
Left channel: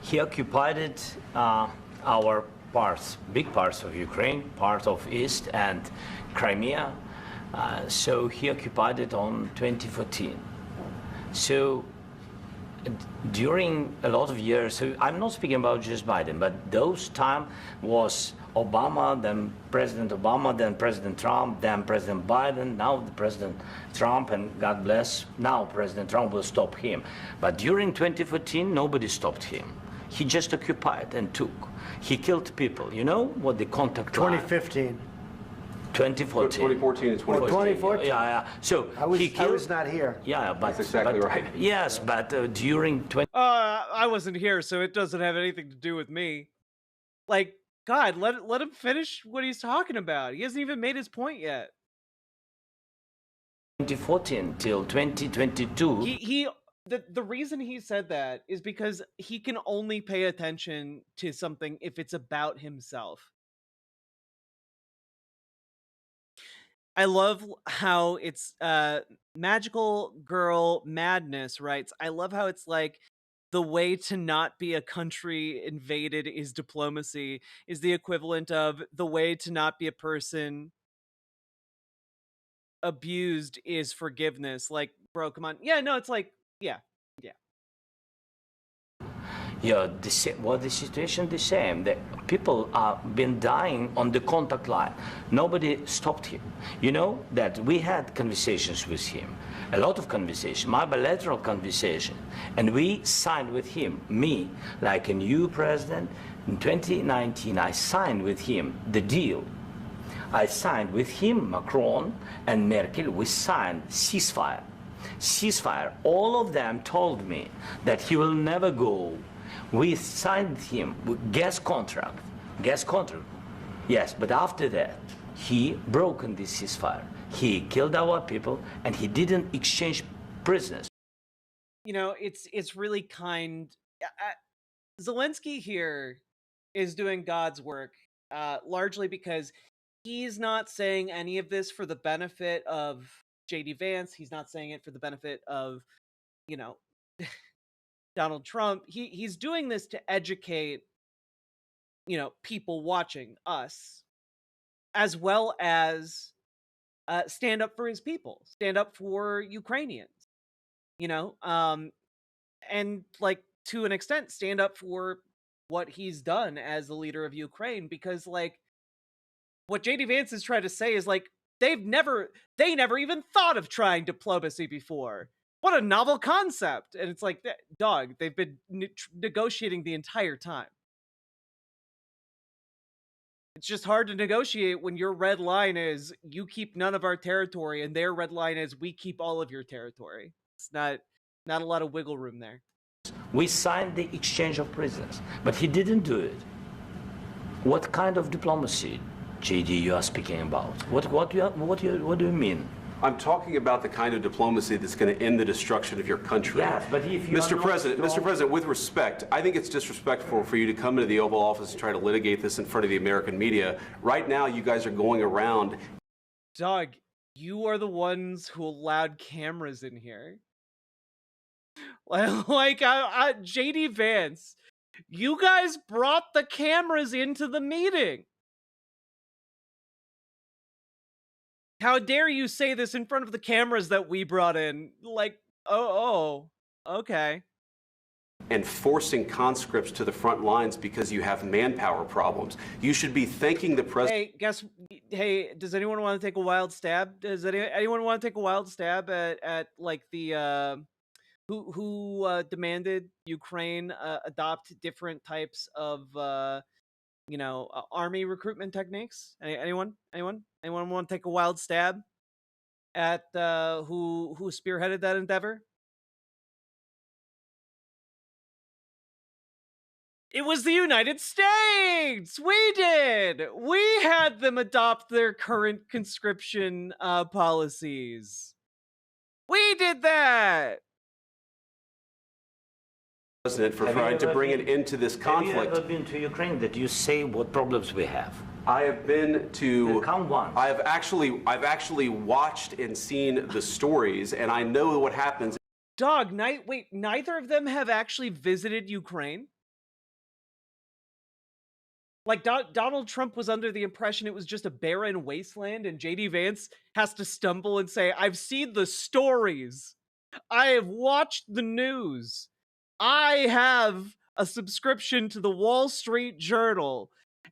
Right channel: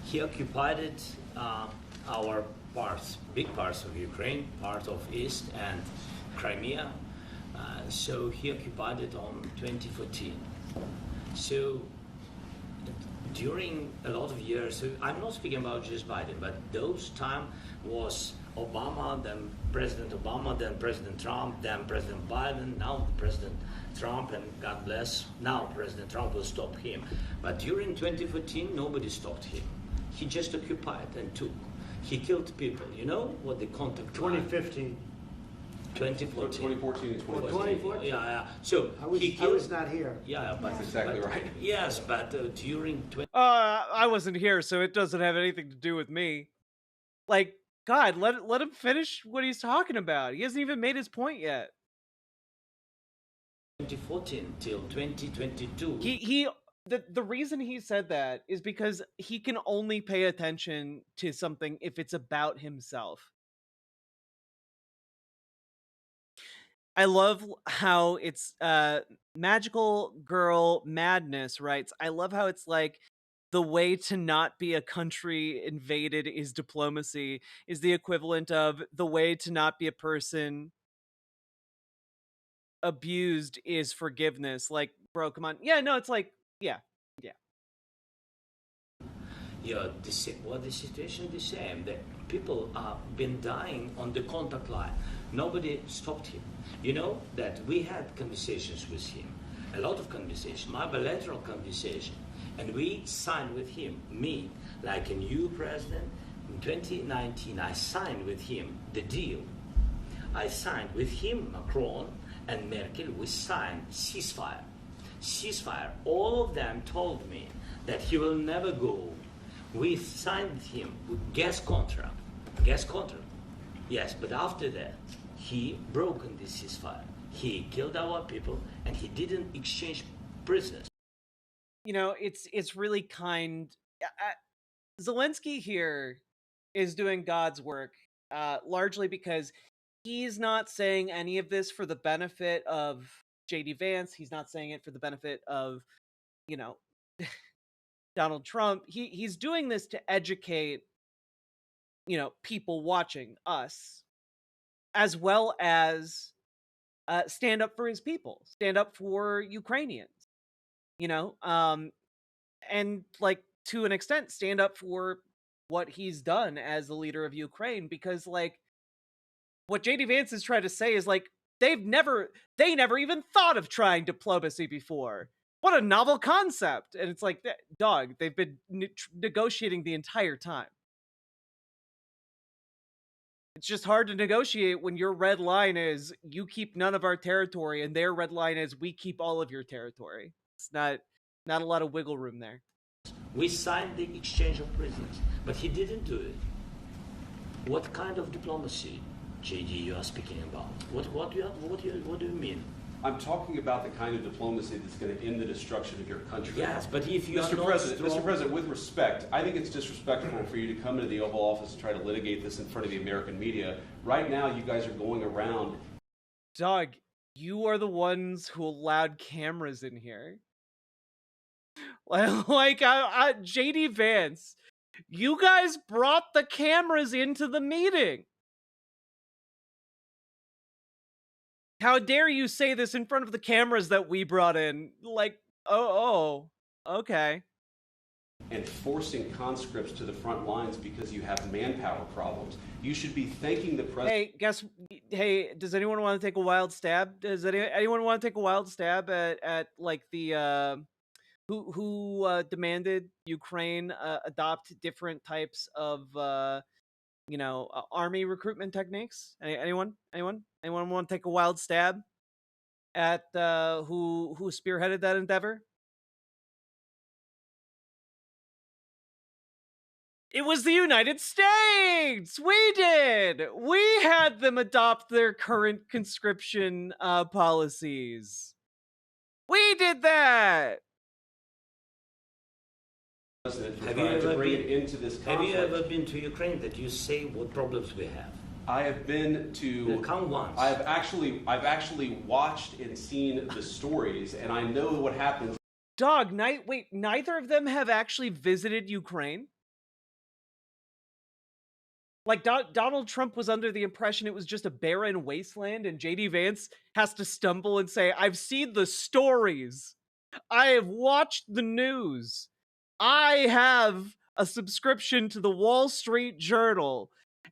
he occupied our parts, big parts of Ukraine, part of East and Crimea. So he occupied it on 2014. So during a lot of years, so I'm not speaking about just Biden, but those time was Obama, then President Obama, then President Trump, then President Biden, now President Trump, and God bless, now President Trump will stop him. But during 2014, nobody stopped him. He just occupied and took. He killed people. You know what the contact 2015. 2014 and 2014. Yeah. So I was not here. Yeah, but that's exactly right. Yes, but during I wasn't here, so it doesn't have anything to do with me. Like, God, let him finish what he's talking about. He hasn't even made his point yet. 2014 till 2022. The reason he said that is because he can only pay attention to something if it's about himself. I love how it's Magical Girl Madness writes, I love how it's like the way to not be a country invaded is diplomacy, is the equivalent of the way to not be a person abused is forgiveness. Like, bro, come on. Yeah, no, it's like, yeah. Yeah, the situation the same. The people have been dying on the contact line. Nobody stopped him. You know that we had conversations with him, a lot of conversations, my bilateral conversation, and we signed with him, me, like a new president. In 2019, I signed with him the deal. I signed with him, Macron and Merkel, we signed ceasefire. Ceasefire. All of them told me that he will never go. We signed with him with gas contract. Yes, but after that, he broken this ceasefire. He killed our people, and he didn't exchange prisoners. You know, it's really kind. Zelensky here is doing God's work, largely because he's not saying any of this for the benefit of J.D. Vance. He's not saying it for the benefit of, you know, Donald Trump. He's doing this to educate, you know, people watching us, as well as stand up for his people, stand up for Ukrainians, you know, and like to an extent stand up for what he's done as the leader of Ukraine, because like what JD Vance is trying to say is like they never even thought of trying diplomacy before. What a novel concept. And it's like, dog, they've been negotiating the entire time. It's just hard to negotiate when your red line is you keep none of our territory and their red line is we keep all of your territory. It's not a lot of wiggle room there. We signed the exchange of prisoners, but he didn't do it. What kind of diplomacy, JD, you are speaking about? What do you mean? I'm talking about the kind of diplomacy that's going to end the destruction of your country. Yes, but if you Mr. President, with respect, I think it's disrespectful for you to come into the Oval Office and try to litigate this in front of the American media. Right now, you guys are going around. Dog, you are the ones who allowed cameras in here. Like, JD Vance, you guys brought the cameras into the meeting. How dare you say this in front of the cameras that we brought in? Like, okay. And forcing conscripts to the front lines because you have manpower problems. You should be thanking the president. Hey, does anyone want to take a wild stab? Does anyone want to take a wild stab at like the who demanded Ukraine adopt different types of army recruitment techniques? Anyone want to take a wild stab at who spearheaded that endeavor? It was the United States! We did! We had them adopt their current conscription policies. We did that! President for trying to bring it into this conflict. Have you ever been to Ukraine? That you say what problems we have? I have been to. Count once. I've actually watched and seen the stories, and I know what happens. Dog, wait, neither of them have actually visited Ukraine? Like, Donald Trump was under the impression it was just a barren wasteland, and JD Vance has to stumble and say, I've seen the stories. I have watched the news. I have a subscription to the Wall Street Journal.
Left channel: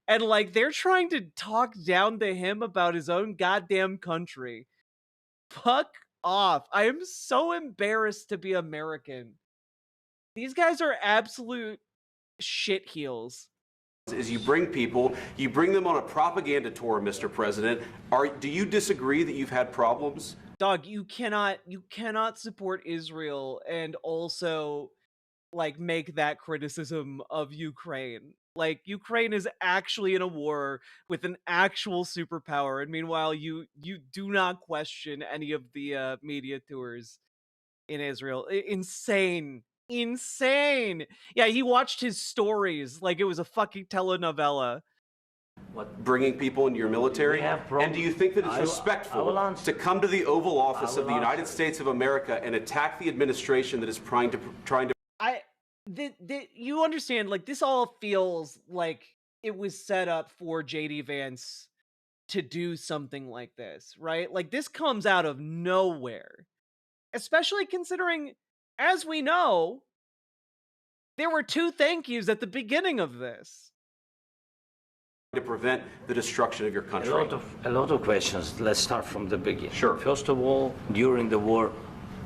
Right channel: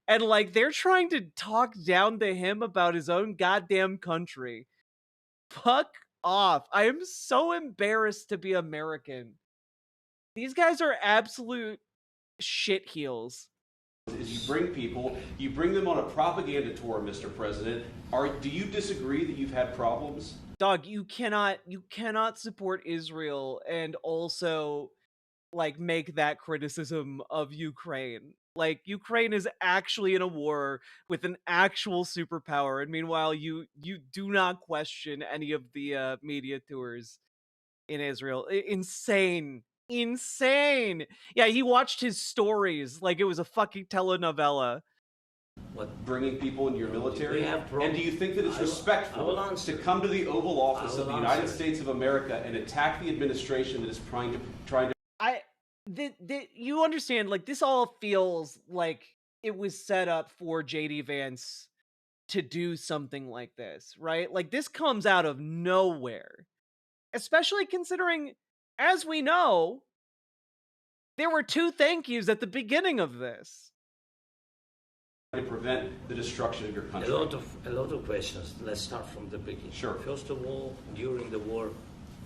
And, like, they're trying to talk down to him about his own goddamn country. Fuck off. I am so embarrassed to be American. These guys are absolute shitheels. Is you bring them on a propaganda tour, Mr. President. Do you disagree that you've had problems? Dog, you cannot support Israel and also like make that criticism of Ukraine. Like, Ukraine is actually in a war with an actual superpower, and meanwhile you do not question any of the media tours in Israel. Insane. Yeah, he watched his stories like it was a fucking telenovela. What, bringing people into your military? And do you think that it's respectful to come to the Oval Office of the United States of America and attack the administration that is trying to? You understand, like, this all feels like it was set up for JD Vance to do something like this, right? Like, this comes out of nowhere. Especially considering, as we know, there were 2 thank yous at the beginning of this. To prevent the destruction of your country. A lot of questions. Let's start from the beginning. Sure. First of all, during the war,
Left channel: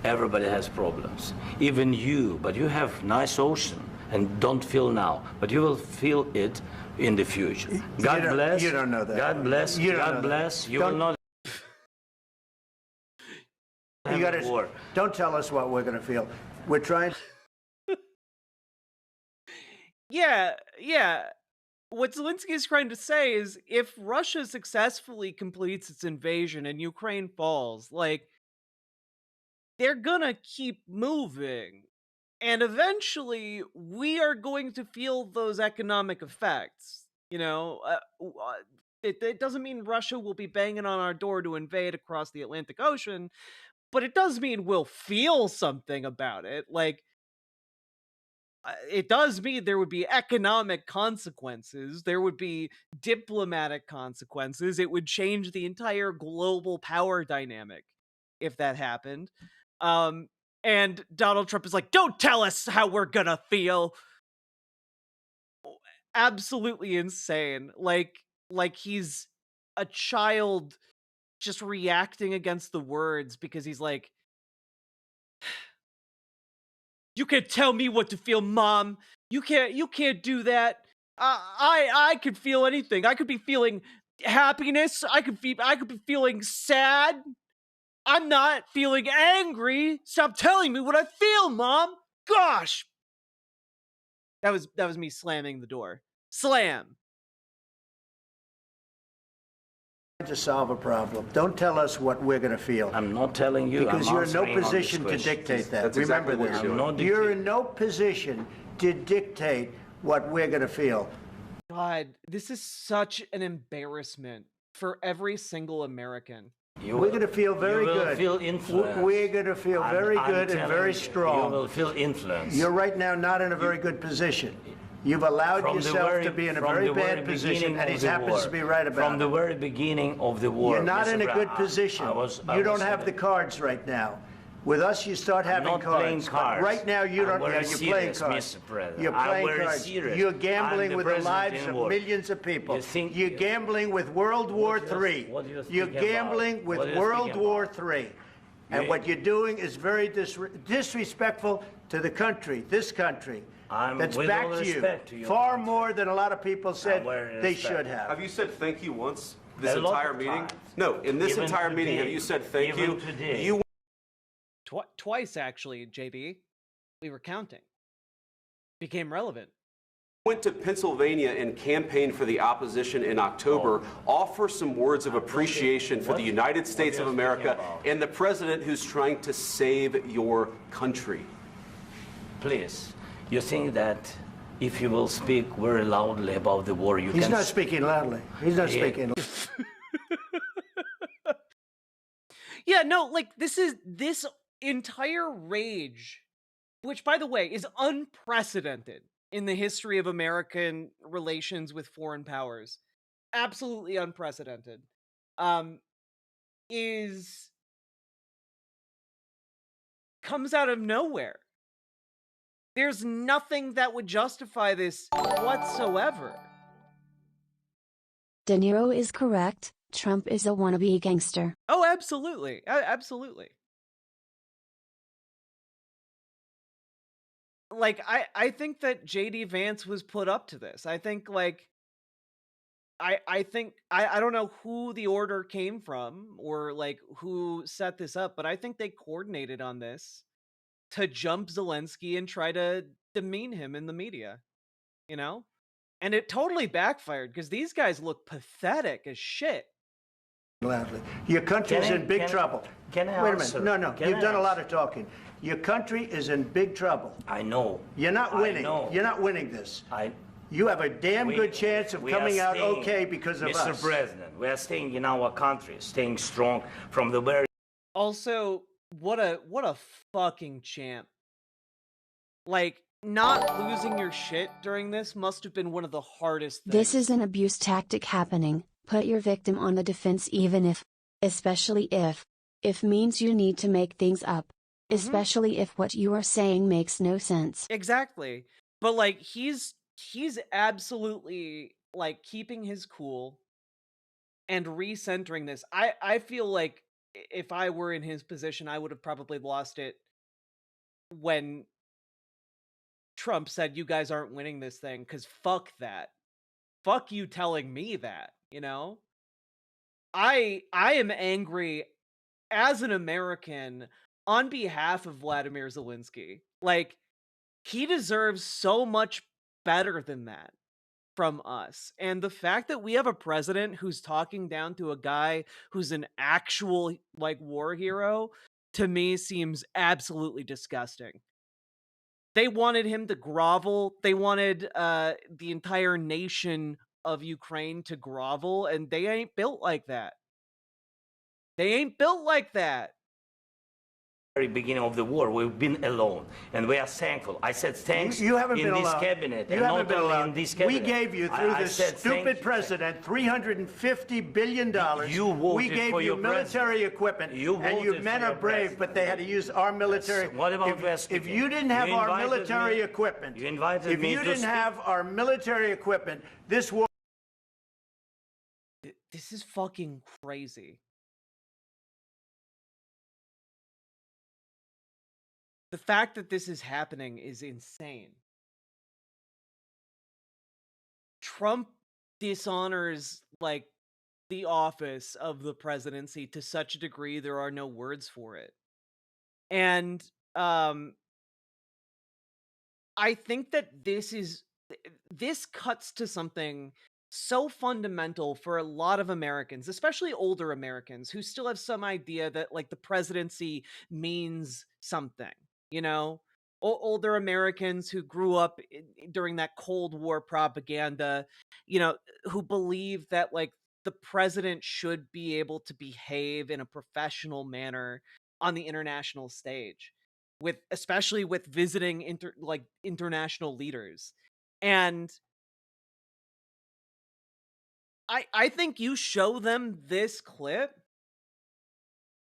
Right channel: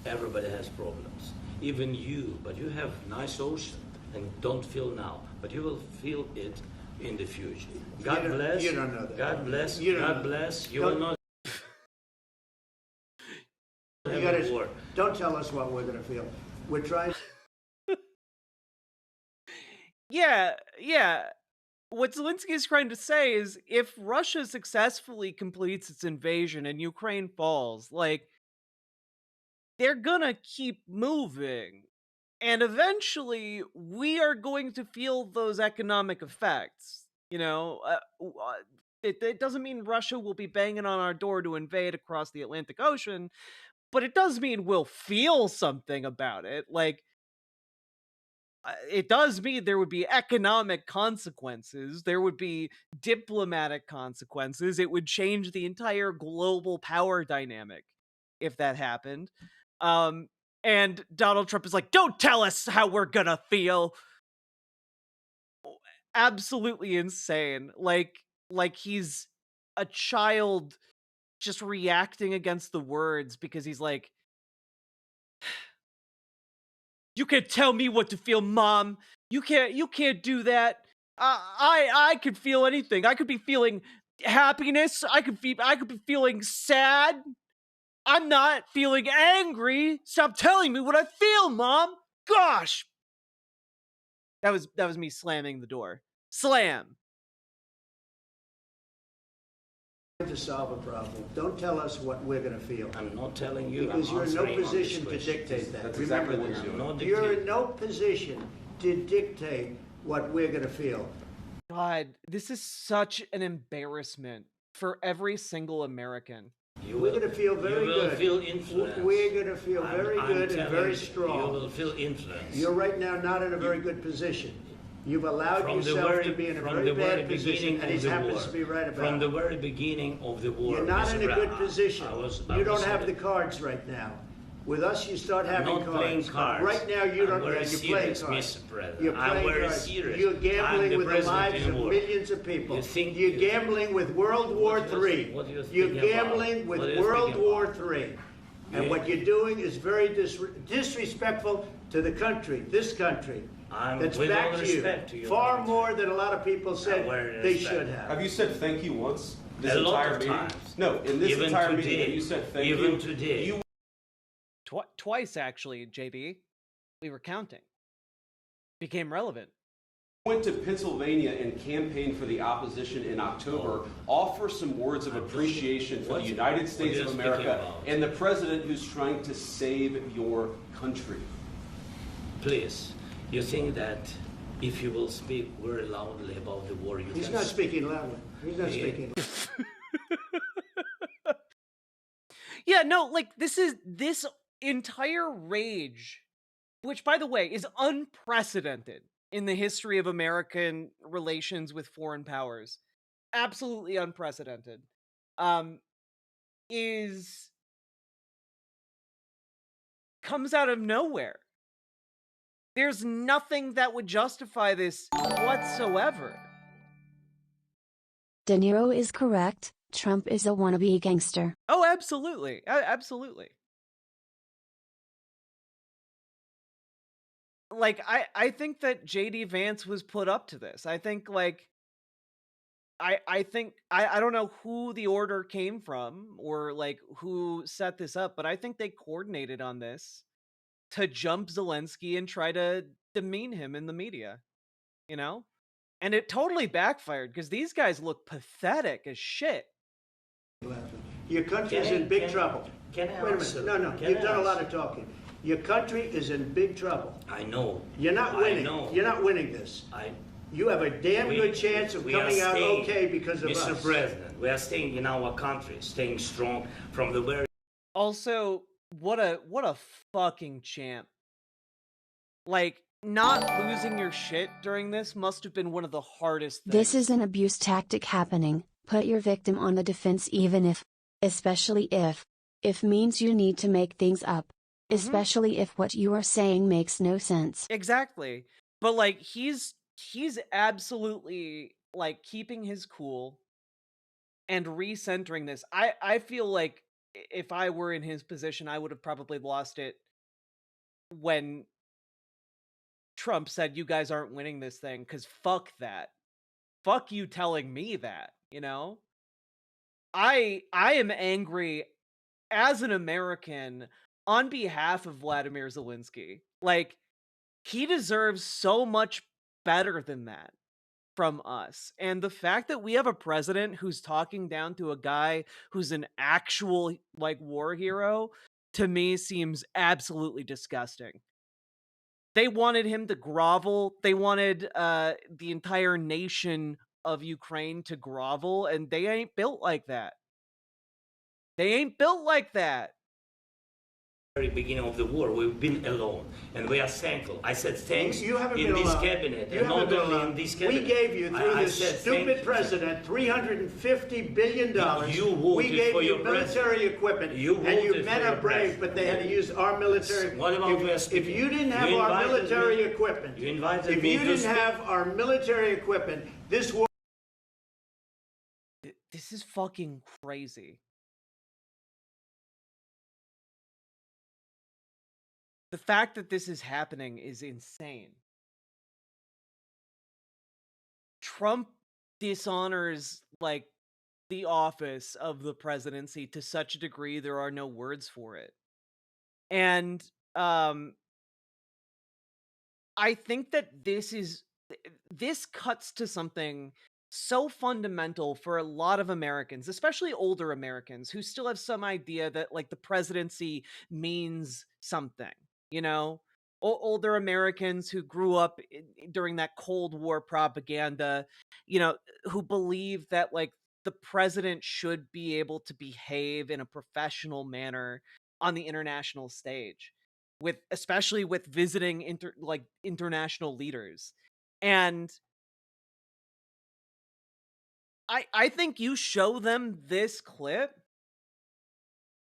everybody has problems. Even you, but you have nice ocean and don't feel now, but you will feel it in the future. God bless. You don't know that. God bless. God bless. You will not. Don't tell us what we're going to feel. We're trying. Yeah. What Zelensky is trying to say is, if Russia successfully completes its invasion and Ukraine falls, like, they're gonna keep moving. And eventually, we are going to feel those economic effects. You know, it doesn't mean Russia will be banging on our door to invade across the Atlantic Ocean, but it does mean we'll feel something about it. Like, it does mean there would be economic consequences. There would be diplomatic consequences. It would change the entire global power dynamic if that happened. And Donald Trump is like, don't tell us how we're gonna feel. Absolutely insane. Like he's a child just reacting against the words because he's like, you can't tell me what to feel, Mom. You can't do that. I could feel anything. I could be feeling happiness. I could be feeling sad. I'm not feeling angry. Stop telling me what I feel, Mom. Gosh. That was me slamming the door. Slam. To solve a problem. Don't tell us what we're going to feel. I'm not telling you. Because you're in no position to dictate that. Remember this. You're in no position to dictate what we're going to feel. God, this is such an embarrassment for every single American. We're going to feel very you will good. Feel influence. We're going to feel very I'm good and very strong. You will feel influence. You're right now not in a very good position. You've allowed yourself to be in a very bad position, and he happens to be right about it. From the very beginning of the war. You're not in a good position. You don't have the the cards right now. With us, you start having not playing cards. Right now, you don't. You're playing cards. Mr. President. You're playing cards. Serious. You're gambling with the president lives of war. millions of people. You're gambling with World War III. You're gambling with World War III. And what you're doing is very disrespectful to the country, this country. That's back to you. Far more than a lot of people said they should have. Have you said thank you once this A lot entire of meeting? times. No, in this Even entire meeting, today. have you said thank Even you? today. You Twice, actually, JB. We were counting. Became relevant. went to Pennsylvania and campaigned for the opposition in October. Offer some words of appreciation for the United States of America and the president who's trying to save your country. Please, you think that if you will speak very loudly about the war, you He's can... not speaking loudly. He's not Yeah. speaking loudly. Yeah, no, like, this entire rage, which, by the way, is unprecedented in the history of American relations with foreign powers, absolutely unprecedented, comes out of nowhere. There's nothing that would justify this whatsoever. De Niro is correct. Trump is a wannabe gangster. Oh, absolutely. Absolutely. Like, I think that JD Vance was put up to this. I think, like, I think, I don't know who the order came from or, like, who set this up, but I think they coordinated on this to jump Zelensky and try to demean him in the media, you know? And it totally backfired because these guys look pathetic as shit. Loudly. Your country's in big trouble. Can I Wait a answer? minute. No, Can you've I done a lot answer? of talking. Your country is in big trouble. I know. You're not I winning. know. You're not winning this. You have a damn good chance of we coming are out staying, okay because of Mr. us. President, we are staying in our country, staying strong from the very... Also, what a fucking champ. Like, not losing your shit during this must have been one of the hardest things. This is an abuse tactic happening. Put your victim on the defense even if, especially if means you need to make things up. Especially if what you are saying makes no sense. Exactly. But, like, he's absolutely, like, keeping his cool and recentering this. I feel like if I were in his position, I would have probably lost it when Trump said, you guys aren't winning this thing, because fuck that. Fuck you telling me that, you know? I am angry as an American on behalf of Vladimir Zelensky. Like, he deserves so much better than that from us. And the fact that we have a president who's talking down to a guy who's an actual, like, war hero, to me seems absolutely disgusting. They wanted him to grovel. They wanted the entire nation of Ukraine to grovel, and they ain't built like that. They ain't built like that. very beginning of the war, we've been alone, and we are thankful. I said thanks You haven't in been this alone. cabinet, You and haven't not been only alone. in this We cabinet. gave you, through I this said stupid thank you. president, $350 billion. You We voted gave for you your military president. equipment, You and you voted men for your are brave, president. but they had to use our military. What about If you didn't have You our invited military me- equipment, You invited if me you to didn't speak. have our military equipment, this war. This is fucking crazy. The fact that this is happening is insane. Trump dishonors, like, the office of the presidency to such a degree there are no words for it. And I think that this cuts to something so fundamental for a lot of Americans, especially older Americans who still have some idea that, like, the presidency means something, you know? Older Americans who grew up during that Cold War propaganda, you know, who believe that, like, the president should be able to behave in a professional manner on the international stage, especially with visiting international leaders. And I think you show them this clip,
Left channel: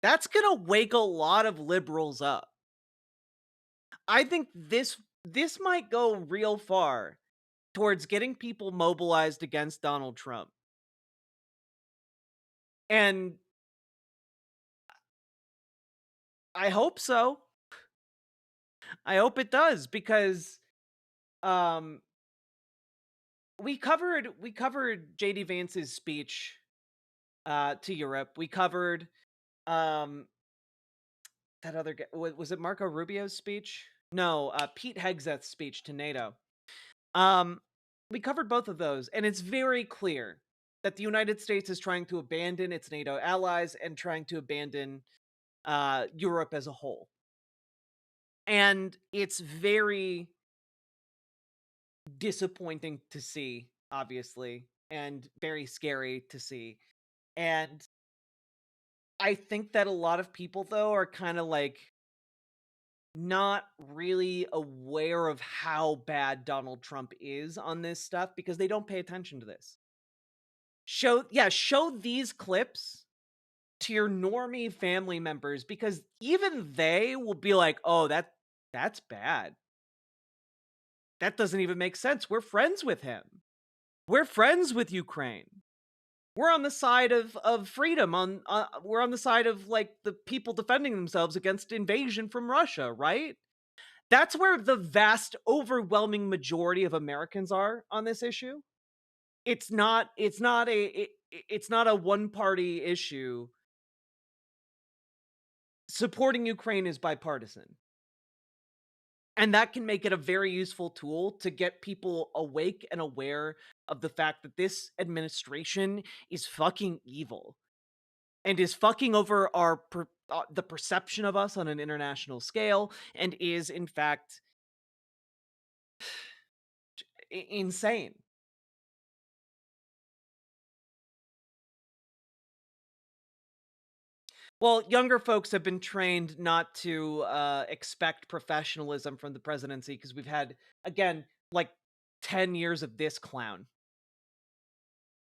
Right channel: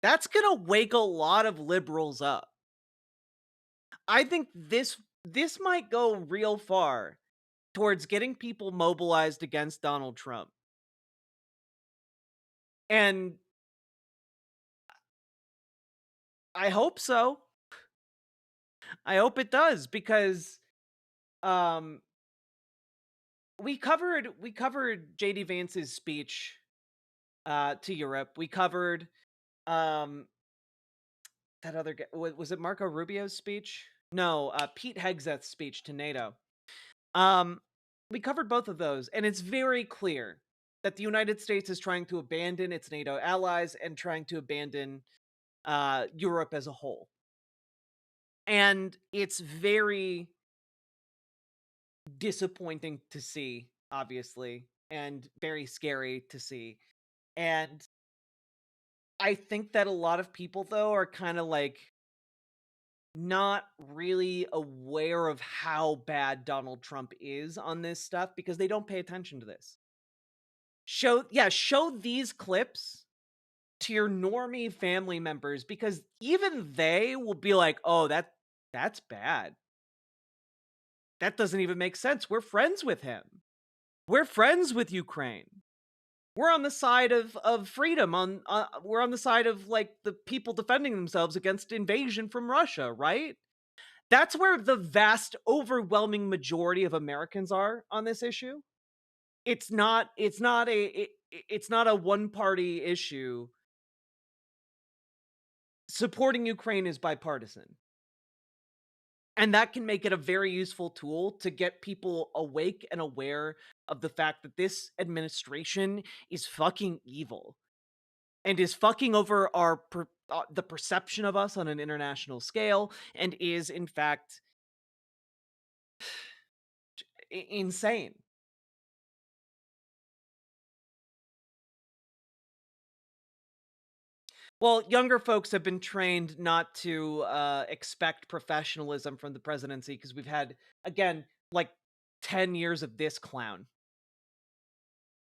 that's gonna wake a lot of liberals up. I think this might go real far towards getting people mobilized against Donald Trump. And I hope so. I hope it does, because we covered JD Vance's speech to Europe. We covered that other guy, was it Marco Rubio's speech? No, Pete Hegseth's speech to NATO. We covered both of those, and it's very clear that the United States is trying to abandon its NATO allies and trying to abandon Europe as a whole. And it's very disappointing to see, obviously, and very scary to see. And I think that a lot of people, though, are kind of like not really aware of how bad Donald Trump is on this stuff because they don't pay attention to this. Show these clips to your normie family members, because even they will be like, "Oh, that's bad. That doesn't even make sense. We're friends with him. We're friends with Ukraine. We're on the side of freedom. We're on the side of like the people defending themselves against invasion from Russia, right?" That's where the vast, overwhelming majority of Americans are on this issue. It's not a one-party issue. Supporting Ukraine is bipartisan. And that can make it a very useful tool to get people awake and aware of the fact that this administration is fucking evil and is fucking over the perception of us on an international scale, and is in fact insane. Well, younger folks have been trained not to expect professionalism from the presidency because we've had, again, like 10 years of this clown.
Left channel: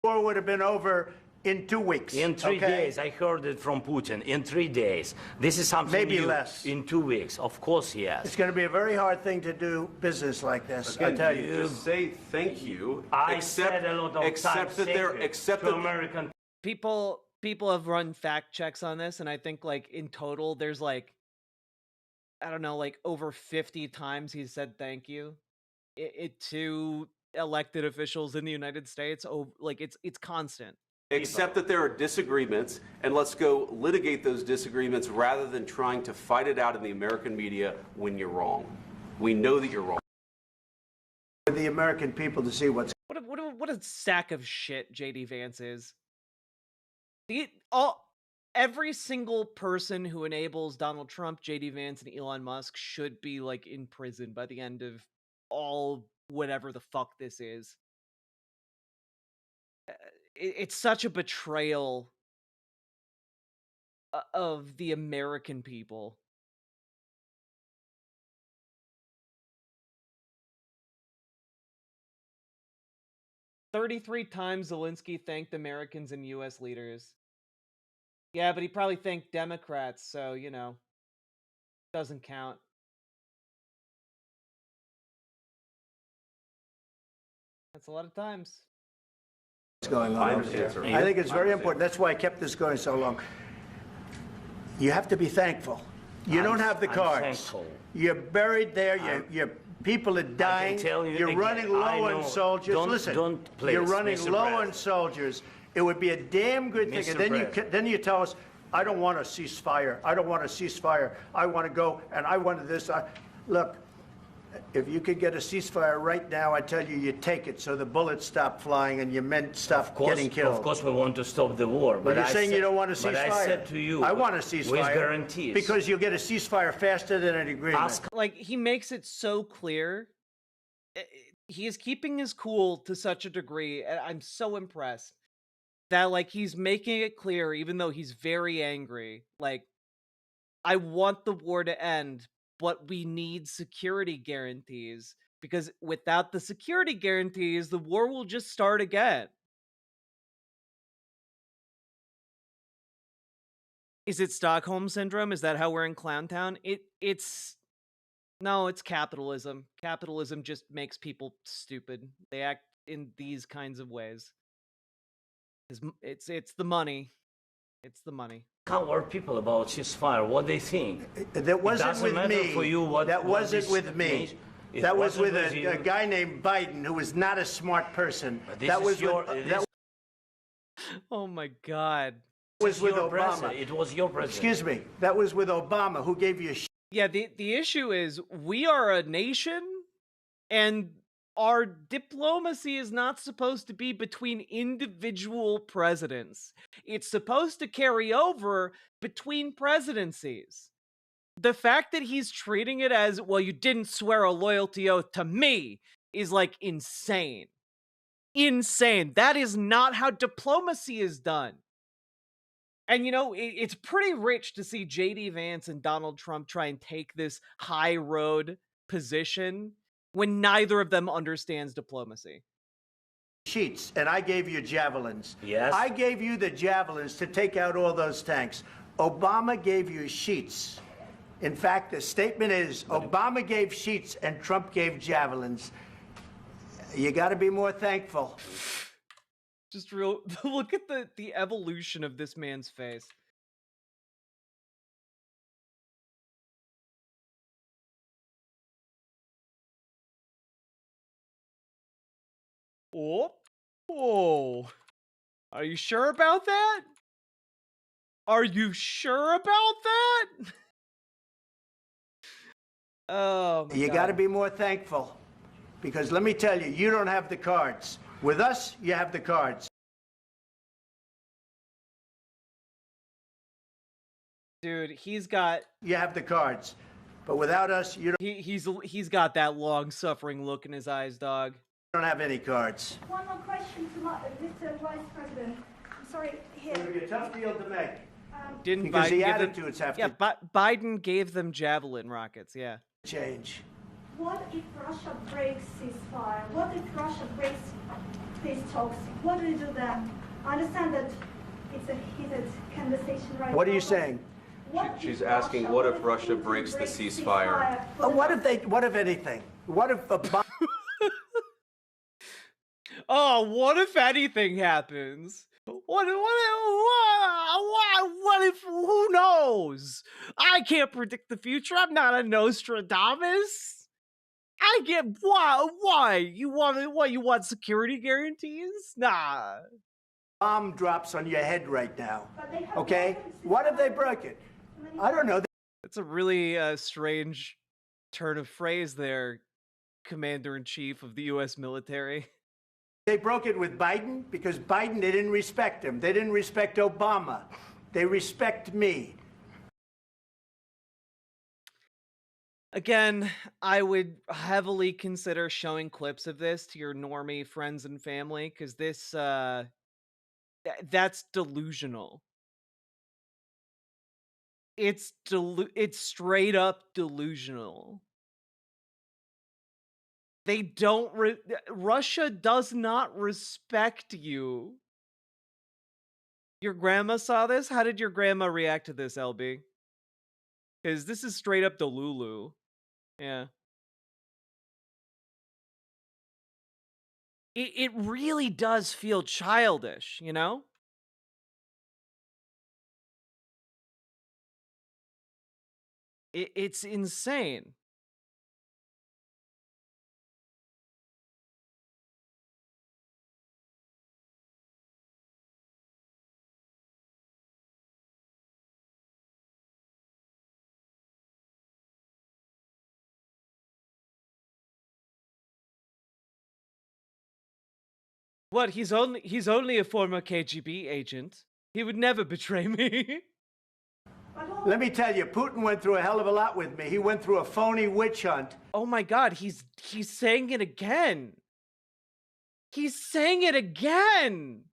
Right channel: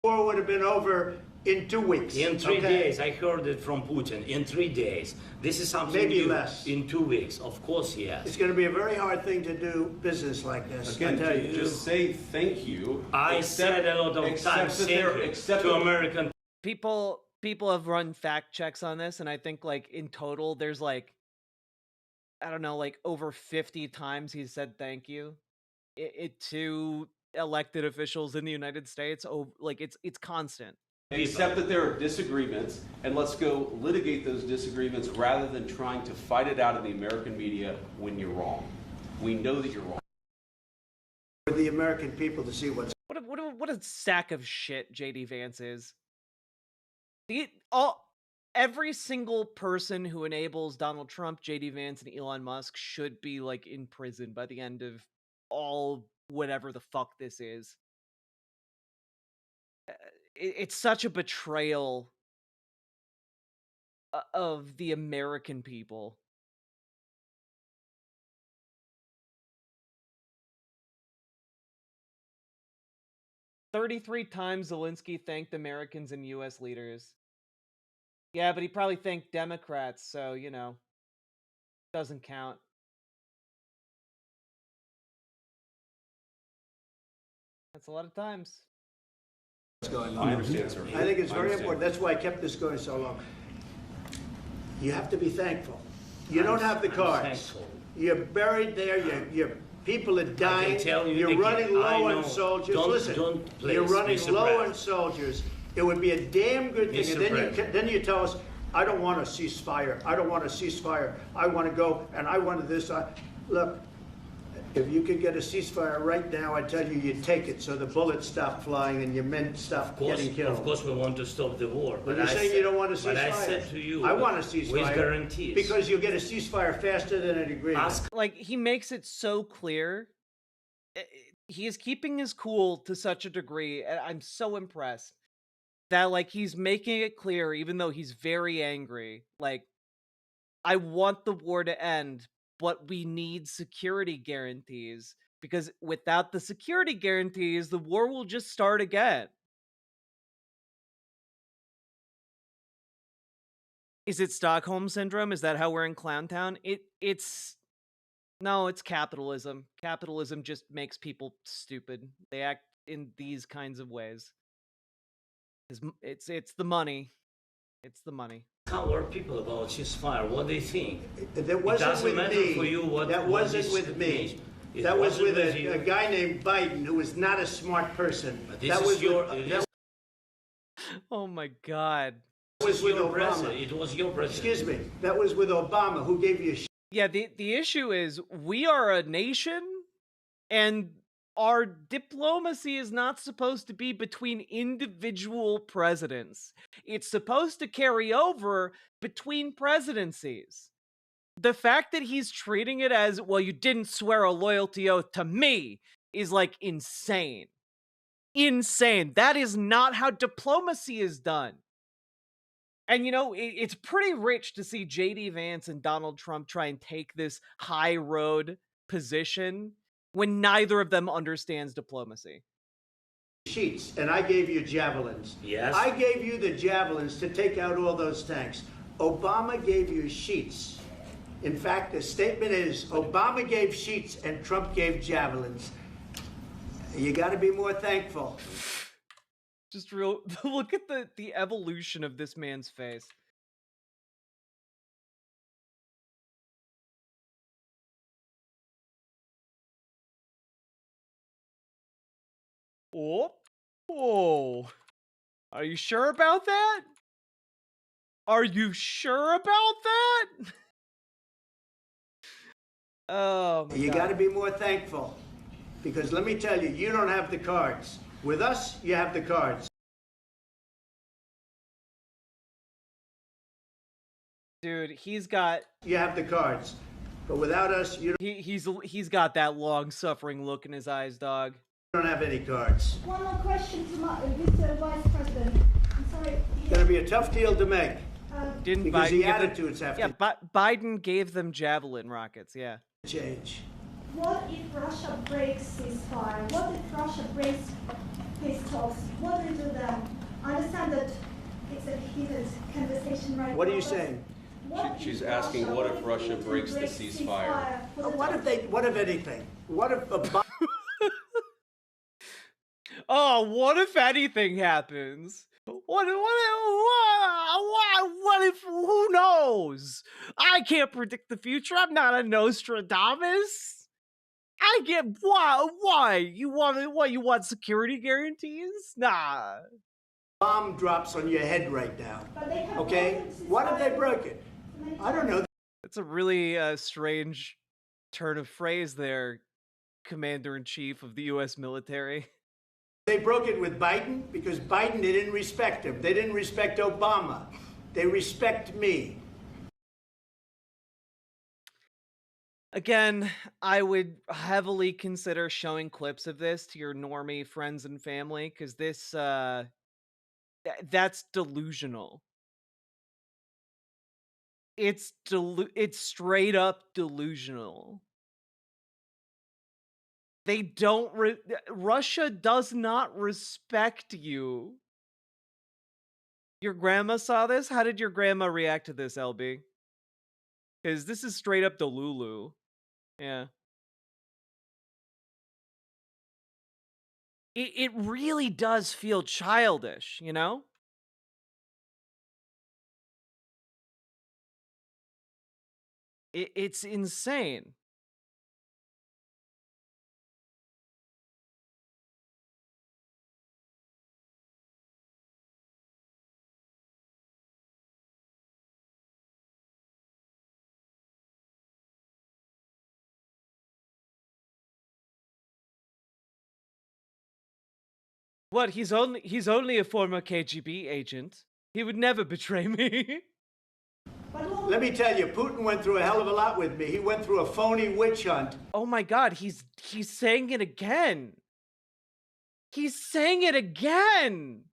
War would have been over in 2 weeks. In 3 days. I heard it from Putin. In 3 days. This is something maybe new. Less. In 2 weeks. Of course, yes. It's going to be a very hard thing to do business like this. Again, I tell you. just say thank you. I said a lot of times to American people have run fact checks on this, and I think like in total there's like, I don't know, like over 50 times he said thank you to elected officials in the United States. Oh, like it's constant. Accept that there are disagreements, and let's go litigate those disagreements rather than trying to fight it out in the American media when you're wrong. We know that you're wrong. For the American people to see what a sack of shit JD Vance is. Every single person who enables Donald Trump, JD Vance, and Elon Musk should be like in prison by the end of all whatever the fuck this is. It's such a betrayal of the American people. "33 times Zelensky thanked Americans and U.S. leaders." Yeah, but he probably thanked Democrats, so, you know, doesn't count. That's a lot of times. What's going on? I think it's very important. That's why I kept this going so long. You have to be thankful. You don't have the cards. You're buried there. Your people are dying. You're running low on soldiers. Listen, you're running low on soldiers. It would be a damn good thing. And then you tell us, I don't want a ceasefire. I don't want a ceasefire. I want to go and I want this. Look, if you could get a ceasefire right now, I tell you, you take it so the bullets stop flying and your men stop getting killed. Of course, we want to stop the war. But you're saying you don't want a ceasefire. But I said to you, I want a ceasefire. With guarantees. Because you'll get a ceasefire faster than an agreement. Like, he makes it so clear. He is keeping his cool to such a degree. And I'm so impressed. that, like, he's making it clear, even though he's very angry, like, I want the war to end, but we need security guarantees, because without the security guarantees, the war will just start again. Is it Stockholm Syndrome? Is that how we're in Clowntown? It's no, it's capitalism. Capitalism just makes people stupid. They act in these kinds of ways. It's the money. It's the money. Our people about ceasefire, what they think. That wasn't with me. For you what, that what wasn't this with me. means. It That was wasn't with you. a guy named Biden who was not a smart person. This That is was your. with, This Oh my God. was with your Obama. president. It was your president. Excuse me. That was with Obama, who gave you. Yeah, the issue is we are a nation, and our diplomacy is not supposed to be between individual presidents. It's supposed to carry over between presidencies. The fact that he's treating it as, well, you didn't swear a loyalty oath to me, is like insane. Insane. That is not how diplomacy is done. And, you know, it's pretty rich to see J.D. Vance and Donald Trump try and take this high road position when neither of them understands diplomacy. Sheets, and I gave you javelins. Yes. I gave you the javelins to take out all those tanks. Obama gave you sheets. In fact, the statement is Obama gave sheets and Trump gave javelins. You got to be more thankful. Just real look at the evolution of this man's face. Oh. Oh. Are you sure about that? Are you sure about that? Oh my God. You got to be more thankful. Because let me tell you, you don't have the cards. With us, you have the cards. Dude, he's got... You have the cards. But without us, you don't... He's got that long-suffering look in his eyes, dog. You don't have any cards. One more question to Mr. Vice President. I'm sorry. It's going to be a tough deal to make. Didn't because Biden the give them... attitudes have Yeah, to Biden gave them Javelin rockets, yeah. change. What if Russia breaks ceasefire? What if Russia breaks peace talks? What do you do then? I understand that it's a heated conversation right now. What are you saying? She's asking, what if Russia breaks the ceasefire? What if anything? What if Oh, what if anything happens? What if, who knows? I can't predict the future. I'm not a Nostradamus. I get, why? You want security guarantees? Nah. bomb drops on your head right now? Okay? What if they broke it? I don't know. That's a really strange turn of phrase there, Commander-in-Chief of the U.S. military. They broke it with Biden because Biden, they didn't respect him. They didn't respect Obama. They respect me. Again, I would heavily consider showing clips of this to your normie friends and family, because this, that's delusional. It's straight up delusional. They don't, Russia does not respect you. Your grandma saw this? How did your grandma react to this, LB? Because this is straight up Delulu. Yeah. It really does feel childish, you know? It's insane. What? He's only a former KGB agent. He would never betray me. Let me tell you, Putin went through a hell of a lot with me. He went through a phony witch hunt. Oh my God, he's saying it again. He's saying it again.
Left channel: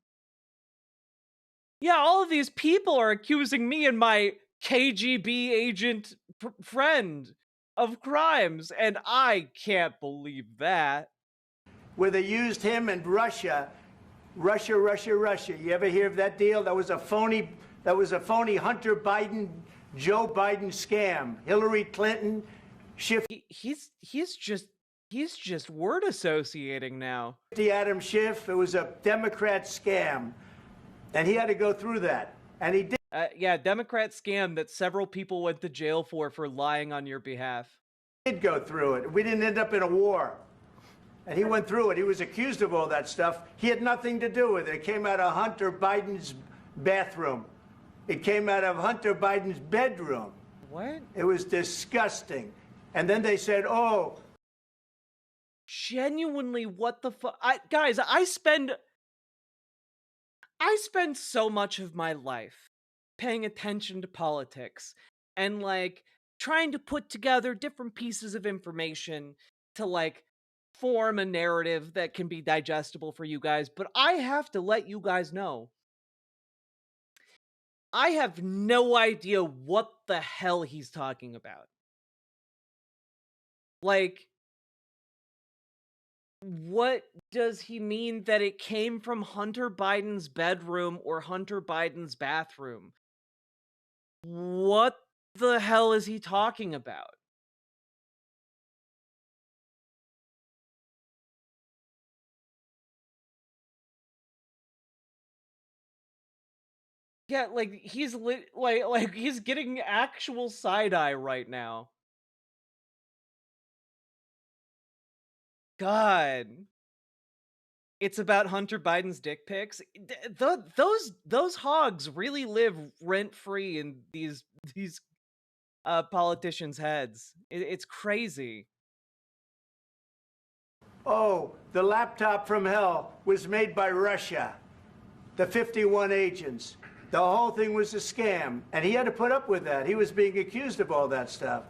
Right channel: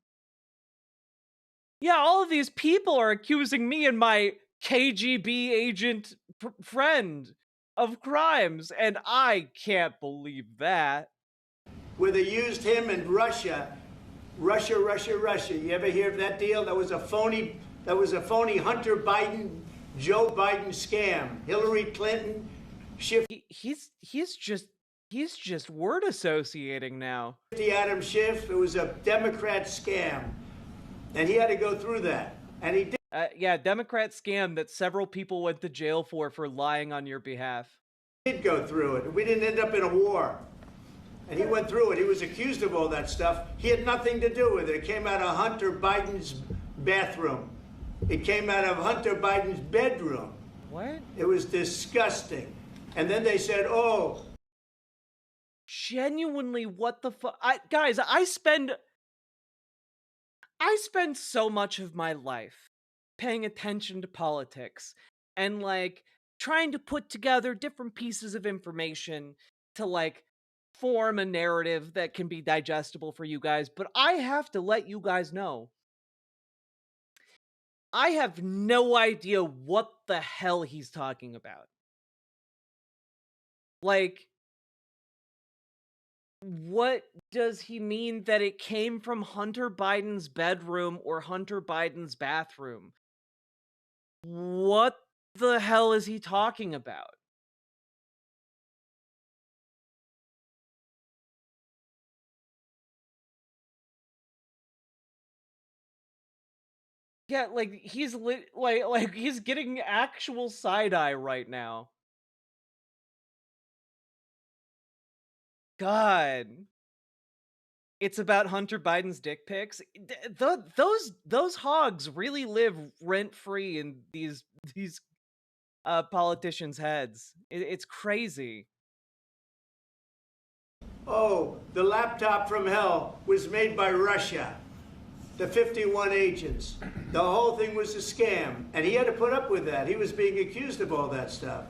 Yeah, all of these people are accusing me and my KGB agent friend of crimes, and I can't believe that. Where they used him and Russia. Russia. You ever hear of that deal? That was a phony Hunter Biden, Joe Biden scam. Hillary Clinton shift. He's just word associating now. Adam Schiff. It was a Democrat scam, and he had to go through that, and he did. Yeah, Democrat scam that several people went to jail for lying on your behalf. Did go through it. We didn't end up in a war. And he went through it. He was accused of all that stuff. He had nothing to do with it. It came out of Hunter Biden's bathroom. It came out of Hunter Biden's bedroom. What? It was disgusting. And then they said, oh. Genuinely, what the fuck? Guys, I spend so much of my life paying attention to politics and, like, trying to put together different pieces of information to, like, form a narrative that can be digestible for you guys, but I have to let you guys know, I have no idea what the hell he's talking about. Like, what does he mean that it came from Hunter Biden's bedroom or Hunter Biden's bathroom? What the hell is he talking about? Yeah, like, he's like he's getting actual side eye right now. God. It's about Hunter Biden's dick pics. Those hogs really live rent free in these politicians' heads. It's crazy. Oh, the laptop from hell was made by Russia. The 51 agents. The whole thing was a scam. And he had to put up with that. He was being accused of all that stuff.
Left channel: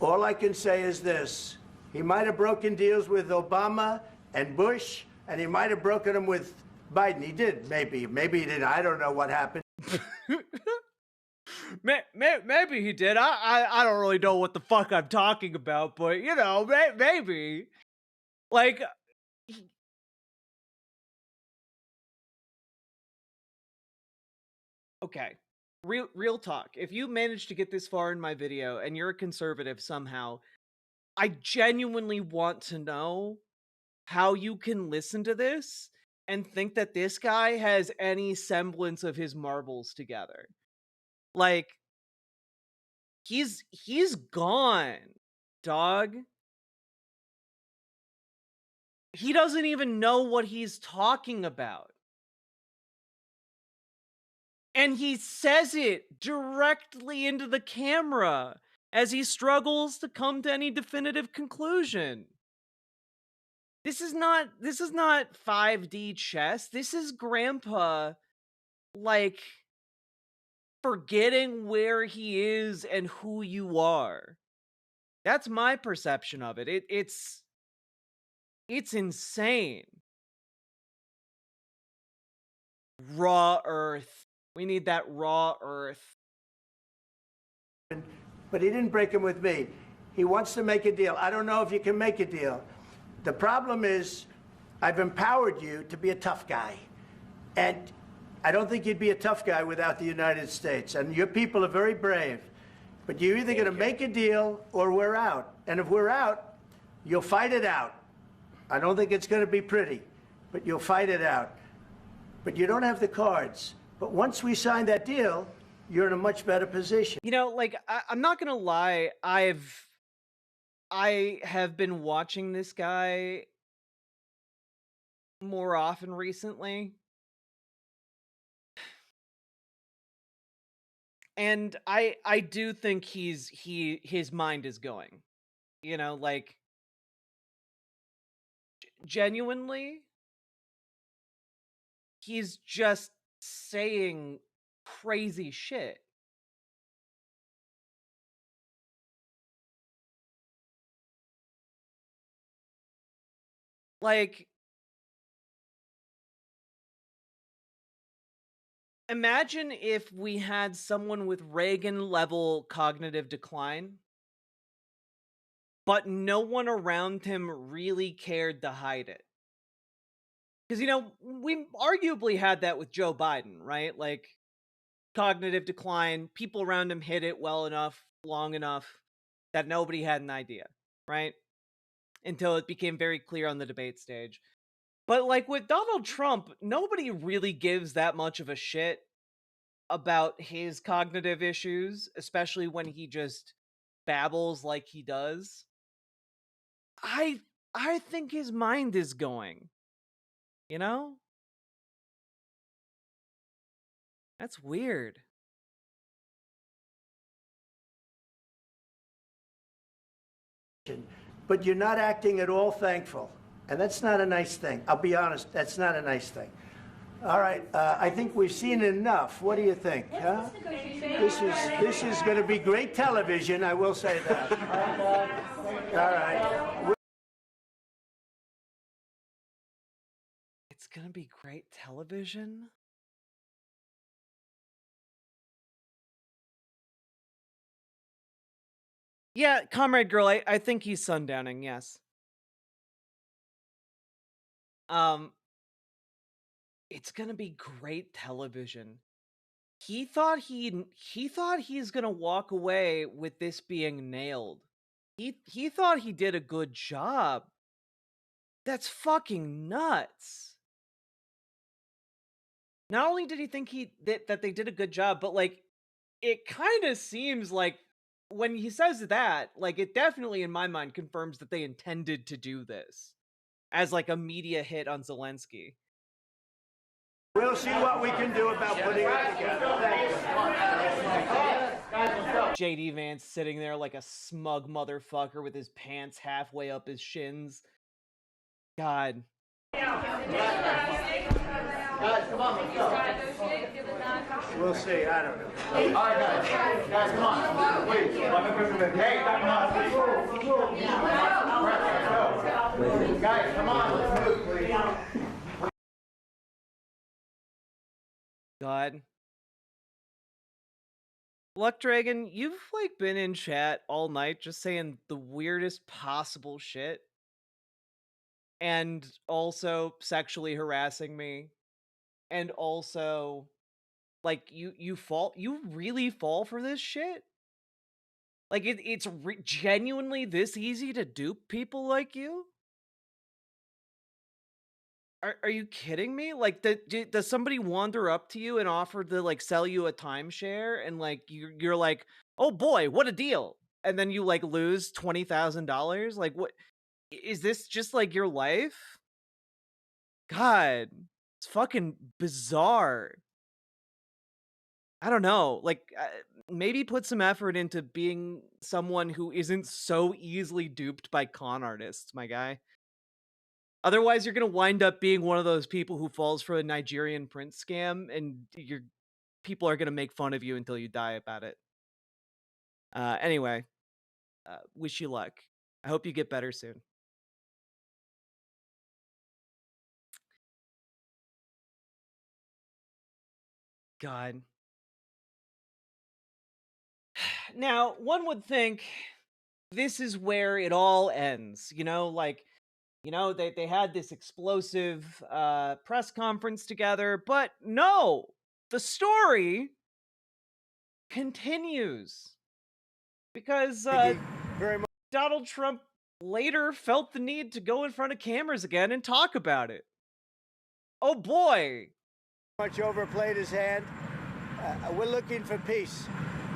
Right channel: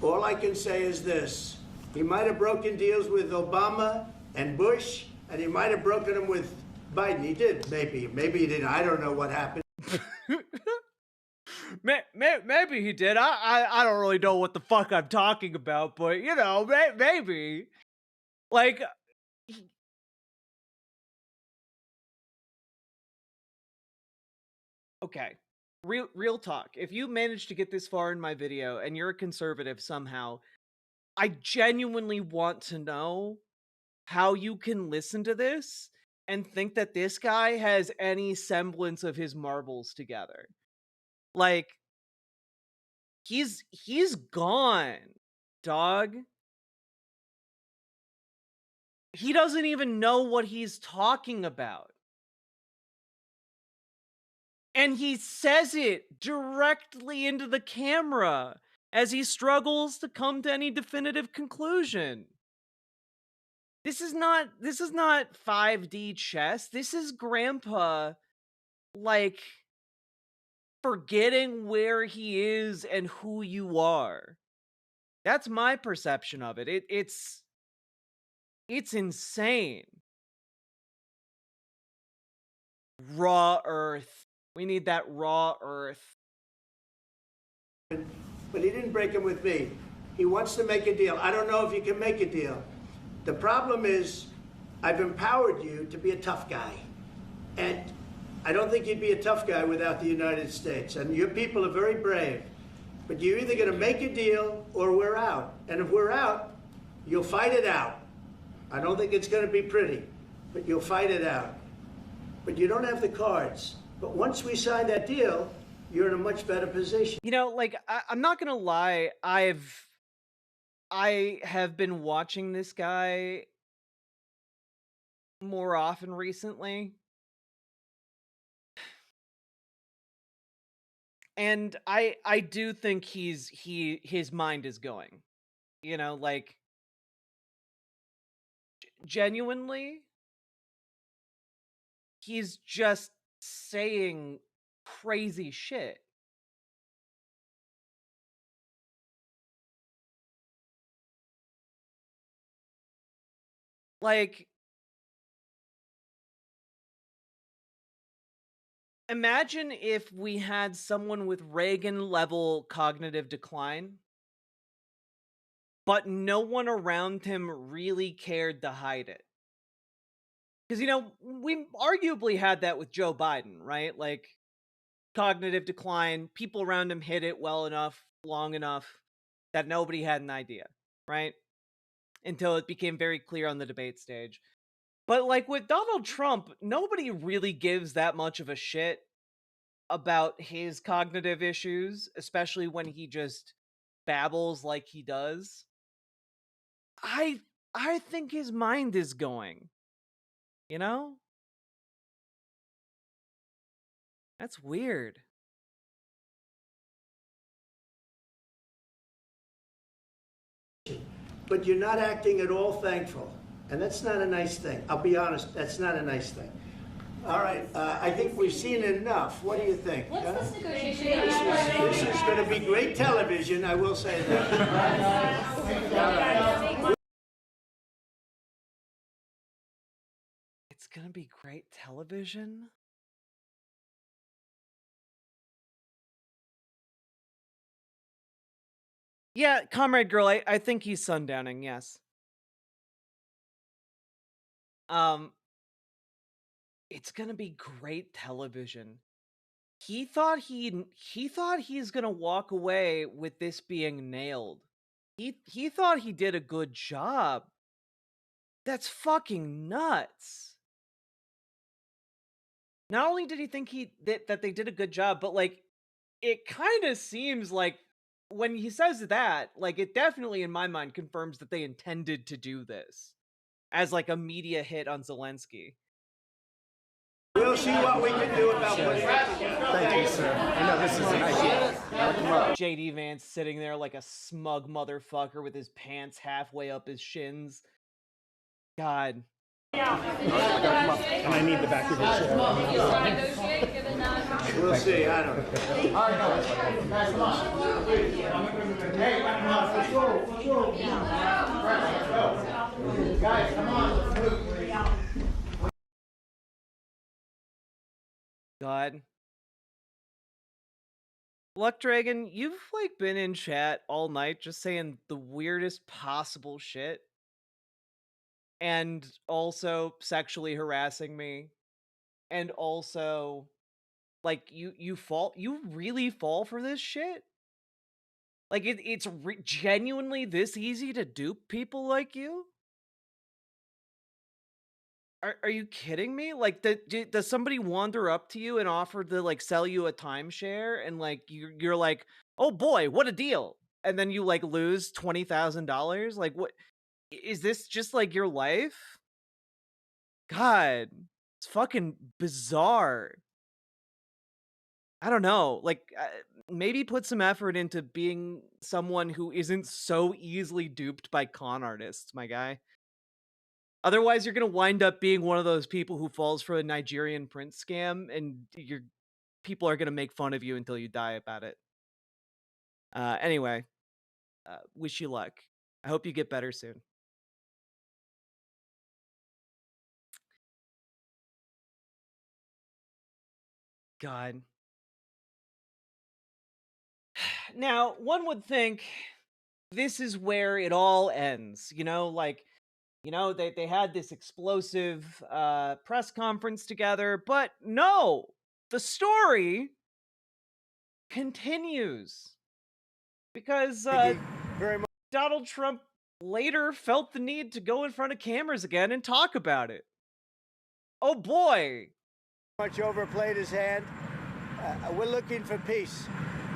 All I can say is this. He might have broken deals with Obama and Bush, and he might have broken them with Biden. He did, maybe. Maybe he didn't. I don't know what happened. Maybe he did. I don't really know what the fuck I'm talking about, but, you know, maybe. Like, okay, real talk. If you managed to get this far in my video and you're a conservative somehow, I genuinely want to know how you can listen to this and think that this guy has any semblance of his marbles together. Like, he's gone, dog. He doesn't even know what he's talking about. And he says it directly into the camera as he struggles to come to any definitive conclusion. This is not 5D chess. This is grandpa, like, forgetting where he is and who you are. That's my perception of it. It's insane. Raw earth. We need that raw earth. But he didn't break him with me. He wants to make a deal. I don't know if you can make a deal. The problem is, I've empowered you to be a tough guy. And I don't think you'd be a tough guy without the United States. And your people are very brave. But you're either going to make a deal or we're out. And if we're out, you'll fight it out. I don't think it's going to be pretty, but you'll fight it out. But you don't have the cards. But once we sign that deal, you're in a much better position. You know, like, I'm not going to lie. I have been watching this guy more often recently. And I do think his mind is going. You know, like, genuinely, he's just saying crazy shit. Like, Imagine if we had someone with Reagan-level cognitive decline, but no one around him really cared to hide it. Because, we arguably had that with Joe Biden, right? Like, cognitive decline, people around him hid it well enough, long enough, that nobody had an idea, right? Until it became very clear on the debate stage. But, like, with Donald Trump, nobody really gives that much of a shit about his cognitive issues, especially when he just babbles like he does. I think his mind is going, you know? That's weird. But you're not acting at all thankful. And that's not a nice thing. I'll be honest, that's not a nice thing. All right, I think we've seen enough. What do you think? Huh? This is going to be great television, I will say that. All right. It's going to be great television? Yeah, Comrade Girl, I think he's sundowning, yes. It's gonna be great television. He thought he's gonna walk away with this being nailed. He thought he did a good job. That's fucking nuts. Not only did he think that they did a good job, but like it kind of seems like when he says that, like it definitely in my mind confirms that they intended to do this as like a media hit on Zelensky. We'll see what we can do about putting it together. Thank you, sir. JD Vance sitting there like a smug motherfucker with his pants halfway up his shins. God. I need the back of your We'll see. I don't know. All right, guys, come on. Wait. Hey, guys, come on. Let's move, please. God. Luck Dragon, you've like been in chat all night just saying the weirdest possible shit. And also sexually harassing me. And also like you really fall for this shit? Like it's genuinely this easy to dupe people like you? Are you kidding me? Like, does somebody wander up to you and offer to like sell you a timeshare, and like you're like, oh boy, what a deal, and then you like lose $20,000? Like, what is this? Just like your life? God, it's fucking bizarre. I don't know. Like, maybe put some effort into being someone who isn't so easily duped by con artists, my guy. Otherwise, you're going to wind up being one of those people who falls for a Nigerian prince scam, and people are going to make fun of you until you die about it. Anyway, wish you luck. I hope you get better soon. God. Now, one would think this is where it all ends, like, they had this explosive press conference together, but no, the story continues because Donald Trump later felt the need to go in front of cameras again and talk about it. Oh boy. Much overplayed his hand. We're looking for peace.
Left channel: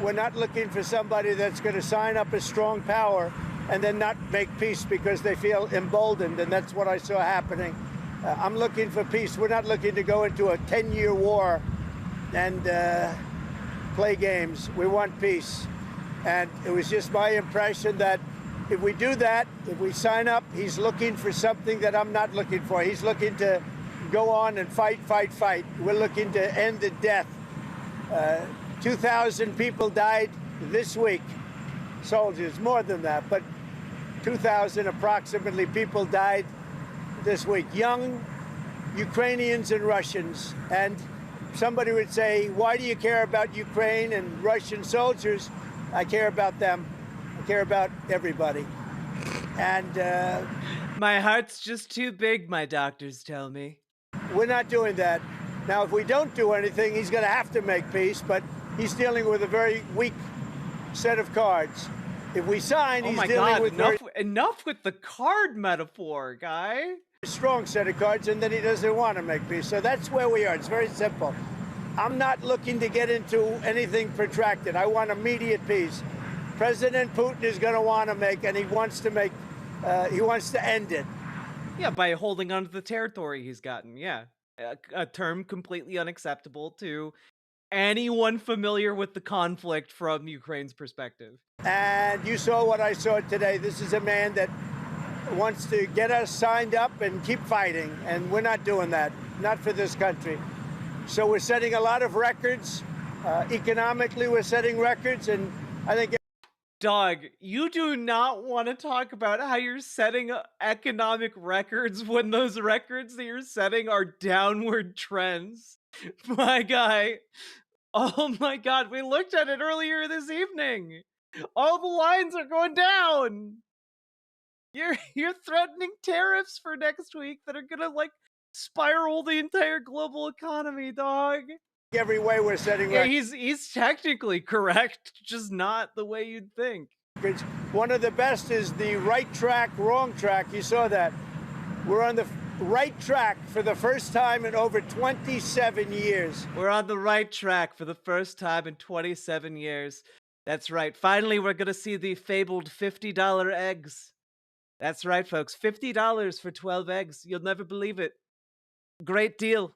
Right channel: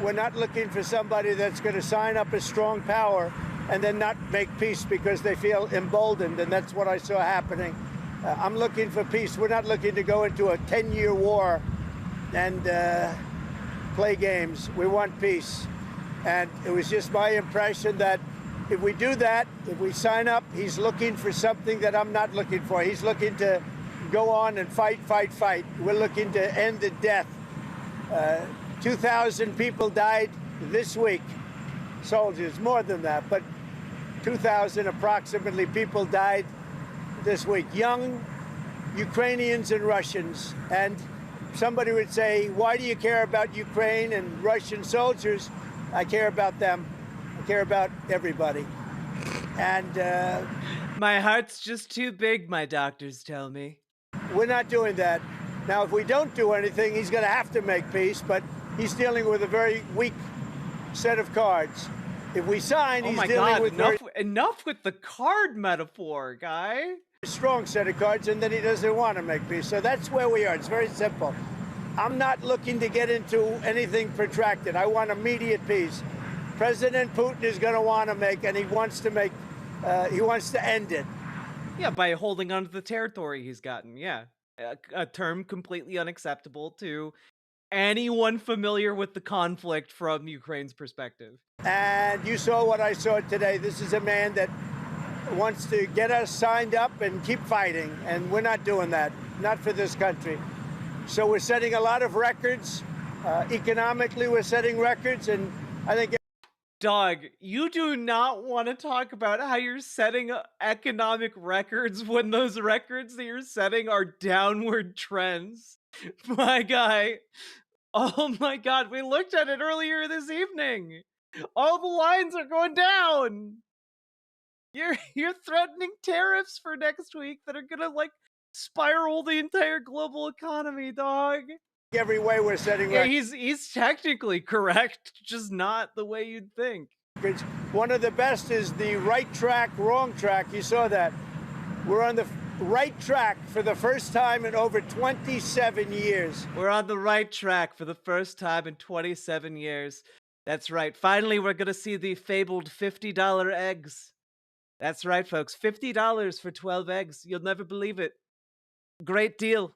We're not looking for somebody that's going to sign up as strong power and then not make peace because they feel emboldened, and that's what I saw happening. I'm looking for peace. We're not looking to go into a 10-year war and play games. We want peace. And it was just my impression that if we do that, if we sign up, he's looking for something that I'm not looking for. He's looking to go on and fight, fight, fight. We're looking to end the death. 2,000 people died this week. Soldiers, more than that, but 2,000 approximately people died this week. Young Ukrainians and Russians. And somebody would say, why do you care about Ukraine and Russian soldiers? I care about them. I care about everybody. And my heart's just too big, my doctors tell me. We're not doing that. Now, if we don't do anything, he's going to have to make peace, but he's dealing with a very weak set of cards. If we sign, he's dealing with enough with the card metaphor, guy. Strong set of cards, and then he doesn't want to make peace. So that's where we are. It's very simple. I'm not looking to get into anything protracted. I want immediate peace. President Putin is going to want to make, and he wants to end it. Yeah, by holding on to the territory he's gotten. Yeah, a term completely unacceptable to anyone familiar with the conflict from Ukraine's perspective. And you saw what I saw today. This is a man that wants to get us signed up and keep fighting, and we're not doing that, not for this country. So we're setting a lot of records. Economically, we're setting records, and I think... Dog, you do not want to talk about how you're setting economic records when those records that you're setting are downward trends. My guy. Oh my God, we looked at it earlier this evening. All the lines are going down. You're threatening tariffs for next week that are gonna like spiral the entire global economy, dog. Every way we're setting records. He's technically correct, just not the way you'd think. One of the best is the right track, wrong track. You saw that. We're on the right track for the first time in over 27 years. We're on the right track for the first time in 27 years. That's right. Finally, we're gonna see the fabled $50 eggs. That's right, folks. $50 for 12 eggs. You'll never believe it. Great deal.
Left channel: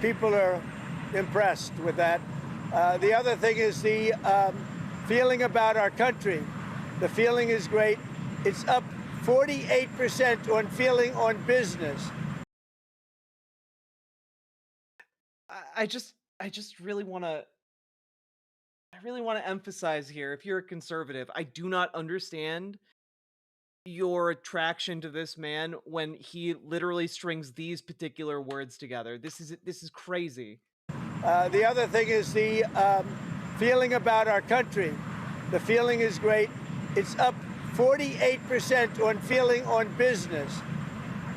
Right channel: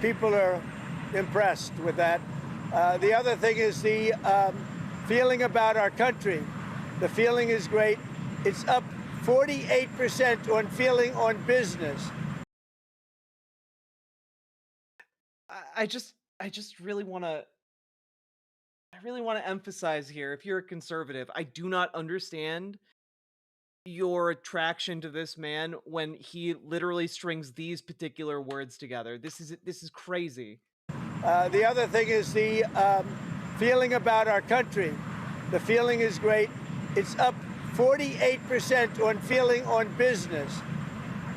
People are impressed with that. The other thing is the feeling about our country. The feeling is great. It's up 48% on feeling on business. I just really want to emphasize here, if you're a conservative, I do not understand your attraction to this man when he literally strings these particular words together. This is crazy. The other thing is the feeling about our country. The feeling is great. It's up 48% on feeling on business.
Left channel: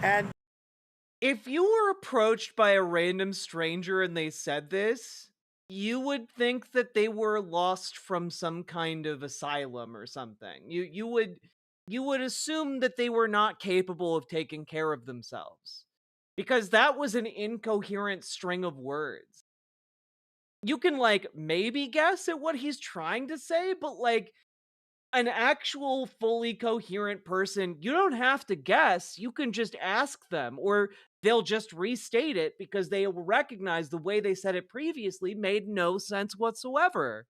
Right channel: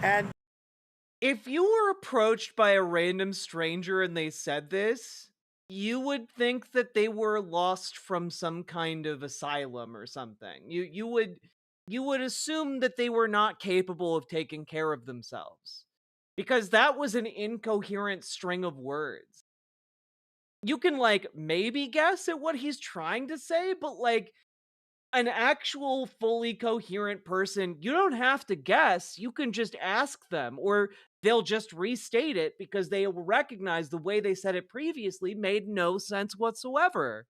And if you were approached by a random stranger and they said this, you would think that they were lost from some kind of asylum or something. You would assume that they were not capable of taking care of themselves, because that was an incoherent string of words. You can like maybe guess at what he's trying to say, but like an actual fully coherent person, you don't have to guess. You can just ask them, or they'll just restate it because they will recognize the way they said it previously made no sense whatsoever.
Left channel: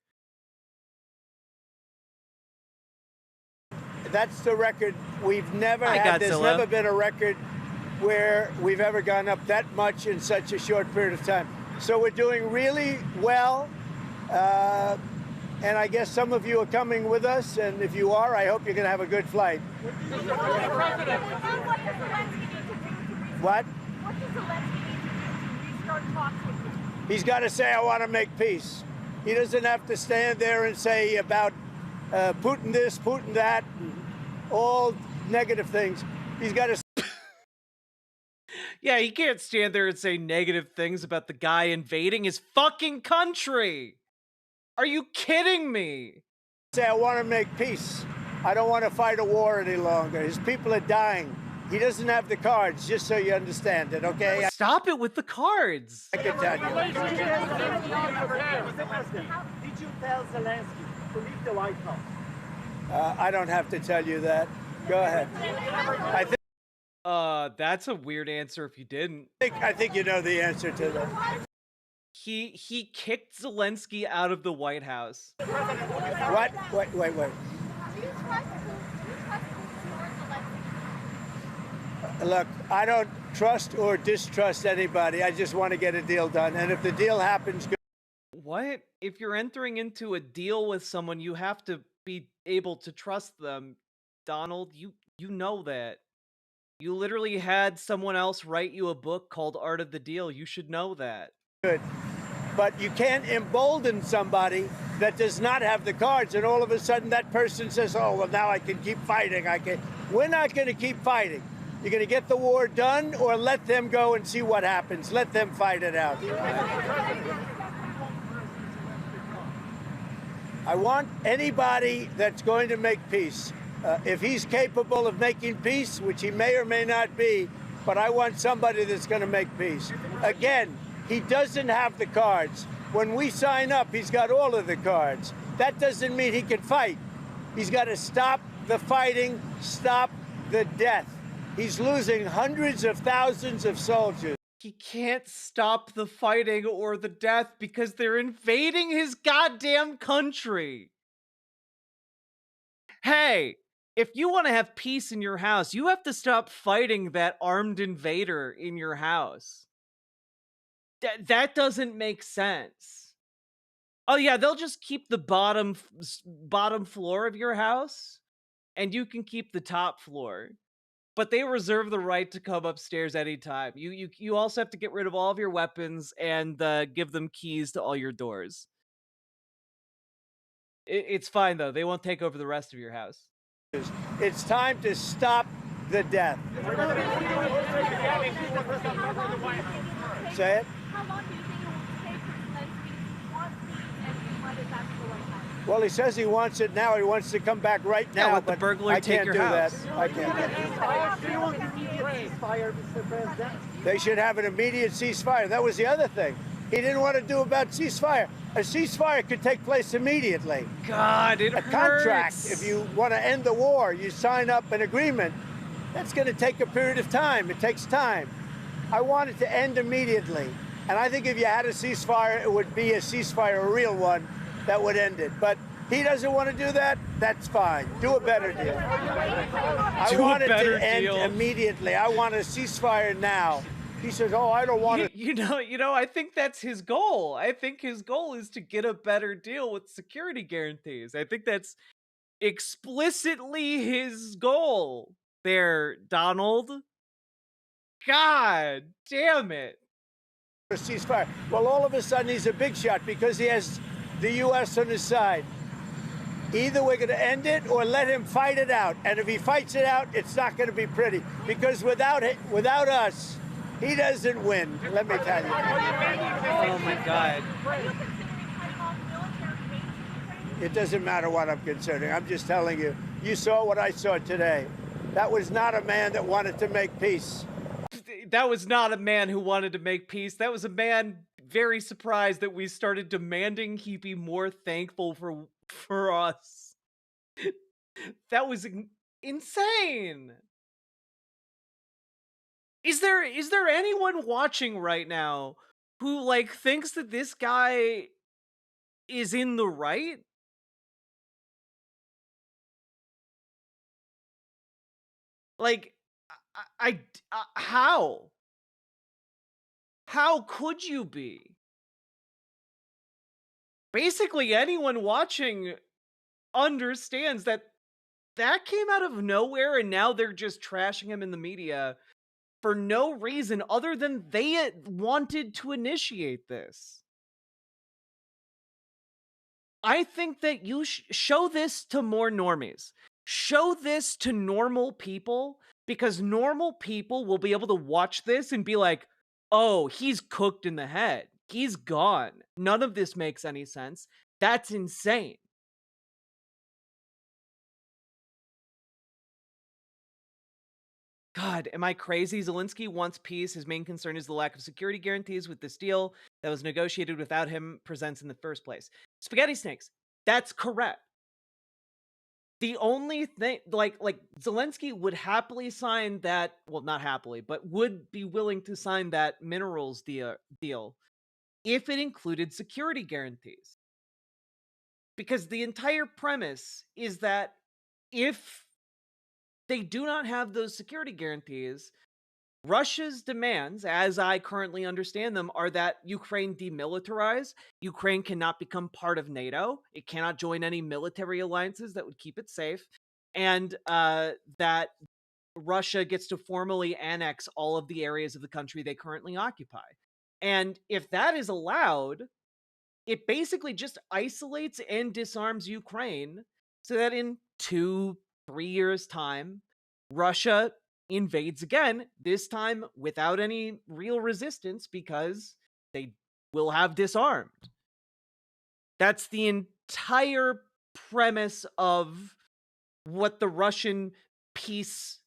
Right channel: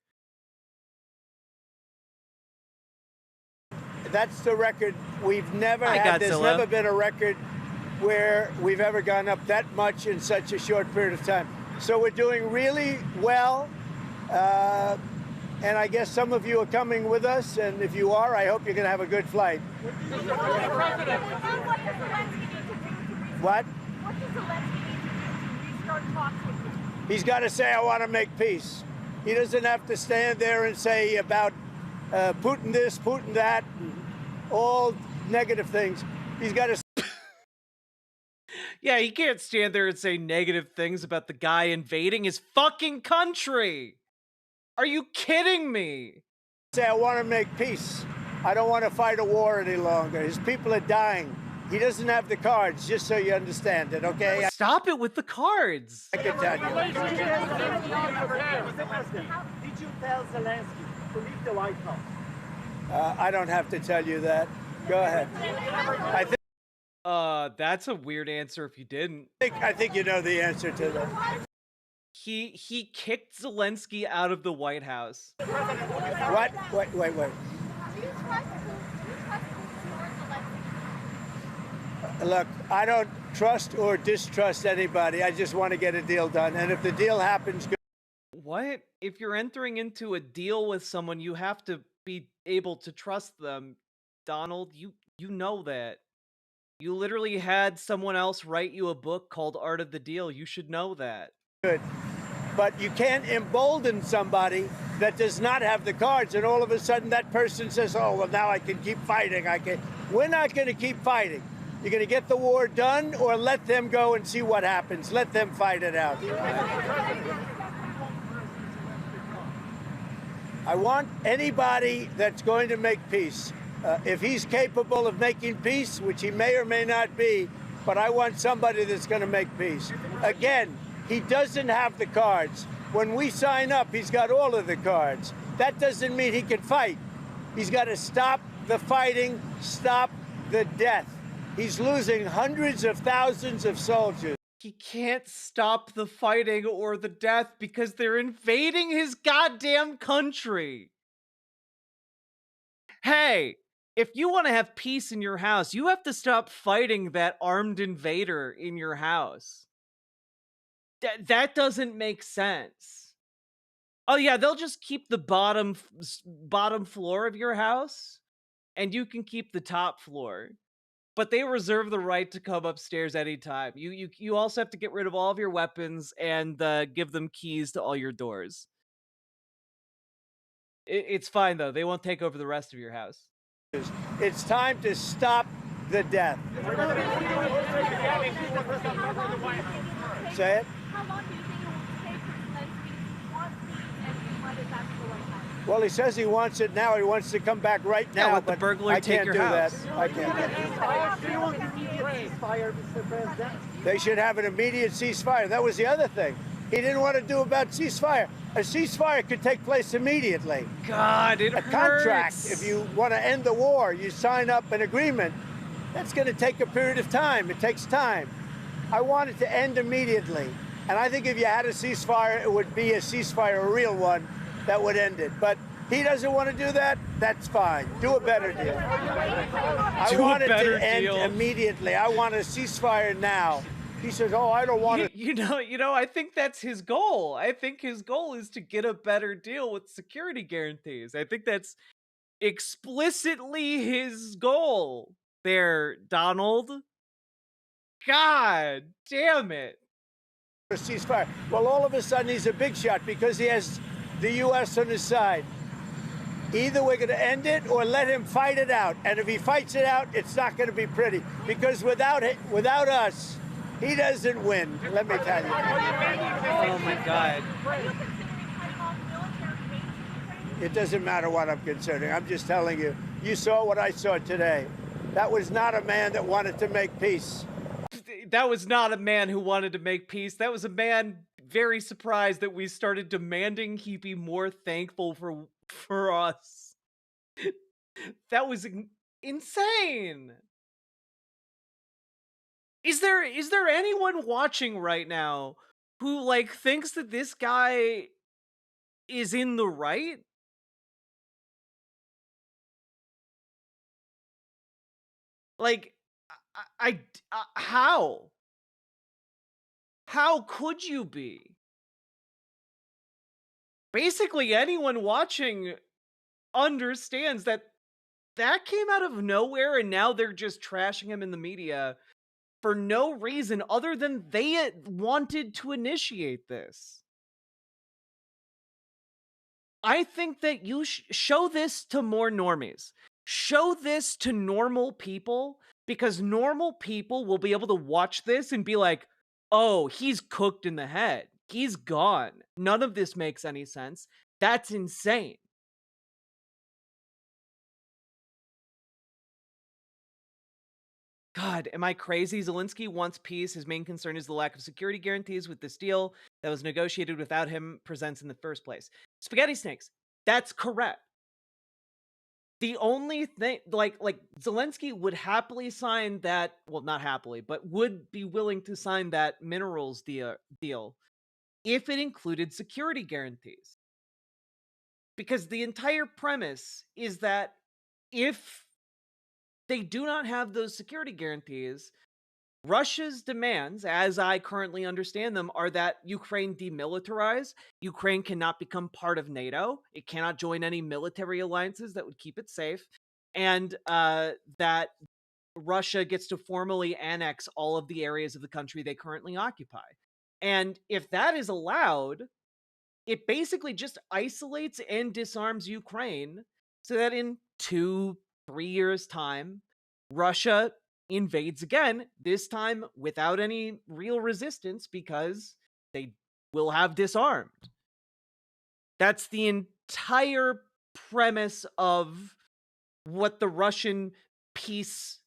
That's the record we've never had. There's never been a record where we've ever gone up that much in such a short period of time. So we're doing really well. And I guess some of you are coming with us. And if you are, I hope you're going to have a good flight. What? What does Zelensky need to do to restart talks with you? He's got to say, I want to make peace. He doesn't have to stand there and say about Putin this, Putin that, all negative things. He's got to... Yeah, he can't stand there and say negative things about the guy invading his fucking country. Are you kidding me? Say, I want to make peace. I don't want to fight a war any longer. His people are dying. He doesn't have the cards, just so you understand it, okay? Stop it with the cards. I can tell you. Did you tell Zelensky to leave the White House? I don't have to tell you that. Go ahead. That's a weird answer if you didn't. I think you know the answer to that. He kicked Zelensky out of the White House. What? Wait. Look, I don't trust or distrust anybody. I just want to get a deal done. And if the deal happens... What? If you're entering into a deal with someone, you have to be able to trust them. Donald, you know that. You literally had someone else write you a book called Art of the Deal. You should know that. Good. But you can't embolden somebody that does not have the cards, and all of a sudden that person says, oh, well, now I can keep fighting. We're not going to keep fighting. You're going to get the war done or let them go and see what happens. Let them fight it out. I want anybody that's going to make peace, if he's capable of making peace, which he may or may not be, but I want somebody that's going to make peace. Again, he doesn't have the cards. When we sign up, he's got all of the cards. That doesn't mean he can fight. He's got to stop the fighting, stop the death. He's losing hundreds of thousands of soldiers. He can't stop the fighting or the death because they're invading his goddamn country. Hey, if you want to have peace in your house, you have to stop fighting that armed invader in your house. That doesn't make sense. Oh yeah, they'll just keep the bottom floor of your house, and you can keep the top floor. But they reserve the right to come upstairs anytime. You also have to get rid of all of your weapons and give them keys to all your doors. It's fine though. They won't take over the rest of your house. It's time to stop the death. Say it. How long do you think it will take for Zelensky to want peace and let it back to the White House? Well, he says he wants it now. He wants to come back right now. Yeah, let the but burglar I take can't your do house. that. I can't do that. They should have an immediate ceasefire. That was the other thing he didn't want to do about ceasefire. A ceasefire could take place immediately. God, it a hurts. Contract. If you want to end the war, you sign up an agreement. That's going to take a period of time. It takes time. I want it to end immediately. And I think if you had a ceasefire, it would be a ceasefire, a real one, that would end it. But he doesn't want to do that. That's fine. Do a better deal. I want it to end immediately. I want a ceasefire now. He says, oh, I don't want it. You know, I think that's his goal. I think his goal is to get a better deal with security guarantees. I think that's explicitly his goal there, Donald. God damn it. A ceasefire. Well, all of a sudden he's a big shot because he has the U.S. on his side. Either we're going to end it or let him fight it out. And if he fights it out, it's not going to be pretty. Because without us, he doesn't win, let me tell you. Oh my God. It doesn't matter what I'm considering. I'm just telling you. You saw what I saw today. That was not a man that wanted to make peace. That was not a man who wanted to make peace. That was a man very surprised that we started demanding he be more thankful for us. That was insane. Is there anyone watching right now who like thinks that this guy is in the right? Like, how? How could you be? Basically, anyone watching understands that came out of nowhere, and now they're just trashing him in the media for no reason other than they wanted to initiate this. I think that you show this to more normies. Show this to normal people, because normal people will be able to watch this and be like, oh, he's cooked in the head. He's gone. None of this makes any sense. That's insane. God, am I crazy? Zelensky wants peace. His main concern is the lack of security guarantees with this deal that was negotiated without him presents in the first place. Spaghetti snakes. That's correct. The only thing, like Zelensky would happily sign that, well, not happily, but would be willing to sign that minerals deal if it included security guarantees. Because the entire premise is that if they do not have those security guarantees, Russia's demands, as I currently understand them, are that Ukraine demilitarize. Ukraine cannot become part of NATO. It cannot join any military alliances that would keep it safe. And that Russia gets to formally annex all of the areas of the country they currently occupy. And if that is allowed, it basically just isolates and disarms Ukraine so that in 2-3 years' time, Russia invades again, this time without any real resistance because they will have disarmed. That's the entire premise of what the Russian peace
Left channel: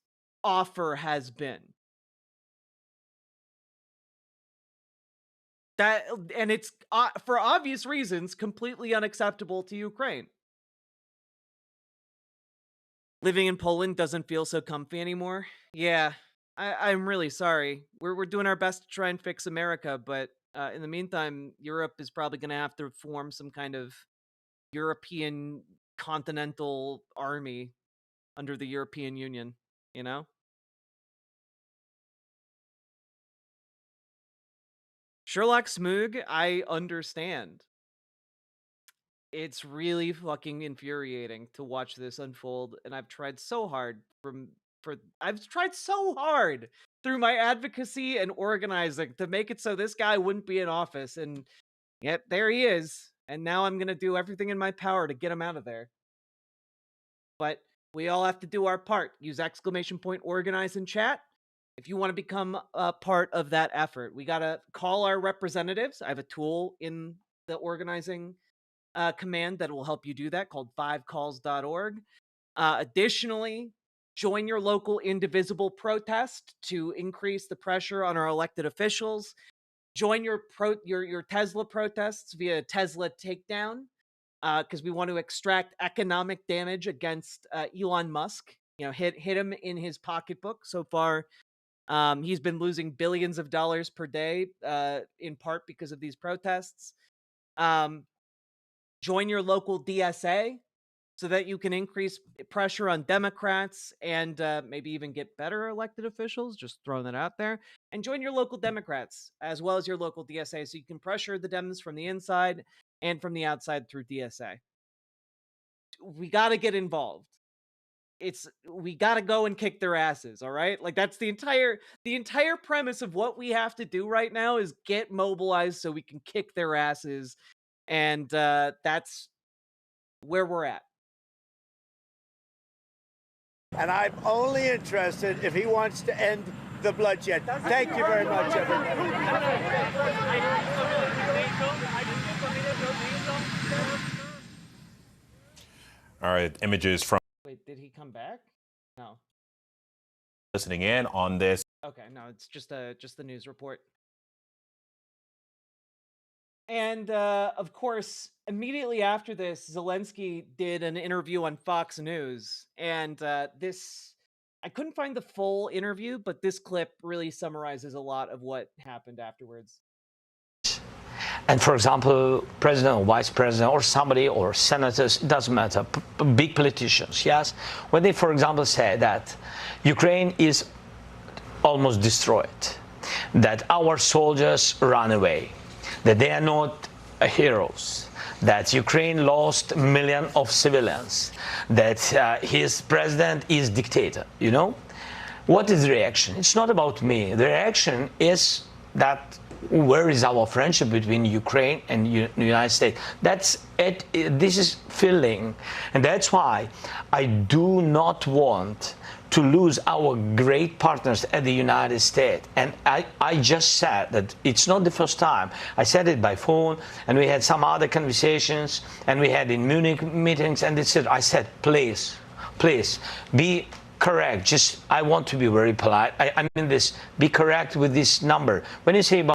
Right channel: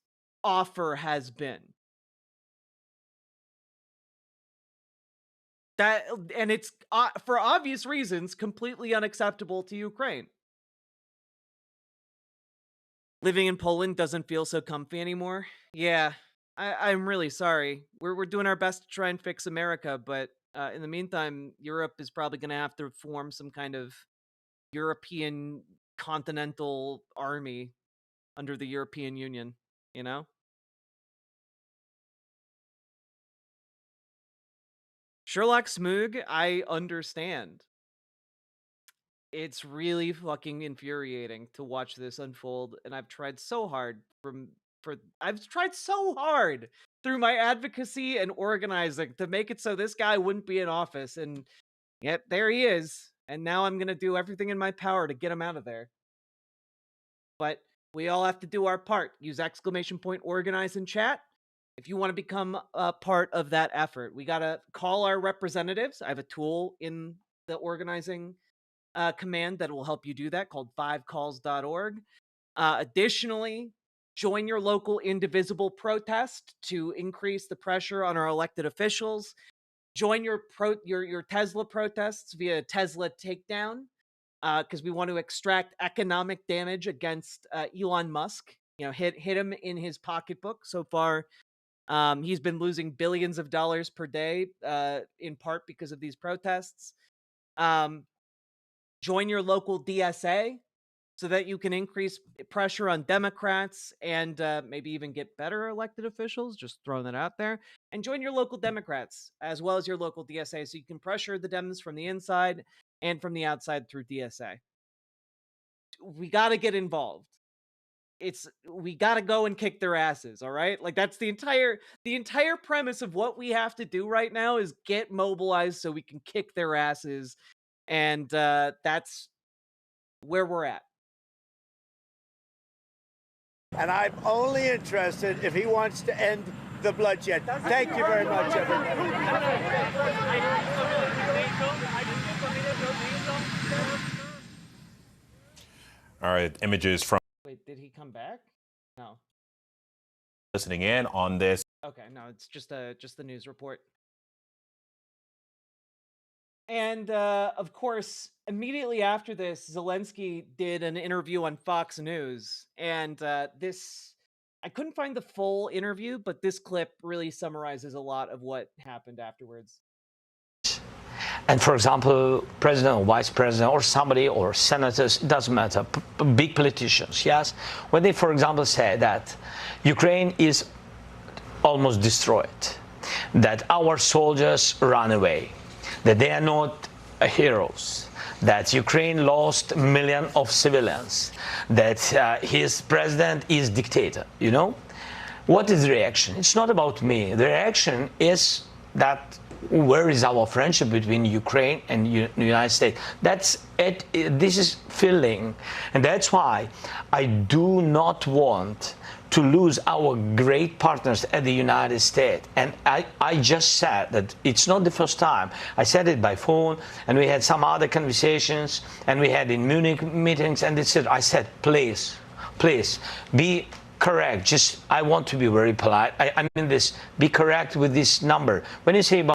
offer has been. That, and it's for obvious reasons completely unacceptable to Ukraine. Living in Poland doesn't feel so comfy anymore. Yeah, I'm really sorry. We're doing our best to try and fix America, but in the meantime, Europe is probably going to have to form some kind of European continental army under the European Union, you know? Sherlock Smoog, I understand. It's really fucking infuriating to watch this unfold, and I've tried so hard through my advocacy and organizing to make it so this guy wouldn't be in office, and yet there he is. And now I'm gonna do everything in my power to get him out of there. But we all have to do our part. Use !organize in chat if you want to become a part of that effort. We gotta call our representatives. I have a tool in the organizing command that will help you do that called 5calls.org. Additionally, join your local indivisible protest to increase the pressure on our elected officials. Join your Tesla protests via Tesla takedown, because we want to extract economic damage against Elon Musk. You know, hit him in his pocketbook. So far, he's been losing billions of dollars per day, in part because of these protests. Join your local DSA so that you can increase pressure on Democrats and maybe even get better elected officials. Just throwing that out there. And join your local Democrats as well as your local DSA so you can pressure the Dems from the inside and from the outside through DSA. We got to get involved. We got to go and kick their asses, all right? Like, that's the entire premise of what we have to do right now is get mobilized so we can kick their asses. And that's where we're at. And I'm only interested if he wants to end the bloodshed. Thank you very much, everybody. All right, images from... Wait, did he come back? No. Listening in on this. Okay, no, it's just the news report. And of course, immediately after this, Zelensky did an interview on Fox News, and I couldn't find the full interview, but this clip really summarizes a lot of what happened afterwards. And for example, president or vice president or somebody or senators, it doesn't matter, big politicians, yes, when they, for example, say that Ukraine is almost destroyed, that our soldiers run away, that they are not heroes, that Ukraine lost millions of civilians, that his president is dictator, you know? What is the reaction? It's not about me. The reaction is that where is our friendship between Ukraine and the United States? That's it. This is filling. And that's why I do not want to lose our great partners at the United States. And I just said that it's not the first time. I said it by phone, and we had some other conversations, and we had in Munich meetings, and I said, please, be correct. Just, I want to be very polite. I mean this, be correct with this number. When you say about,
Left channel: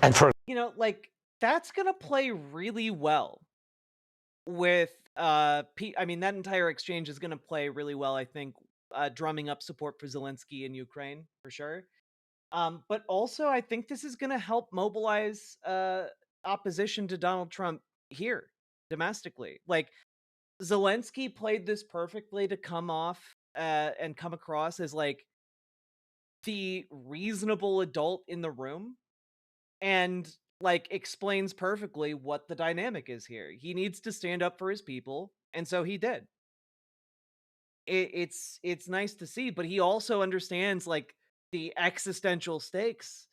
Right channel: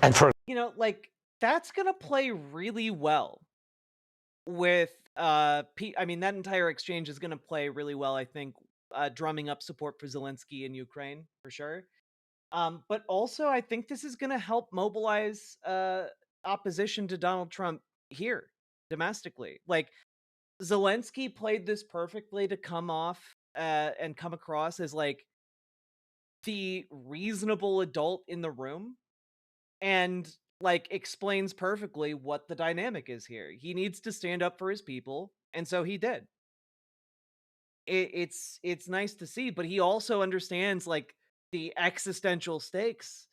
and for, you know, like, that's gonna play really well with I mean, that entire exchange is gonna play really well, I think, drumming up support for Zelensky in Ukraine for sure. But also, I think this is gonna help mobilize opposition to Donald Trump here domestically. Like, Zelensky played this perfectly to come off and come across as like the reasonable adult in the room, and like explains perfectly what the dynamic is here. He needs to stand up for his people, and so he did. It's nice to see, but he also understands like the existential stakes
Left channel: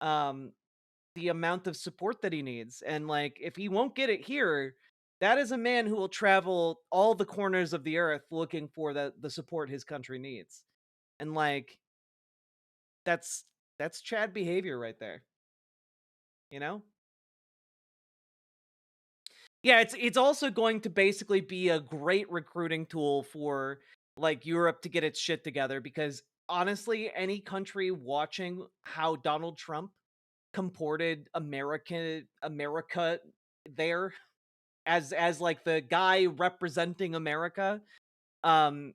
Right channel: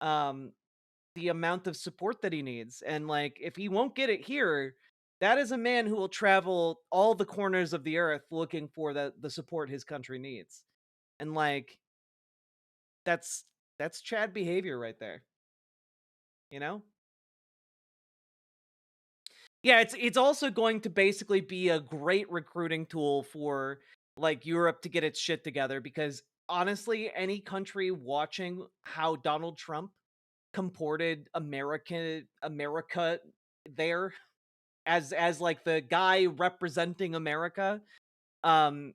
the amount of support that he needs. And like, if he won't get it here, that is a man who will travel all the corners of the earth looking for the support his country needs. And like, that's Chad behavior right there. You know? Yeah, it's also going to basically be a great recruiting tool for like Europe to get its shit together, because honestly, any country watching how Donald Trump comported America there as like the guy representing America, um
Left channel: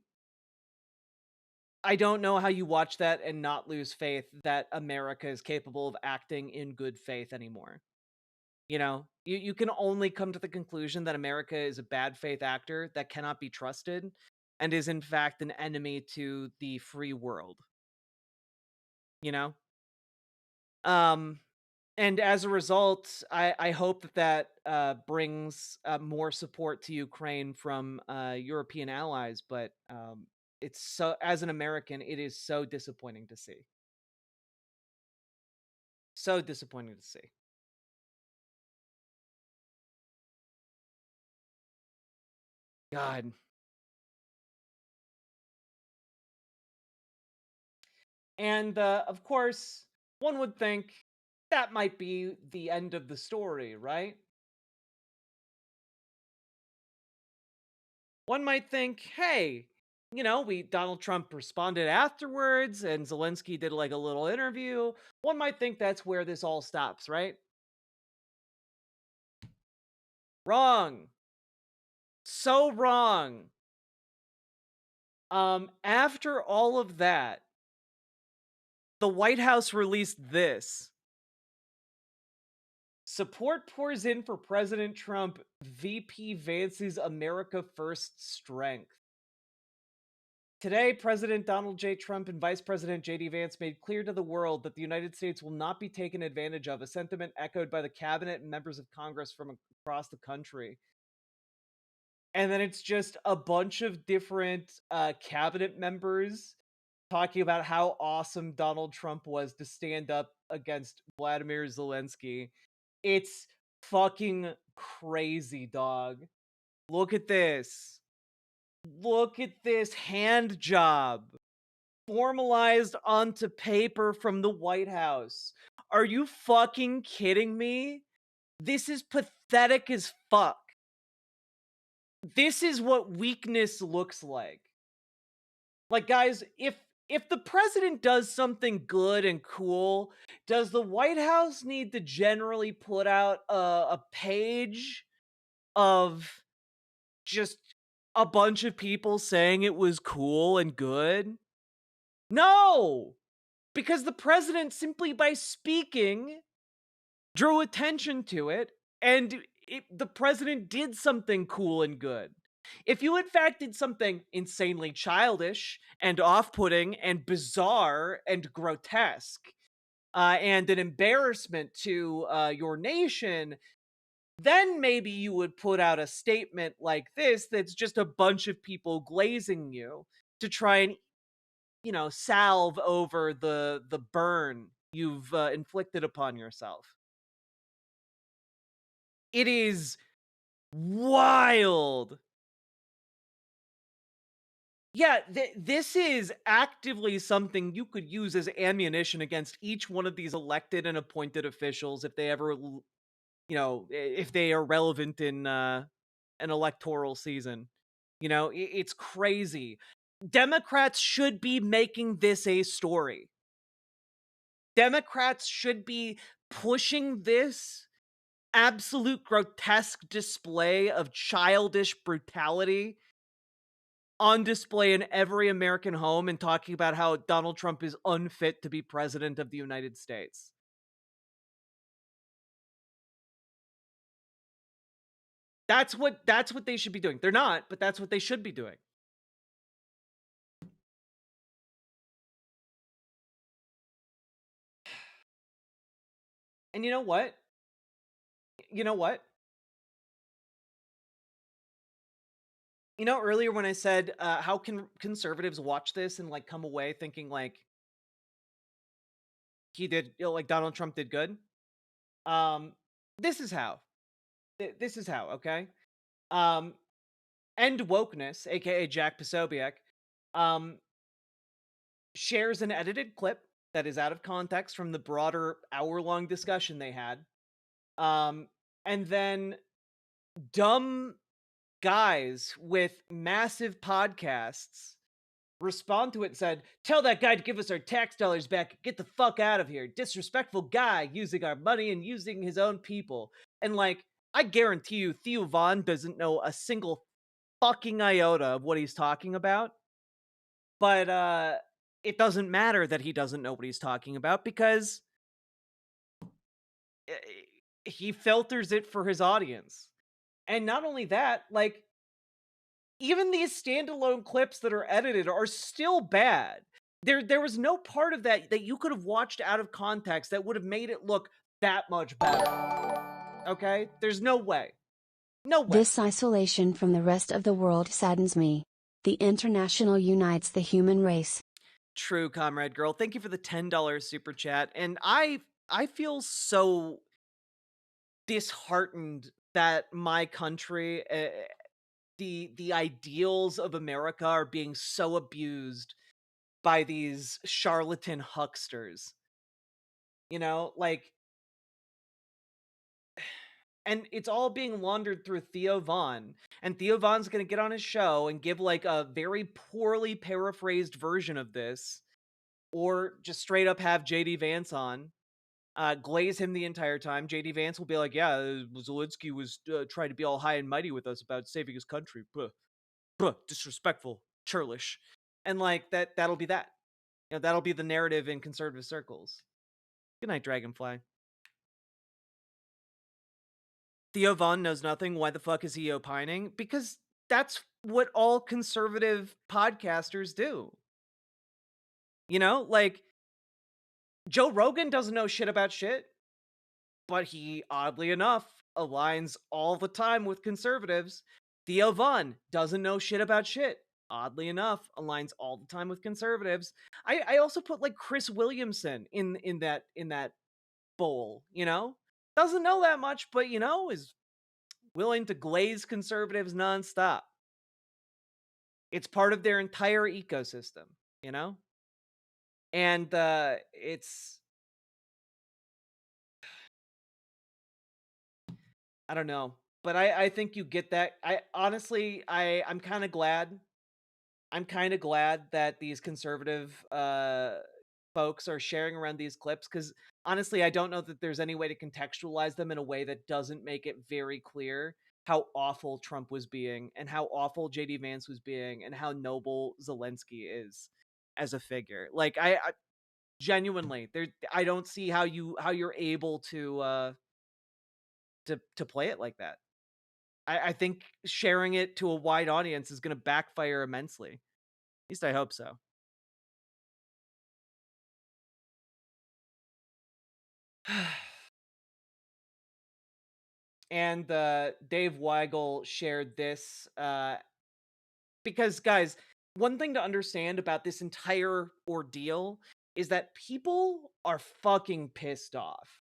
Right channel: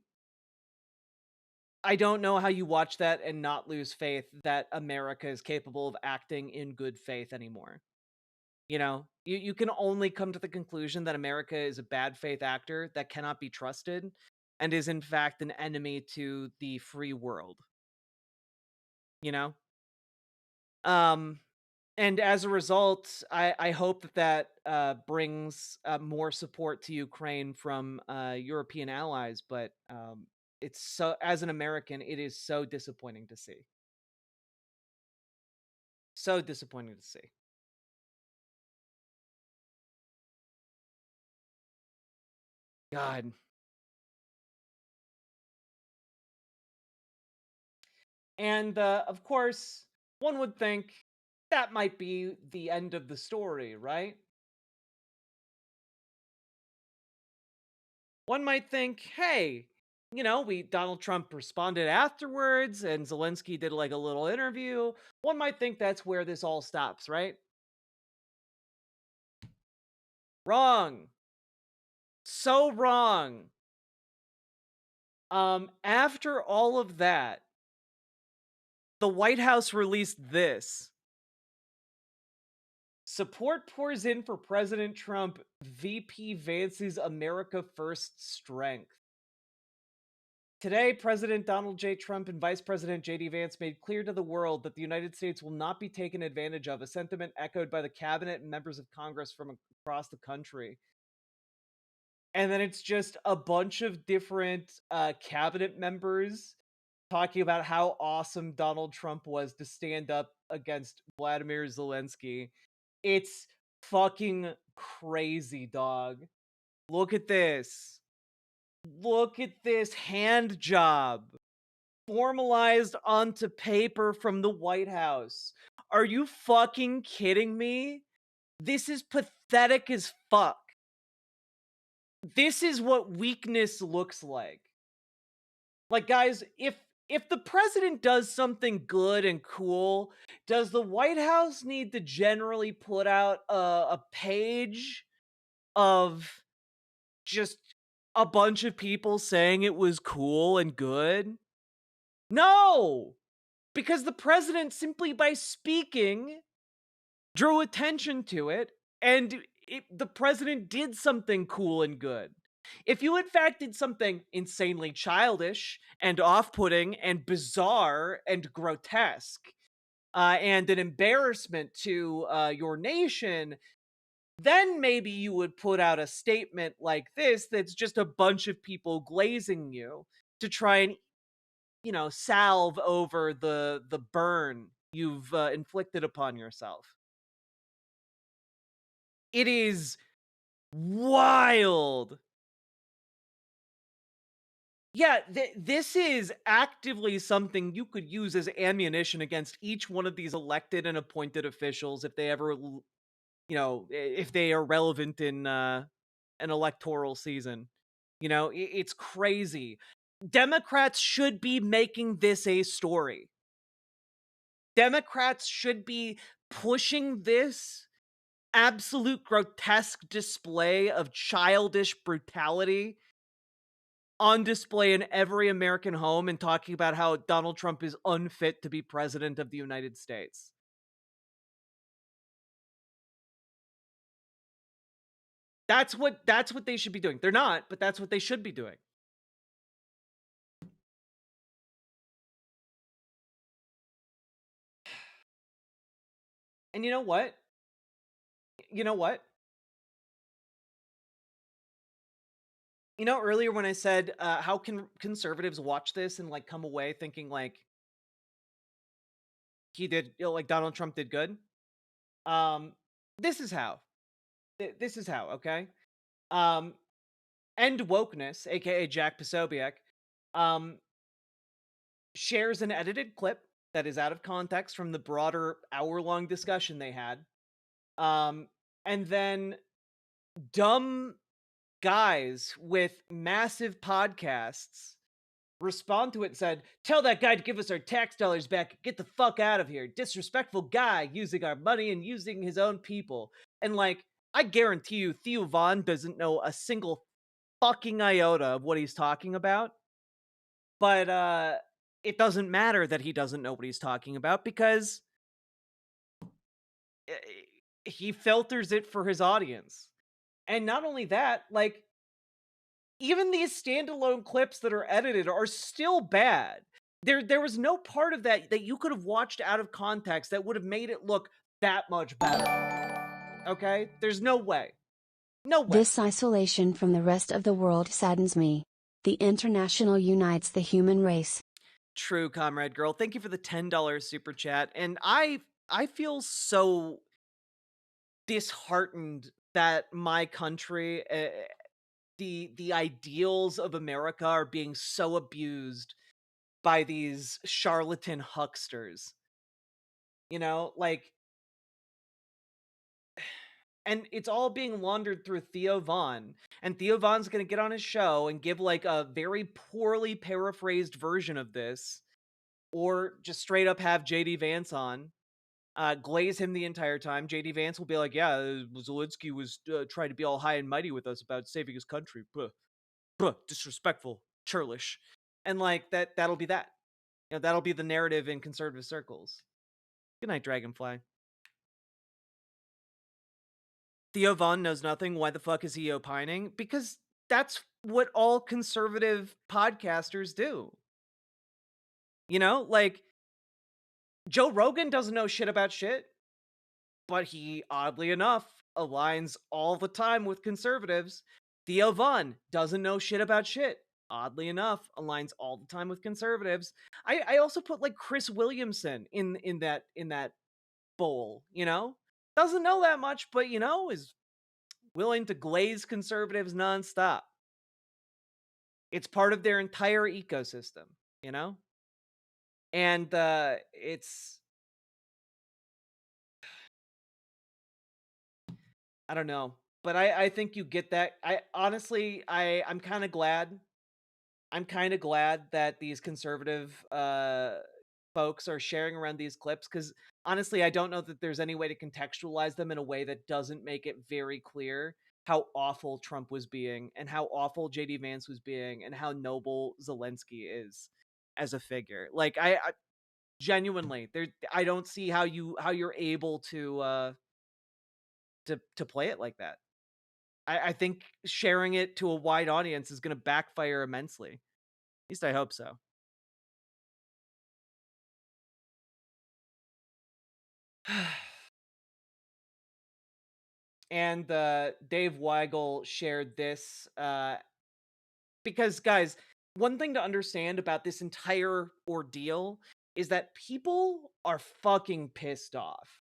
I don't know how you watch that and not lose faith that America is capable of acting in good faith anymore. You know, you can only come to the conclusion that America is a bad faith actor that cannot be trusted and is in fact an enemy to the free world. You know? Um and as a result, I hope that brings more support to Ukraine from European allies, but it's so, as an American, it is so disappointing to see. So disappointing to see. God. And of course, one would think that might be the end of the story, right? One might think, hey, you know, Donald Trump responded afterwards and Zelensky did like a little interview. One might think that's where this all stops, right? Wrong. So wrong. After all of that, the White House released this. Support pours in for President Trump, VP Vance's America First strength. Today, President Donald J. Trump and Vice President J.D. Vance made clear to the world that the United States will not be taken advantage of, a sentiment echoed by the cabinet and members of Congress from across the country. And then it's just a bunch of different cabinet members talking about how awesome Donald Trump was to stand up against Vladimir Zelensky. It's fucking crazy, dog. Look at this. Look at this hand job formalized onto paper from the White House. Are you fucking kidding me? This is pathetic as fuck. This is what weakness looks like. Like, guys, if the president does something good and cool, does the White House need to generally put out a page of just a bunch of people saying it was cool and good? No! Because the president, simply by speaking, drew attention to it, and the president did something cool and good. If you, in fact, did something insanely childish and off-putting and bizarre and grotesque, and an embarrassment to your nation, then maybe you would put out a statement like this that's just a bunch of people glazing you to try and, you know, salve over the burn you've inflicted upon yourself. It is wild. Yeah, this is actively something you could use as ammunition against each one of these elected and appointed officials if they ever, you know, if they are relevant in an electoral season. You know, it's crazy. Democrats should be making this a story. Democrats should be pushing this absolute grotesque display of childish brutality on display in every American home and talking about how Donald Trump is unfit to be president of the United States. That's what they should be doing. They're not, but that's what they should be doing. And you know what? You know what? You know, earlier when I said, how can conservatives watch this and like come away thinking like, he did, like Donald Trump did good. This is how. This is how, okay? End Wokeness, aka Jack Posobiec, shares an edited clip that is out of context from the broader hour-long discussion they had. And then dumb guys with massive podcasts respond to it and said, tell that guy to give us our tax dollars back. Get the fuck out of here. Disrespectful guy using our money and using his own people. And like, I guarantee you, Theo Von doesn't know a single fucking iota of what he's talking about. But it doesn't matter that he doesn't know what he's talking about because he filters it for his audience. And not only that, like, even these standalone clips that are edited are still bad. There was no part of that you could have watched out of context that would have made it look that much better. Okay? There's no way. No way. This isolation from the rest of the world saddens me. The international unites the human race. True, Comrade Girl. Thank you for the $10 super chat. And I feel so disheartened that my country, the ideals of America are being so abused by these charlatan hucksters. You know, like, and it's all being laundered through Theo Von. And Theo Von's going to get on his show and give like a very poorly paraphrased version of this, or just straight up have JD Vance on, glaze him the entire time. JD Vance will be like, yeah, Zelensky was trying to be all high and mighty with us about saving his country. Disrespectful, churlish. And like that'll be that. You know, that'll be the narrative in conservative circles. Good night, Dragonfly. Theo Von knows nothing. Why the fuck is he opining? Because that's what all conservative podcasters do. You know, like, Joe Rogan doesn't know shit about shit, but he, oddly enough, aligns all the time with conservatives. Theo Von doesn't know shit about shit, oddly enough, aligns all the time with conservatives. I also put like Chris Williamson in that bowl, you know? Doesn't know that much, but you know, is willing to glaze conservatives nonstop. It's part of their entire ecosystem, you know? And it's, I don't know, but I think you get that. I'm kind of glad. I'm kind of glad that these conservative folks are sharing around these clips, because honestly, I don't know that there's any way to contextualize them in a way that doesn't make it very clear how awful Trump was being and how awful JD Vance was being and how noble Zelensky is as a figure. Like I genuinely, I don't see how you're able to play it like that. I think sharing it to a wide audience is going to backfire immensely. At least I hope so. And Dave Weigel shared this because, guys, one thing to understand about this entire ordeal is that people are fucking pissed off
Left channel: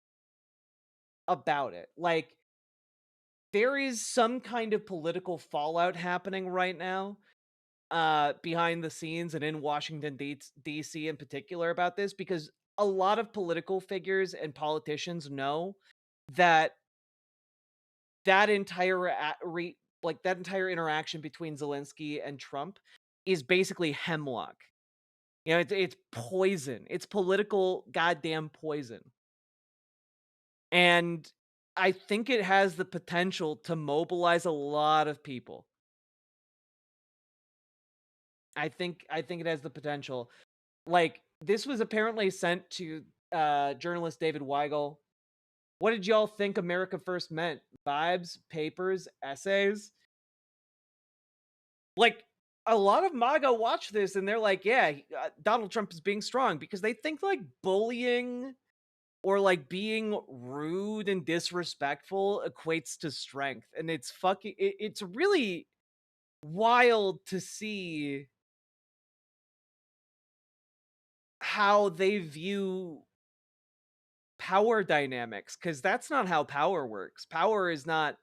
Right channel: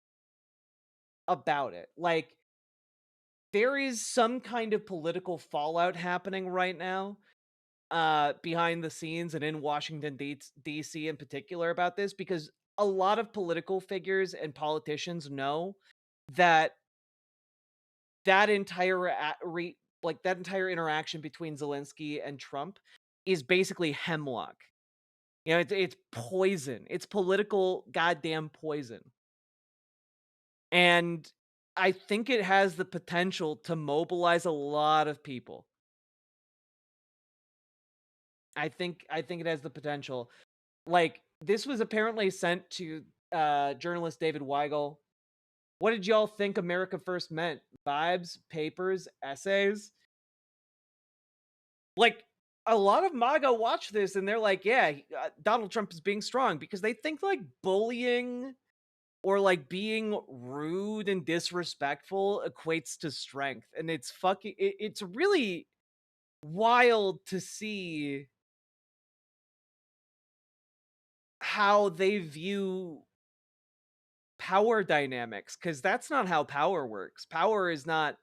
about it. Like, there is some kind of political fallout happening right now behind the scenes and in Washington, D.C. in particular about this, because a lot of political figures and politicians know that that entire that entire interaction between Zelensky and Trump is basically hemlock. You know, it's poison. It's political goddamn poison. And I think it has the potential to mobilize a lot of people. I think it has the potential. Like, this was apparently sent to journalist David Weigel. What did y'all think America First meant? Vibes, papers, essays? Like, a lot of MAGA watch this and they're like, yeah, Donald Trump is being strong, because they think like bullying or like being rude and disrespectful equates to strength. And it's it's really wild to see how they view power dynamics, because that's not how power works. Power is not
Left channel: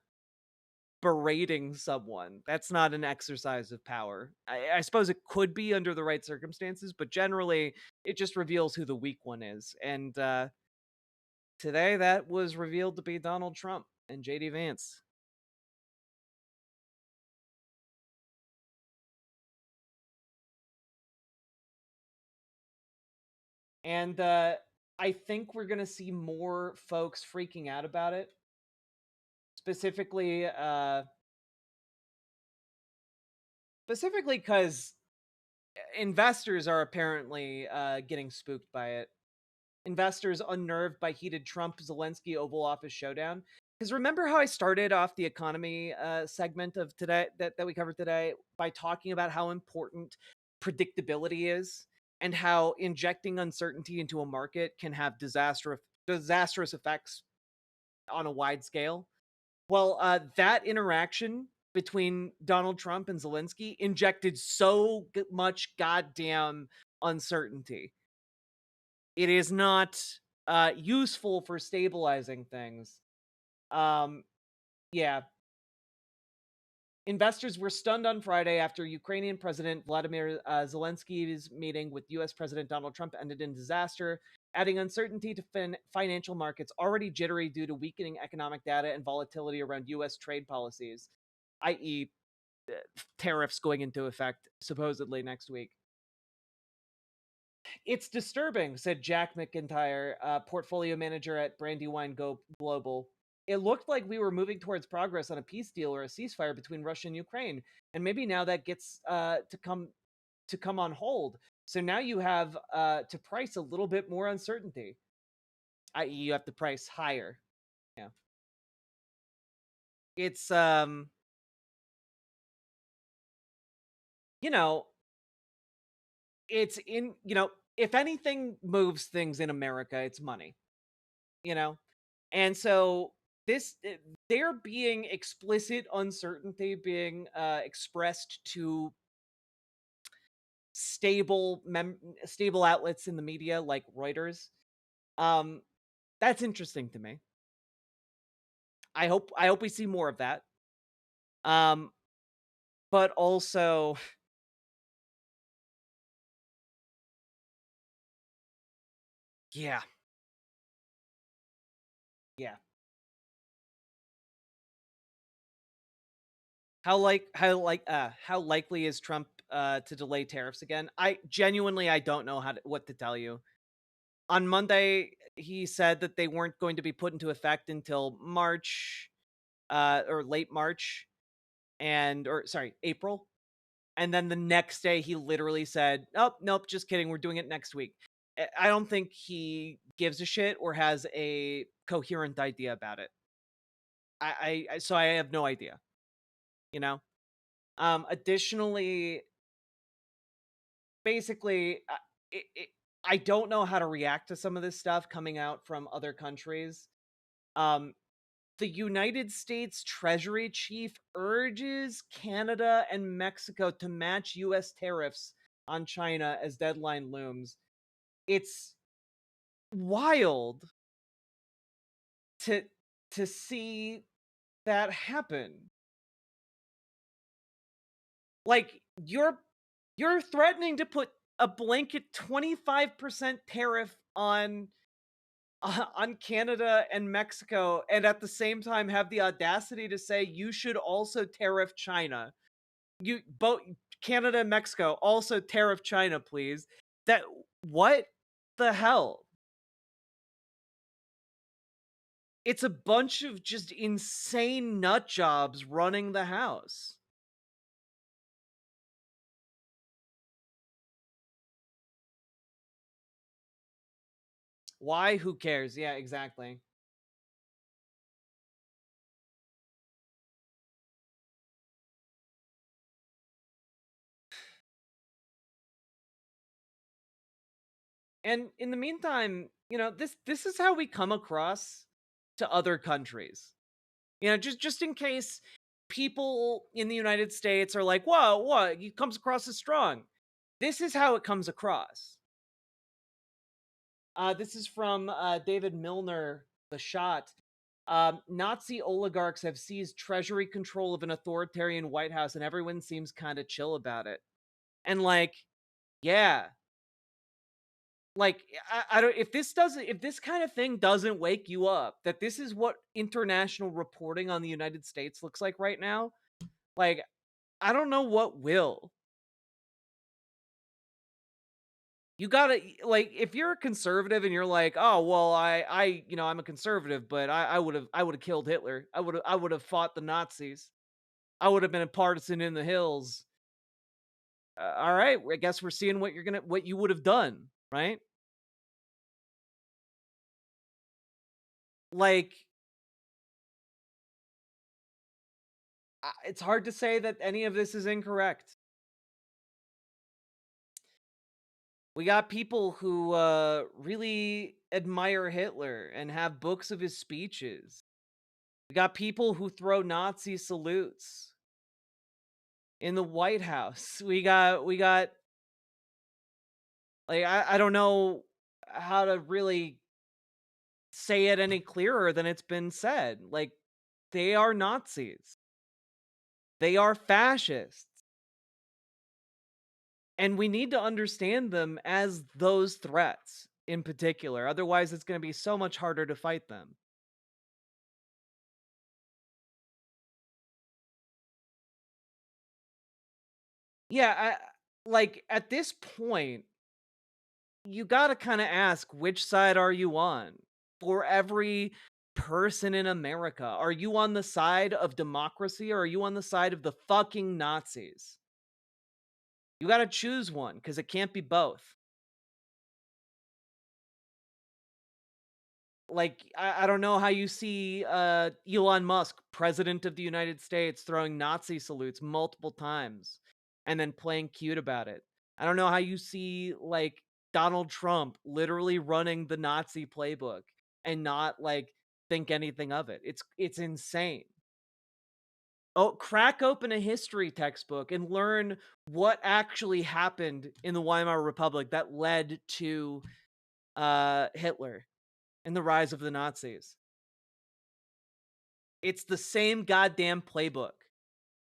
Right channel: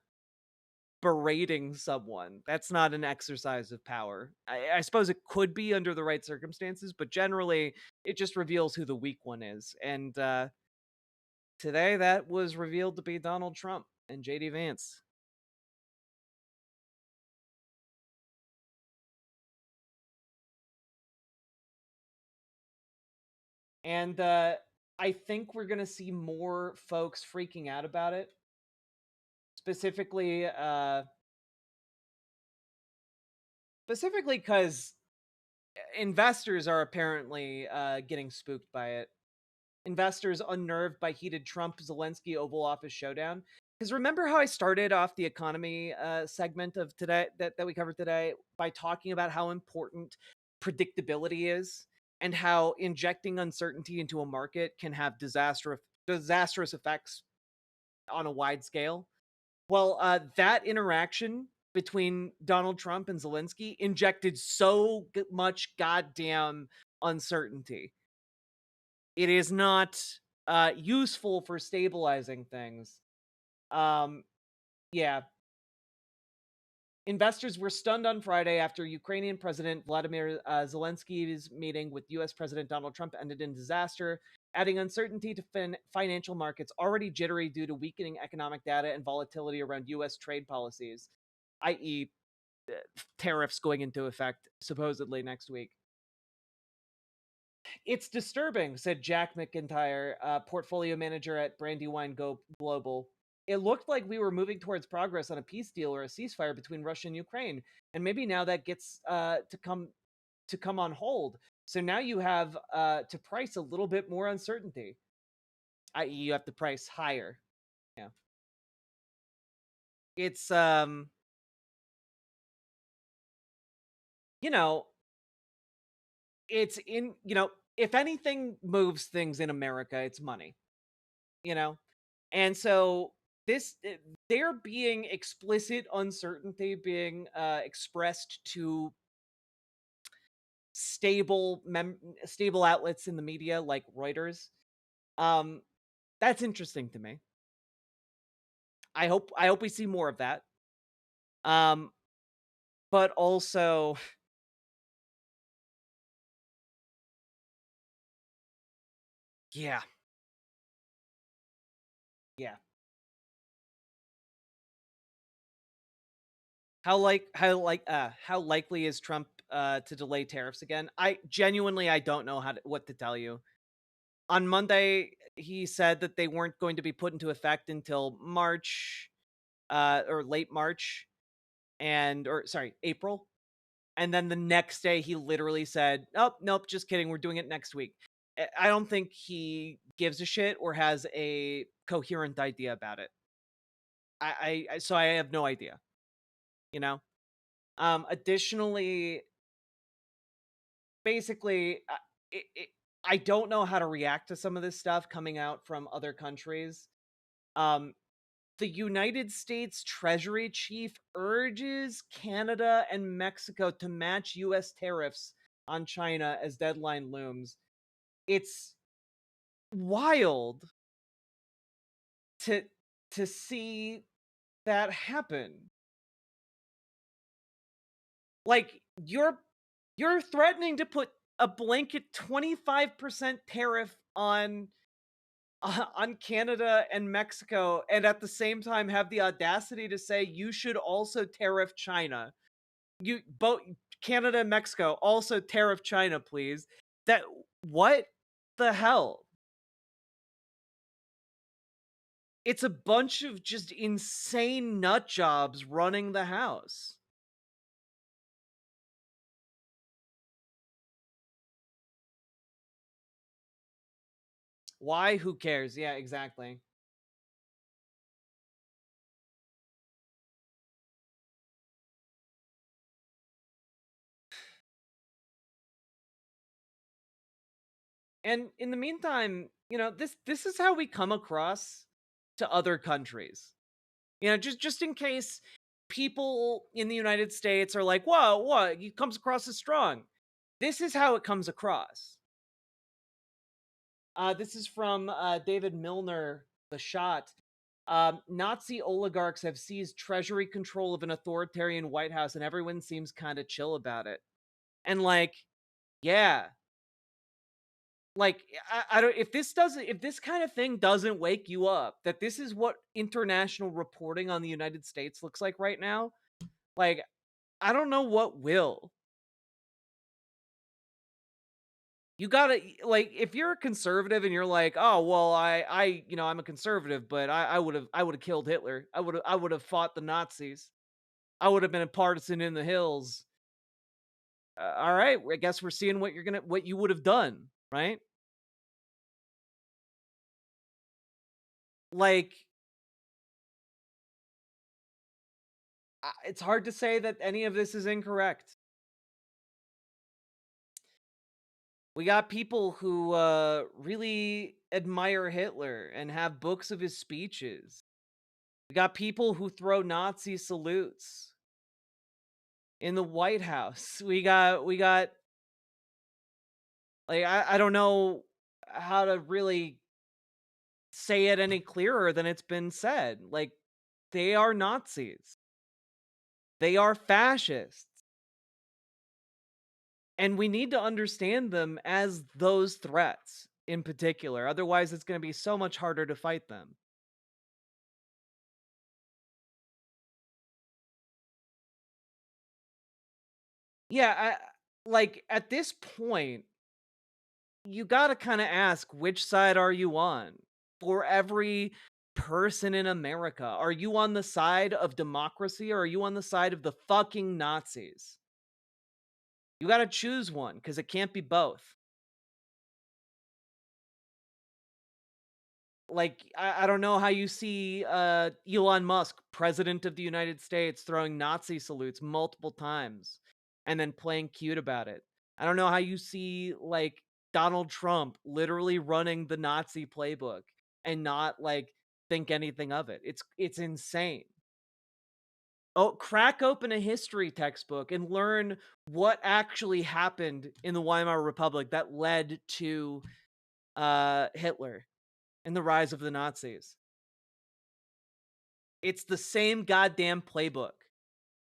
berating someone. That's not an exercise of power. I suppose it could be under the right circumstances, but generally it just reveals who the weak one is. And today that was revealed to be Donald Trump and JD Vance. And I think we're going to see more folks freaking out about it. Specifically because investors are apparently getting spooked by it. Investors unnerved by heated Trump-Zelensky Oval Office showdown. Because remember how I started off the economy segment of today that we covered today by talking about how important predictability is and how injecting uncertainty into a market can have disastrous effects on a wide scale. Well, that interaction between Donald Trump and Zelensky injected so much goddamn uncertainty. It is not useful for stabilizing things. Yeah. Investors were stunned on Friday after Ukrainian President Vladimir Zelensky's meeting with U.S. President Donald Trump ended in disaster, adding uncertainty to financial markets already jittery due to weakening economic data and volatility around U.S. trade policies, i.e., tariffs going into effect supposedly next week. It's disturbing, said Jack McIntyre, portfolio manager at Brandywine Global. It looked like we were moving towards progress on a peace deal or a ceasefire between Russia and Ukraine, and maybe now that gets to come on hold. So now you have to price a little bit more uncertainty, i.e., you have to price higher. Yeah, it's it's in if anything moves things in America, it's money. And so there being explicit uncertainty being expressed to stable outlets in the media like Reuters, that's interesting to me. I hope we see more of that. But also yeah. How likely is Trump to delay tariffs again? I don't know what to tell you. On Monday, he said that they weren't going to be put into effect until March, or late March, April. And then the next day, he literally said, "Oh, nope, just kidding. We're doing it next week." I don't think he gives a shit or has a coherent idea about it. So I have no idea. Additionally, basically, I don't know how to react to some of this stuff coming out from other countries. The United States Treasury Chief urges Canada and Mexico to match U.S. tariffs on China as deadline looms. It's wild to see that happen. Like, you're threatening to put a blanket 25% tariff on Canada and Mexico, and at the same time have the audacity to say you should also tariff China. You both Canada and Mexico also tariff China, please. What the hell? It's a bunch of just insane nut jobs running the house. Why? Who cares? Yeah, exactly. And in the meantime, this is how we come across to other countries. Just in case people in the United States are like, "Whoa, what? He comes across as strong." This is how it comes across. This is from David Milner, The Shot. Nazi oligarchs have seized treasury control of an authoritarian White House, and everyone seems kind of chill about it. And like, yeah, like I don't if this kind of thing doesn't wake you up that this is what international reporting on the United States looks like right now, like I don't know what will. You gotta like if you're a conservative and you're like, oh well, I'm a conservative, but I would have killed Hitler. I would have fought the Nazis. I would have been a partisan in the hills. All right, I guess we're seeing what you would have done, right? Like, it's hard to say that any of this is incorrect. We got people who really admire Hitler and have books of his speeches. We got people who throw Nazi salutes in the White House. We got like I don't know how to really say it any clearer than it's been said. Like they are Nazis. They are fascists. And we need to understand them as those threats in particular. Otherwise, it's going to be so much harder to fight them. Yeah, like at this point, you got to kind of ask, which side are you on? For every person in America, are you on the side of democracy or are you on the side of the fucking Nazis? You got to choose one because it can't be both. Like, I don't know how you see Elon Musk, president of the United States, throwing Nazi salutes multiple times and then playing cute about it. I don't know how you see, like, Donald Trump literally running the Nazi playbook and not, like, think anything of it. It's insane. Oh, crack open a history textbook and learn what actually happened in the Weimar Republic that led to Hitler and the rise of the Nazis. It's the same goddamn playbook.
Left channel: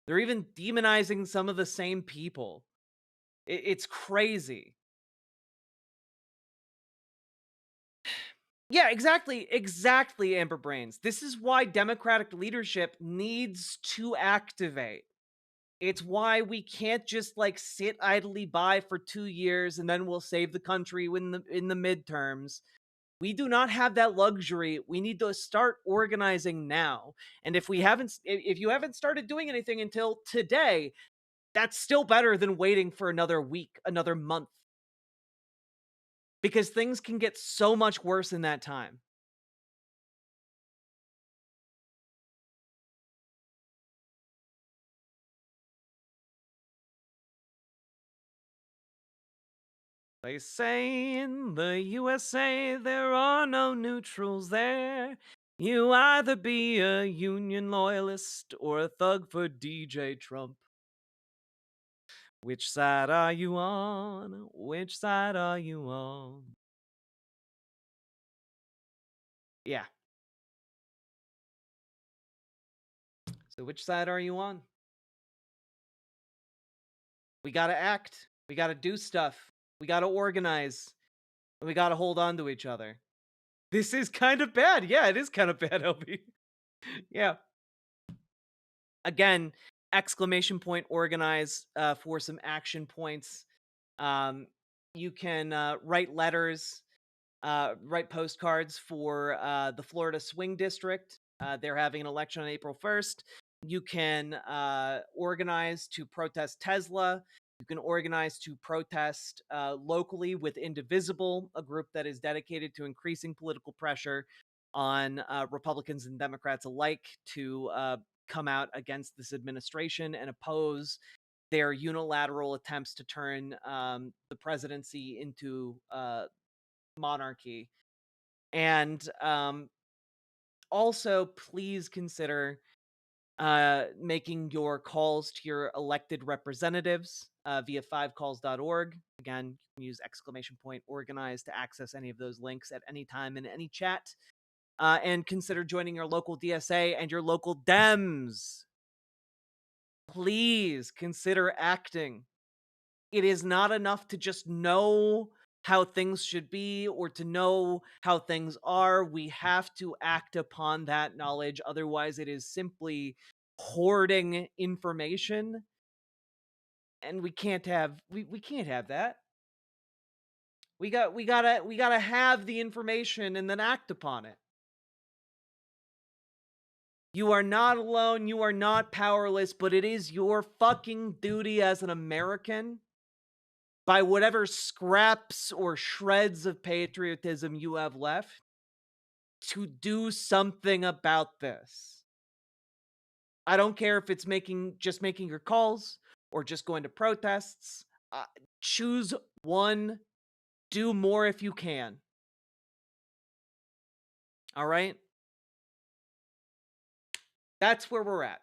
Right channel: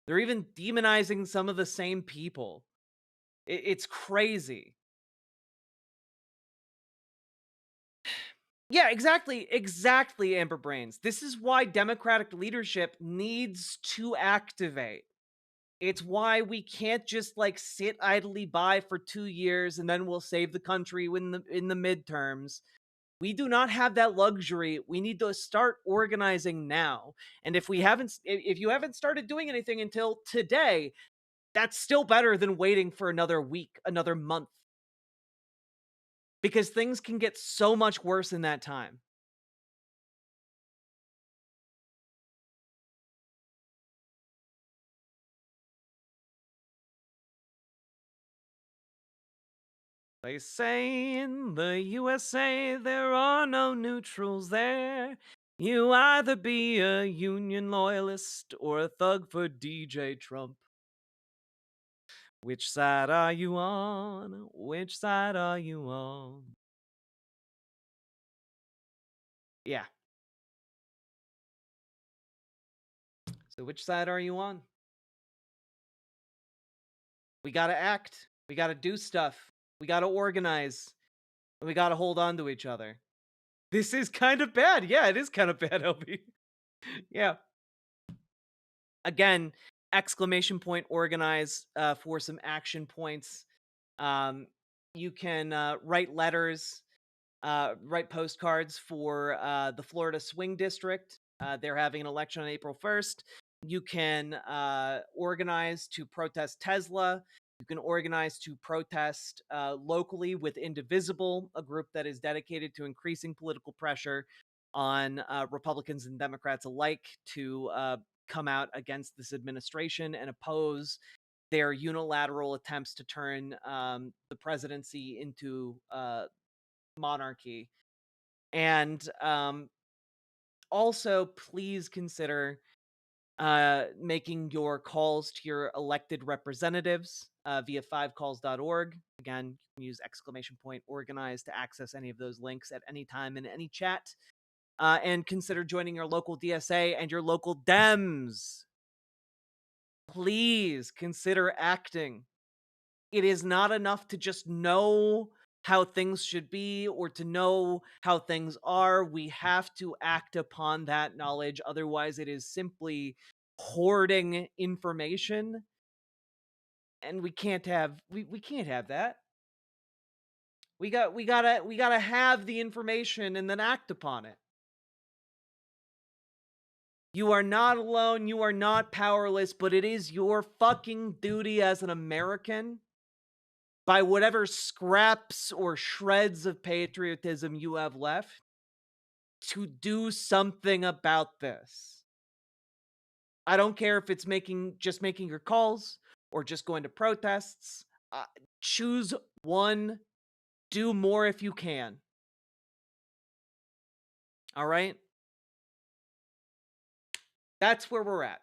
They're even demonizing some of the same people. It's crazy. Yeah, exactly, Amber Brains. This is why Democratic leadership needs to activate. It's why we can't just like sit idly by for 2 years and then we'll save the country in the midterms. We do not have that luxury. We need to start organizing now. And if you haven't started doing anything until today, that's still better than waiting for another week, another month. Because things can get so much worse in that time. They say in the USA there are no neutrals there. You either be a Union loyalist or a thug for DJ Trump. Which side are you on? Which side are you on? Yeah. So which side are you on? We gotta act. We gotta do stuff. We gotta organize. And we gotta hold on to each other. This is kind of bad. Yeah, it is kind of bad, LB. Yeah. Again, exclamation point organize for some action points. You can write letters, write postcards for the Florida Swing District. They're having an election on April 1st. You can organize to protest Tesla. You can organize to protest locally with Indivisible, a group that is dedicated to increasing political pressure on Republicans and Democrats alike to come out against this administration and oppose their unilateral attempts to turn the presidency into monarchy. And also, please consider making your calls to your elected representatives via 5calls.org. Again, you can use !organize to access any of those links at any time in any chat. And consider joining your local DSA and your local Dems. Please consider acting. It is not enough to just know how things should be or to know how things are. We have to act upon that knowledge. Otherwise, it is simply hoarding information. And we can't have we can't have that. We gotta have the information and then act upon it. You are not alone, you are not powerless, but it is your fucking duty as an American, by whatever scraps or shreds of patriotism you have left, to do something about this. I don't care if it's just making your calls or just going to protests. Choose one. Do more if you can. All right? That's where we're at.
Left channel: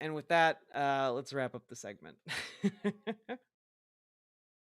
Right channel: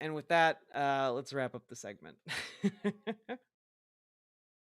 And with that, let's wrap up the segment.